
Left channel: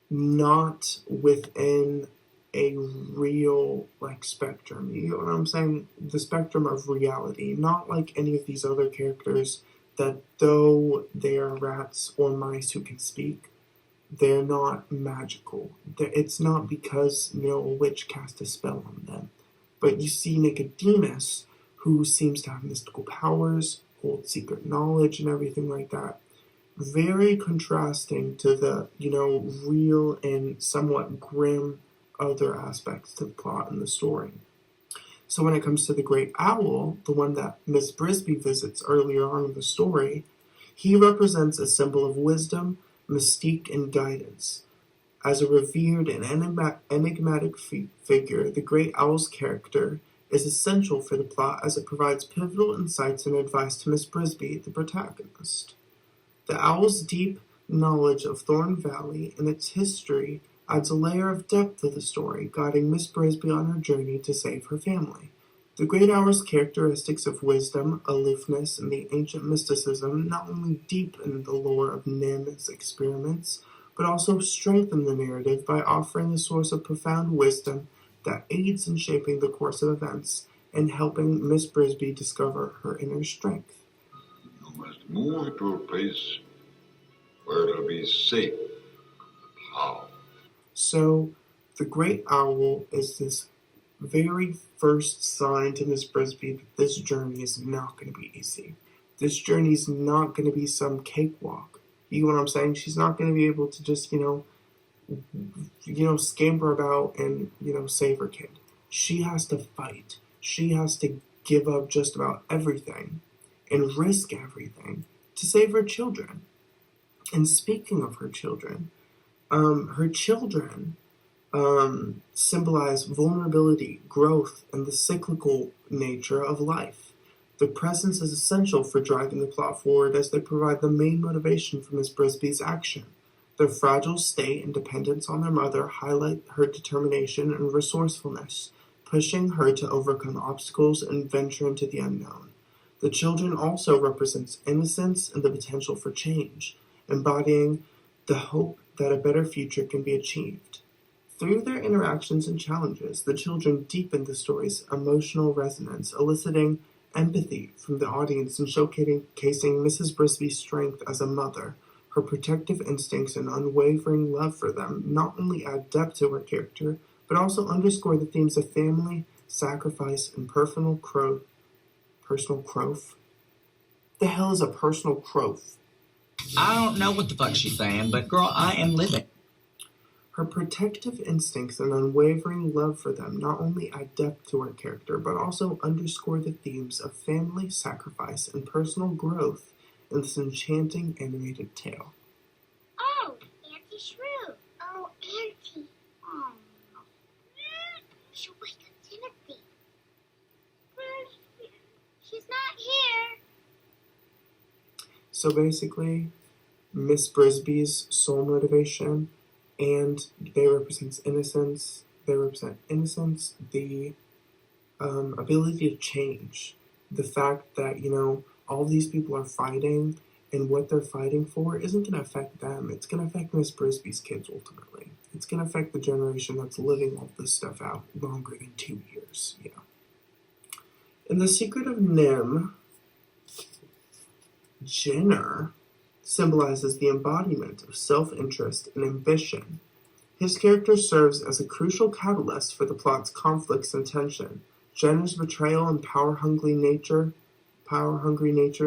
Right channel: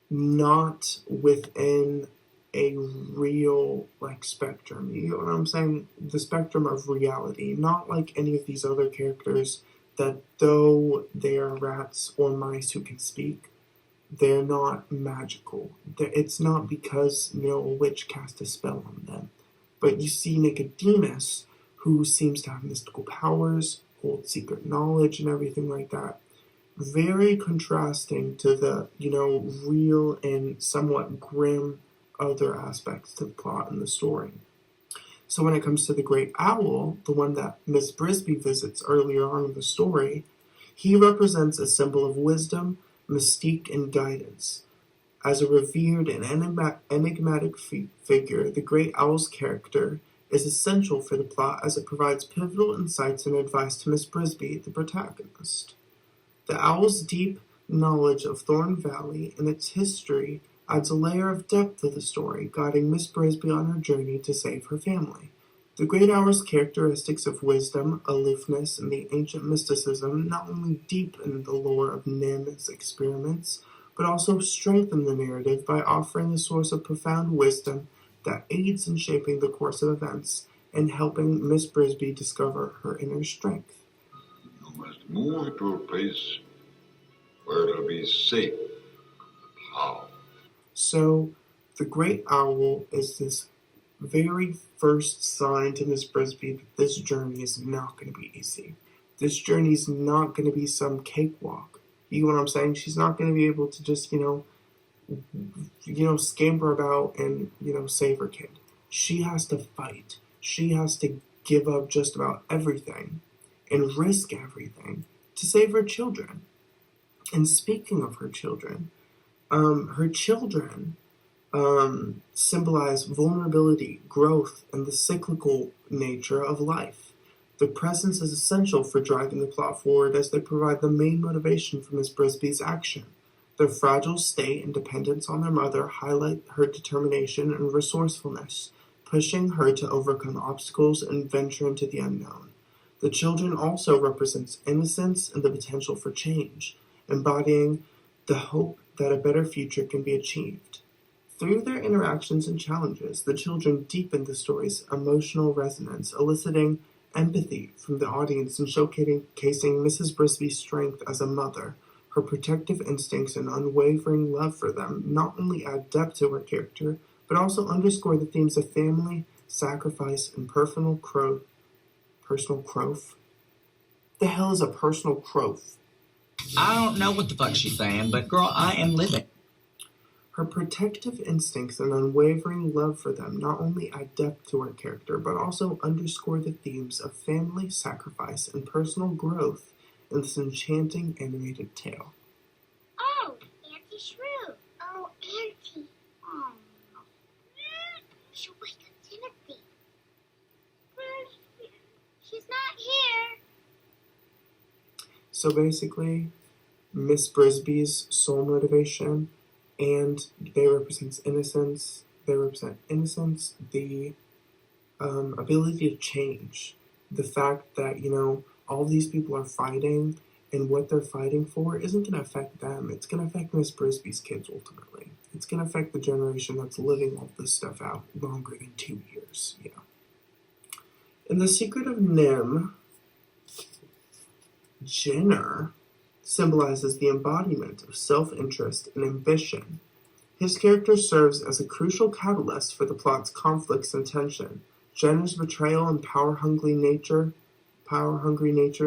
not within a real spectrum. You know what I'm saying? The spectrum of reality. Not like any of these other characters that though they are rats or mice who can speak, they're not magical. It's not because a witch cast a spell on them. But you see Nicodemus, who seems to have mystical powers, hold secret knowledge and everything like that. Very contrasting to the, real and somewhat grim other aspects to the plot and the story. So when it comes to the Great Owl, the one that Miss Brisby visits earlier on in the story, he represents a symbol of wisdom, mystique, and guidance. As a revered and enigmatic figure, the Great Owl's character is essential for the plot as it provides pivotal insights and advice to Miss Brisby, the protagonist. The owl's deep knowledge of Thorn Valley and its history adds a layer of depth to the story, guiding Miss Brisby on her journey to save her family. The Great Owl's characteristics of wisdom, aloofness, and the ancient mysticism not only deepen the lore of Nimh's experiments, but also strengthen the narrative by offering a source of profound wisdom that aids in shaping the course of events and helping Miss Brisby discover her inner strength. You must move to a place where it'll be safe. How? So, the Great Owl is this very first sign to Miss Brisby that this journey is not going to be easy. This journey is not going to be some cakewalk. You know what I'm saying? She's not going to be able to just, scamper about and, save her kid. She has to fight. She has to give up just about everything and risk everything to save her children. And speaking of her children symbolize vulnerability, growth, and the cyclical nature of life. Their presence is essential for driving the plot forward as they provide the main motivation for Miss Brisby's action. Their fragile state and dependence on their mother highlight her determination and resourcefulness, pushing her to overcome obstacles and venture into the unknown. The children also represents innocence and the potential for change, embodying the hope that a better future can be achieved. Through their interactions and challenges, the children deepen the story's emotional resonance, eliciting empathy from the audience and showcasing Mrs. Brisby's strength as a mother. Her protective instincts and unwavering love for them not only add depth to her character, but also underscore the themes of family, sacrifice, and personal growth. The hell is a personal growth? I don't know what the fuck she's saying, but girl, I am living. Her protective instincts and unwavering love for them not only add depth to her character, but also underscore the themes of family, sacrifice, and personal growth in this enchanting animated tale. Oh, Auntie Shrew. Oh, Auntie. Oh. You should wake up Timothy. She's not here. So basically, Miss Brisby's sole motivation, and they represent innocence. They represent innocence, the ability to change, the fact that all these people are fighting, and what they're fighting for isn't going to affect them. It's going to affect Miss Brisby's kids ultimately. It's going to affect the generation that's living all this stuff out longer than 2 years, you know. In The Secret of Nimh, Jenner symbolizes the embodiment of self-interest and ambition. His character serves as a crucial catalyst for the plot's conflicts and tension. Jenner's betrayal and power-hungry nature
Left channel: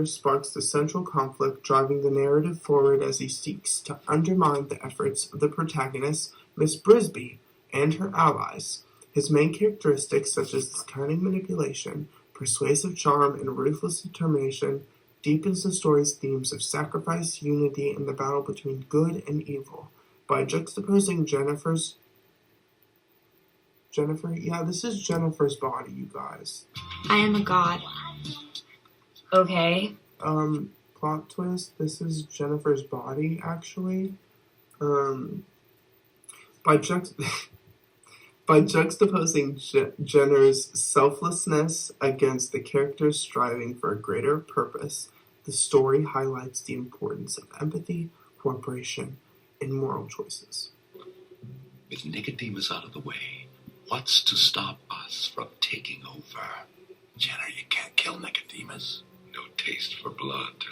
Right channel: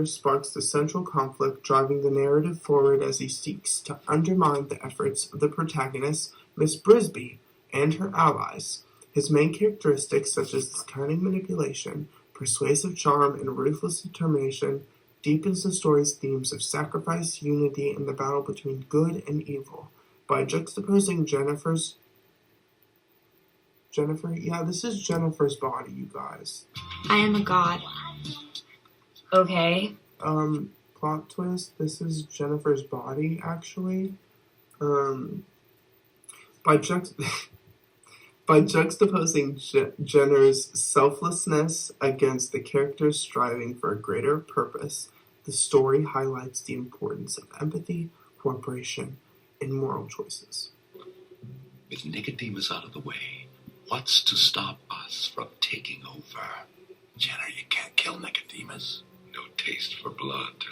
sparks the central conflict, driving the narrative forward as he seeks to undermine the efforts of the protagonist, Miss Brisby, and her allies. His main characteristics, such as his cunning manipulation, persuasive charm, and ruthless determination, deepens the story's themes of sacrifice, unity, and the battle between good and evil. By juxtaposing this is Jennifer's body, you guys. I am a god. Okay. Plot twist, this is Jennifer's body, actually. By juxtaposing Jenner's selflessness against the character's striving for a greater purpose, the story highlights the importance of empathy, cooperation, and moral choices. With Nicodemus out of the way, what's to stop us from taking over? Jenner, you can't kill Nicodemus. No taste for blood.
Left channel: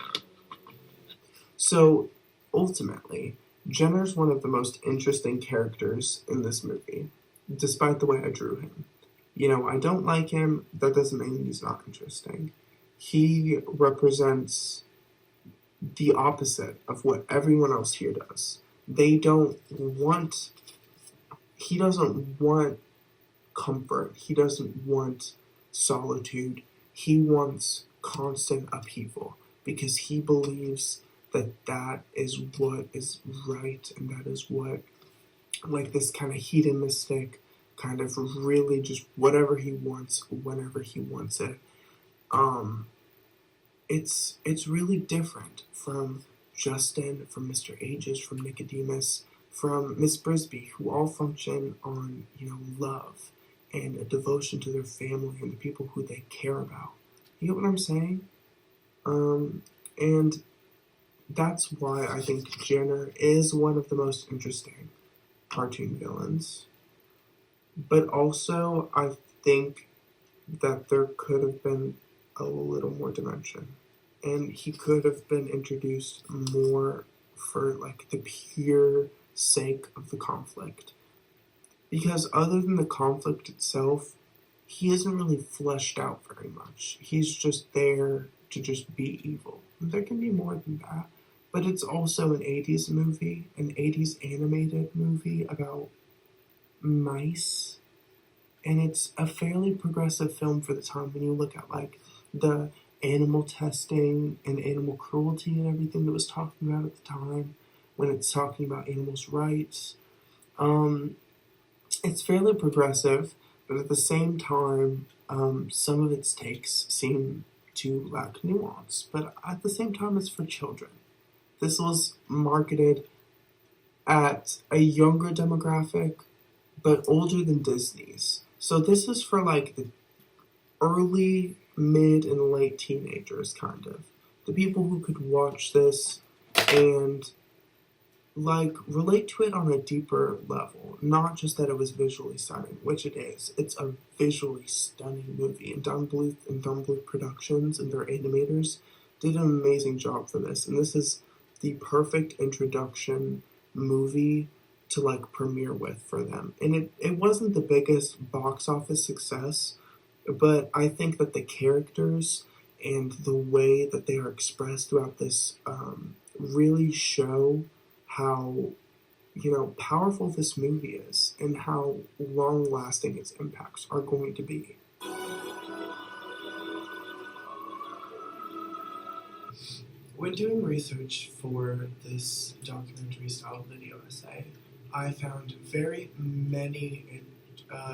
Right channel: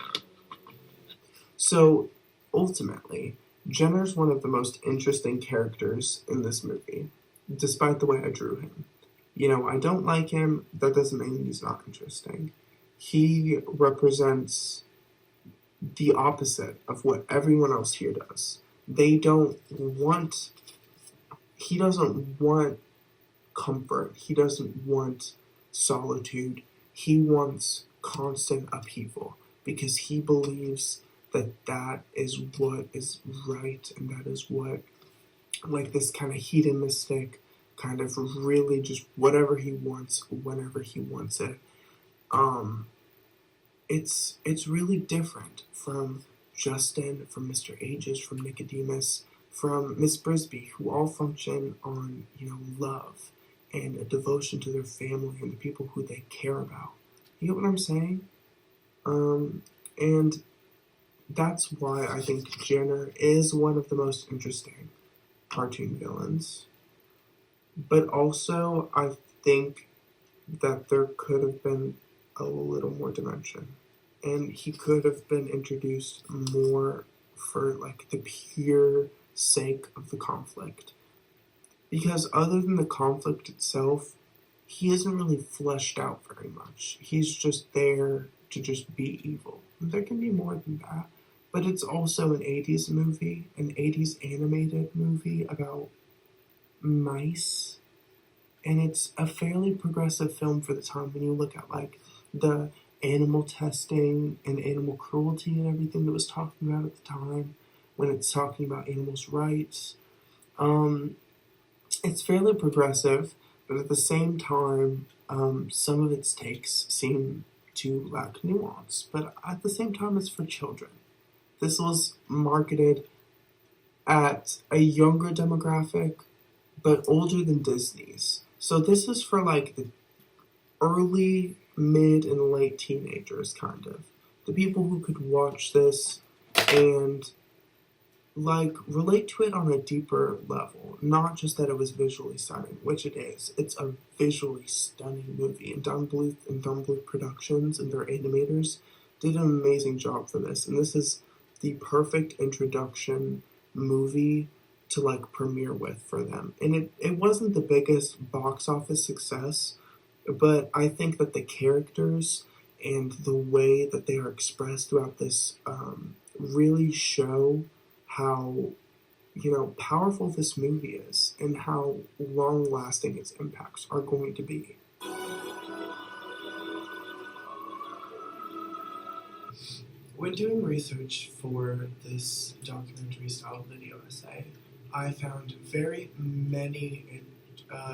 So, ultimately, Jenner's one of the most interesting characters in this movie, despite the way I drew him. You know, I don't like him, that doesn't mean he's not interesting. He represents the opposite of what everyone else here does. He doesn't want comfort. He doesn't want solitude. He wants constant upheaval because he believes that is what is right, and that is what, like, this kind of hedonistic, kind of really just whatever he wants, whenever he wants it. It's really different from Justin, from Mr. Aegis, from Nicodemus, from Miss Brisby, who all function on, you know, love and a devotion to their family and the people who they care about. You get what I'm saying? And that's why I think Jenner is one of the most interesting cartoon villains. But also, I think that there could have been a little more dimension. And he could have been introduced more for, like, the pure sake of the conflict. Because other than the conflict itself, he isn't really fleshed out very much. He's just there to just be evil. And there can be more than that. But it's also an 80s movie, an 80s animated movie about mice. And it's a fairly progressive film for the time when you look at, like, the animal testing and animal cruelty and everything that was talking about at the time, when it's talking about animals' rights. It's fairly progressive, but at the same time, some of its takes seem to lack nuance. But at the same time, it's for children. This was marketed at a younger demographic, but older than Disney's. So this is for, like, the early, mid, and late teenagers, kind of. The people who could watch this and, like, relate to it on a deeper level. Not just that it was visually stunning, which it is. It's a visually stunning movie. And Don Bluth and Don Bluth Productions and their animators did an amazing job for this. And this is the perfect introduction movie to, like, premiere with for them. And it wasn't the biggest box office success, but I think that the characters and the way that they are expressed throughout this really show how, you know, powerful this movie is and how long-lasting its impacts are going to be. When doing research for this documentary-style video essay, I found very many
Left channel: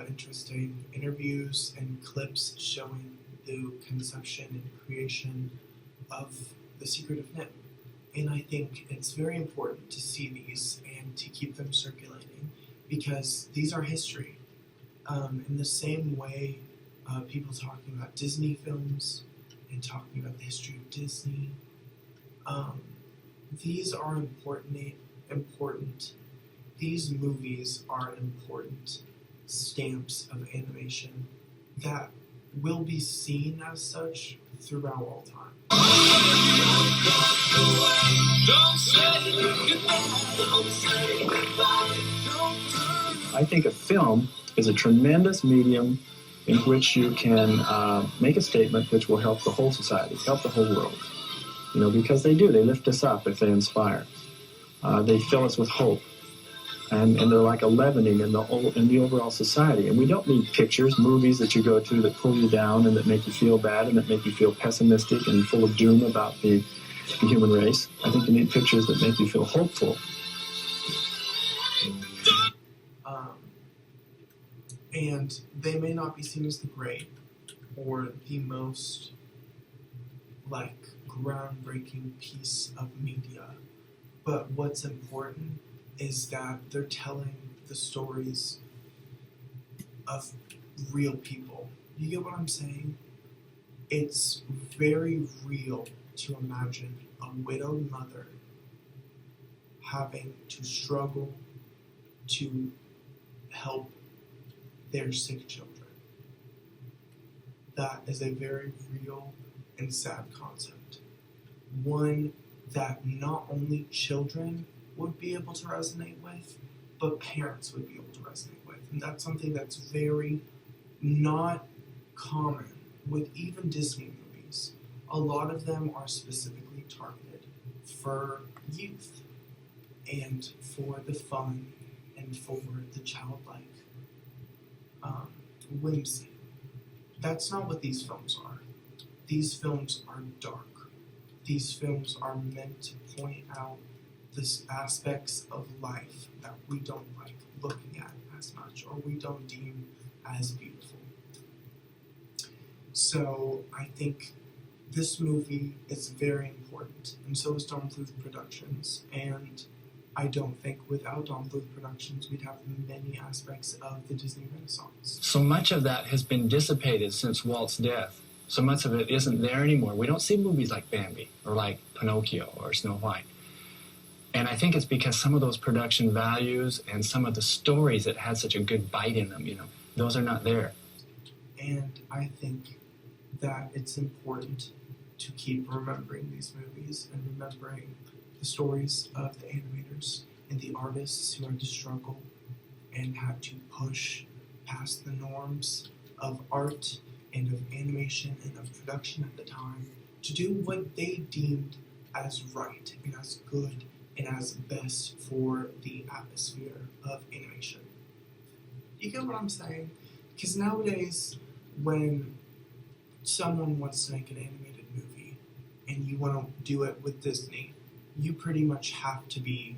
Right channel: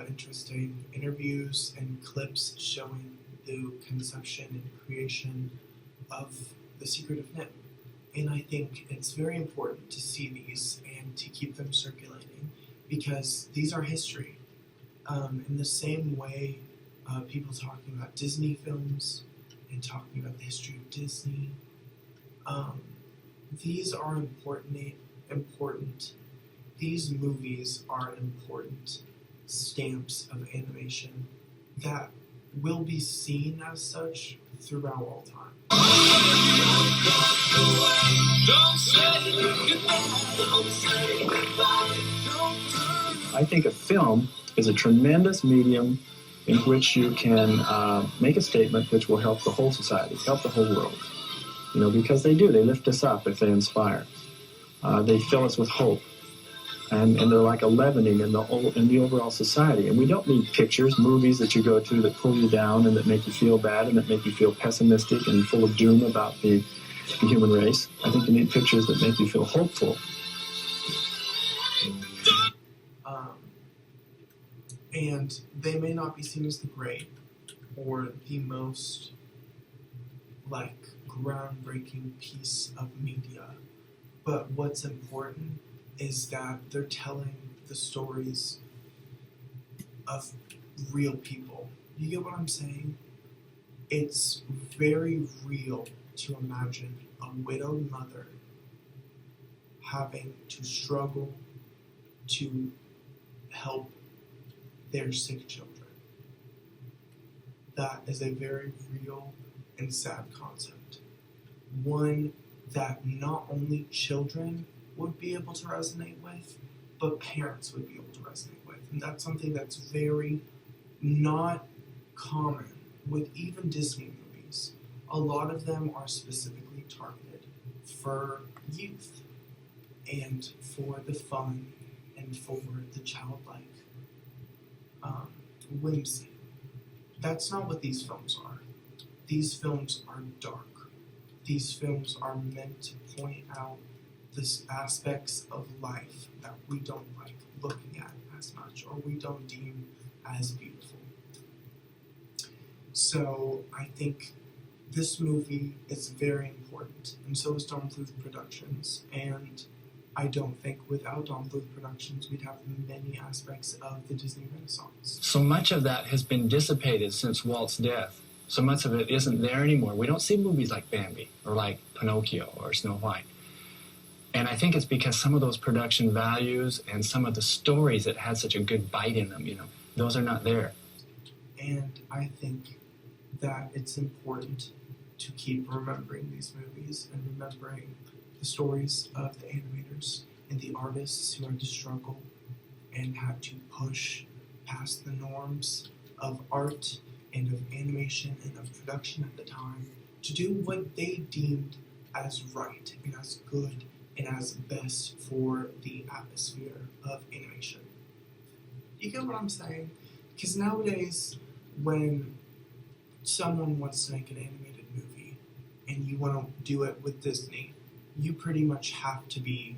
interesting interviews and clips showing the conception and creation of The Secret of Nimh. And I think it's very important to see these and to keep them circulating because these are history. In the same way people talking about Disney films and talking about the history of Disney, these are important these movies are important stamps of animation that will be seen as such throughout all time. I think a film is a tremendous medium in which you can make a statement which will help the whole society, help the whole world. You know, because they do. They lift us up if they inspire. They fill us with hope. And they're like a leavening in the overall society. And we don't need pictures, movies that you go to that pull you down and that make you feel bad and that make you feel pessimistic and full of doom about the human race. I think you need pictures that make you feel hopeful. And they may not be seen as the great or the most, like, groundbreaking piece of media. But what's important is that they're telling the stories of real people. You get what I'm saying? It's very real to imagine a widowed mother having to struggle to help their sick children. That is a very real and sad concept. One that not only children would be able to resonate with, but parents would be able to resonate with. And that's something that's very not common with even Disney movies. A lot of them are specifically targeted for youth and for the fun and for the childlike whimsy. That's not what these films are. These films are dark. These films are meant to point out the aspects of life that we don't like looking at as much or we don't deem as beautiful. So I think this movie is very important, and so is Don Bluth Productions. And I don't think without Don Bluth Productions we'd have many aspects of the Disney Renaissance. So much of that has been dissipated since Walt's death. So much of it isn't there anymore. We don't see movies like Bambi or like Pinocchio or Snow White. And I think it's because some of those production values and some of the stories that had such a good bite in them, you know, those are not there. And I think that it's important to keep remembering these movies and remembering the stories of the animators and the artists who had to struggle and had to push past the norms of art and of animation and of production at the time to do what they deemed as right and as good and as best for the atmosphere of animation. You get what I'm saying? Because nowadays, when someone wants to make an animated movie and you want to do it with Disney, you pretty much have to be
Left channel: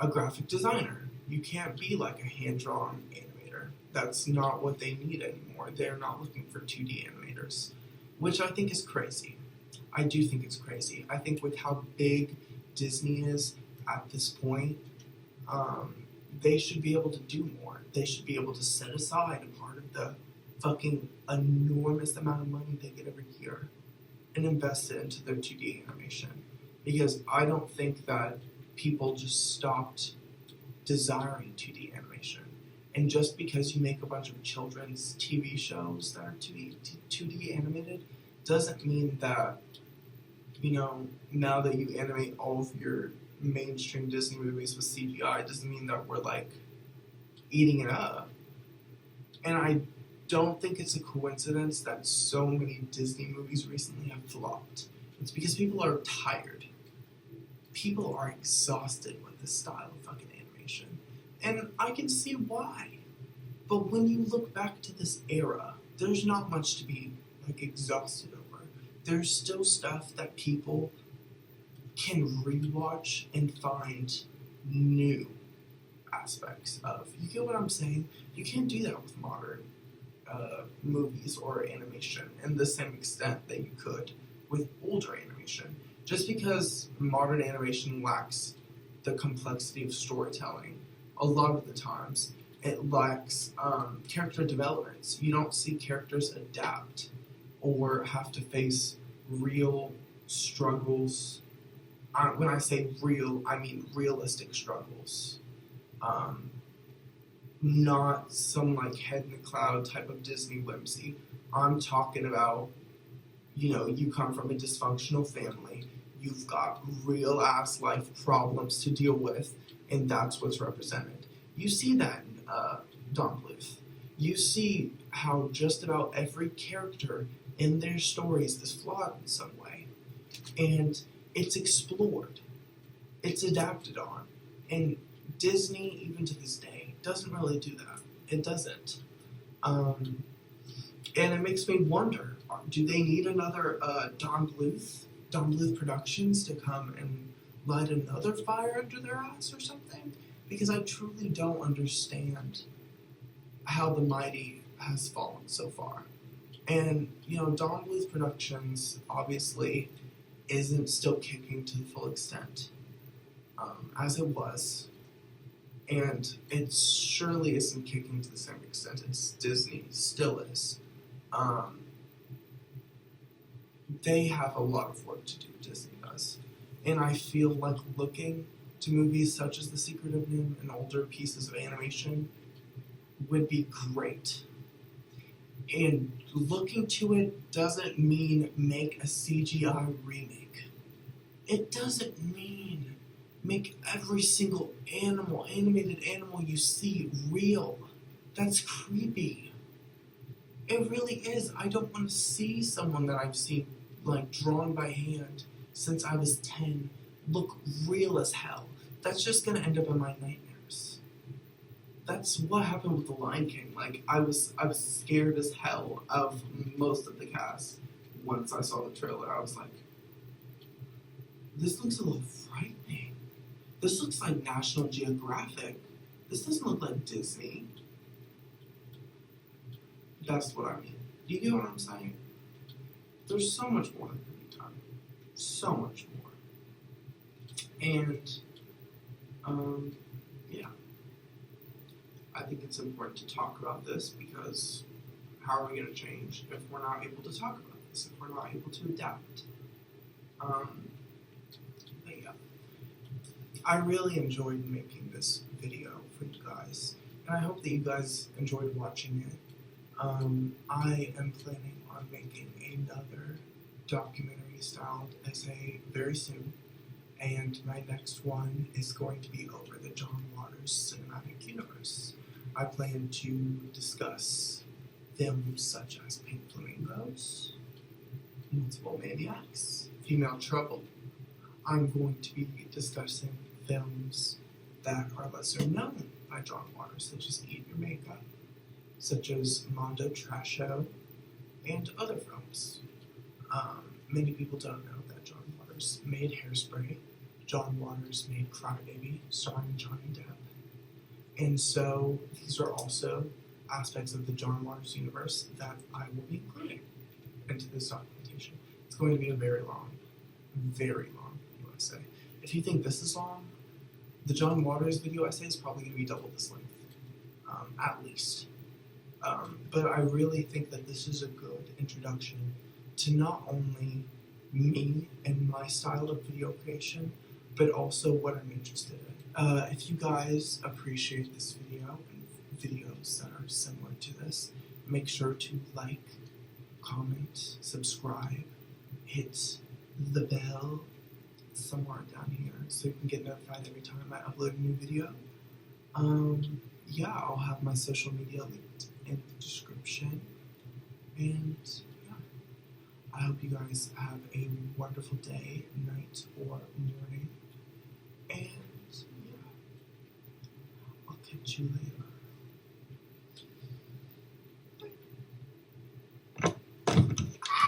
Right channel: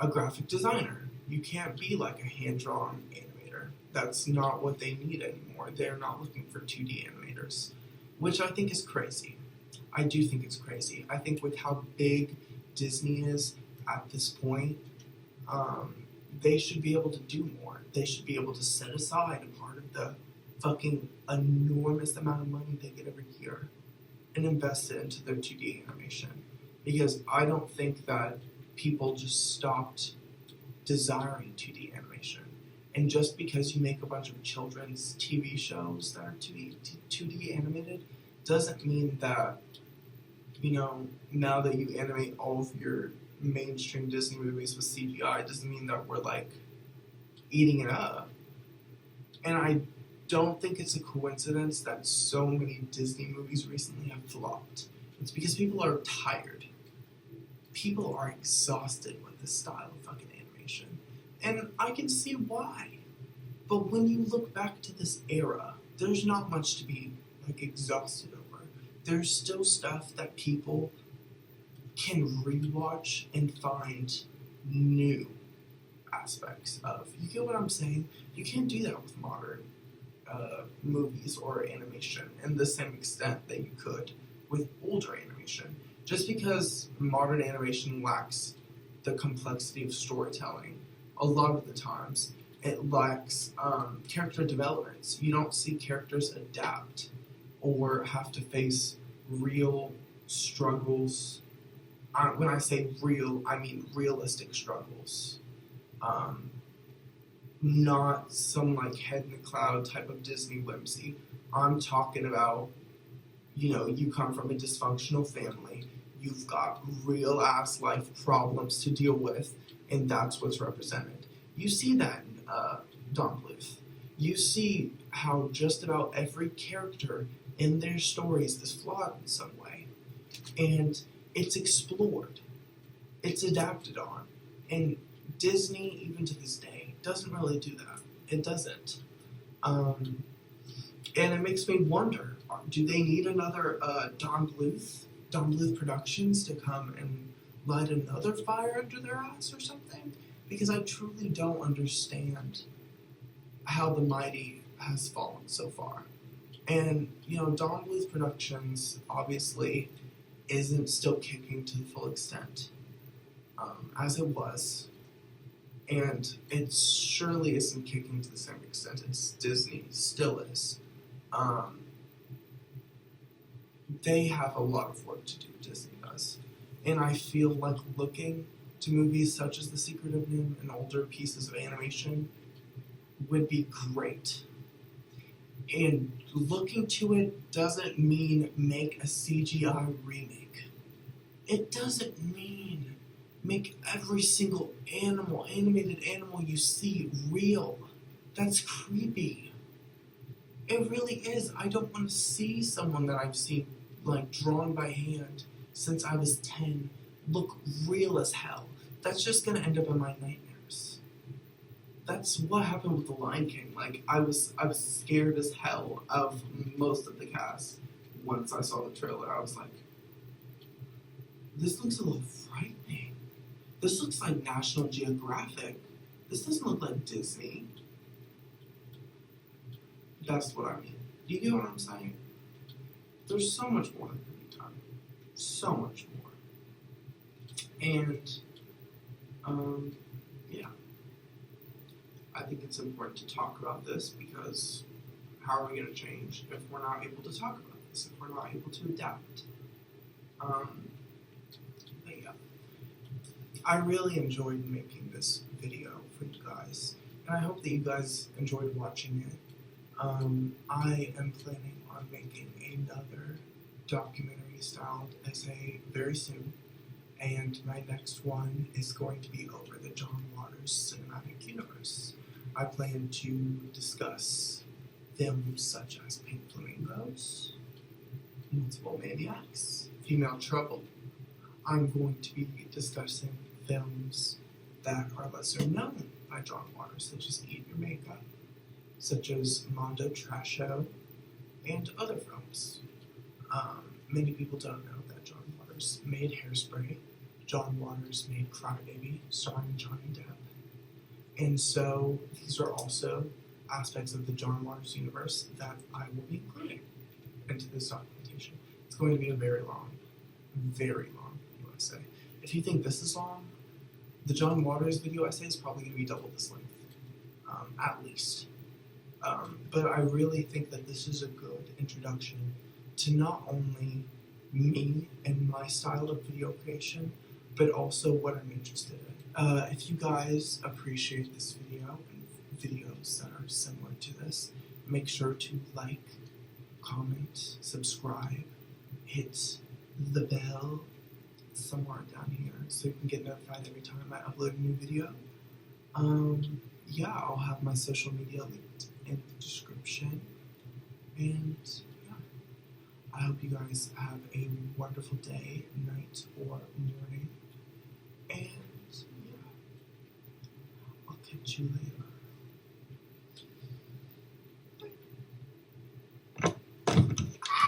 a graphic designer. You can't be like a hand-drawn animator. That's not what they need anymore. They're not looking for 2D animators, which I think is crazy. I do think it's crazy. I think with how big Disney is at this point, they should be able to do more. They should be able to set aside a part of the fucking enormous amount of money they get every year and invest it into their 2D animation. Because I don't think that people just stopped desiring 2D animation. And just because you make a bunch of children's TV shows that are 2D animated doesn't mean that, you know, now that you animate all of your mainstream Disney movies with CGI, it doesn't mean that we're, like, eating it up. And I don't think it's a coincidence that so many Disney movies recently have flopped. It's because people are tired. People are exhausted with this style of fucking animation. And I can see why. But when you look back to this era, there's not much to be, like, exhausted over. There's still stuff that people can rewatch and find new aspects of. You get what I'm saying? You can't do that with modern movies or animation in the same extent that you could with older animation. Just because modern animation lacks the complexity of storytelling, a lot of the times it lacks character developments. You don't see characters adapt or have to face real struggles when I say real, I mean realistic struggles. Not some like head in the cloud type of Disney whimsy. I'm talking about, you come from a dysfunctional family, you've got real ass life problems to deal with, and that's what's represented. You see that in Don Bluth. You see how just about every character in their stories is flawed in some way. And it's explored. It's adapted on. And Disney, even to this day, doesn't really do that. It doesn't. And it makes me wonder, do they need another Don Bluth Productions to come and light another fire under their ass or something? Because I truly don't understand how the mighty has fallen so far. And, Don Bluth Productions obviously isn't still kicking to the full extent as it was. And it surely isn't kicking to the same extent as Disney still is. They have a lot of work to do, Disney does. And I feel like looking to movies such as The Secret of Nimh and older pieces of animation would be great. And looking to it doesn't mean make a CGI remake. It doesn't mean make every single animated animal you see real. That's creepy. It really is. I don't want to see someone that I've seen, drawn by hand since I was 10, look real as hell. That's just going to end up in my nightmares. That's what happened with The Lion King. I was scared as hell of most of the cast. Once I saw the trailer, I was like, this looks a little frightening. This looks like National Geographic. This doesn't look like Disney. That's what I mean. Do you get what I'm saying? There's so much more that can be done. So much more. And, yeah. I think it's important to talk about this because how are we going to change if we're not able to talk about this, if we're not able to adapt? But yeah. I really enjoyed making this video for you guys, and I hope that you guys enjoyed watching it. I am planning on making another documentary-styled essay very soon, and my next one is going to be over the John Waters cinematic universe. I plan to discuss films such as Pink Flamingos, Multiple Maniacs, Female Trouble. I'm going to be discussing films that are lesser known by John Waters, such as Eat Your Makeup, such as Mondo Trasho, and other films. Many people don't know that John Waters made Hairspray. John Waters made Crybaby, starring Johnny Depp. And so these are also aspects of the John Waters universe that I will be including into this documentation. It's going to be a very long video essay. If you think this is long, the John Waters video essay is probably going to be double this length, at least. But I really think that this is a good introduction to not only me and my style of video creation, but also what I'm interested in. If you guys appreciate this video and videos that are similar to this, make sure to like, comment, subscribe, hit the bell somewhere down here so you can get notified every time I upload a new video. Yeah, I'll have my social media linked in the description. And yeah, I hope you guys have a wonderful day, night, or morning. And yeah, I'll catch you later.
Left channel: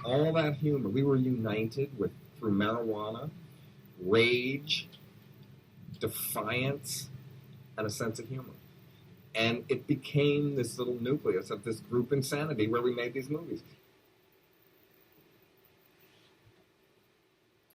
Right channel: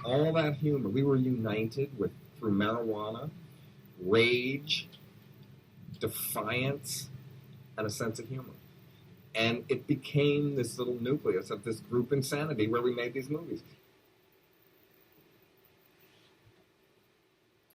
All that humor, we were united through marijuana, rage, defiance, and a sense of humor. And it became this little nucleus of this group insanity where we made these movies.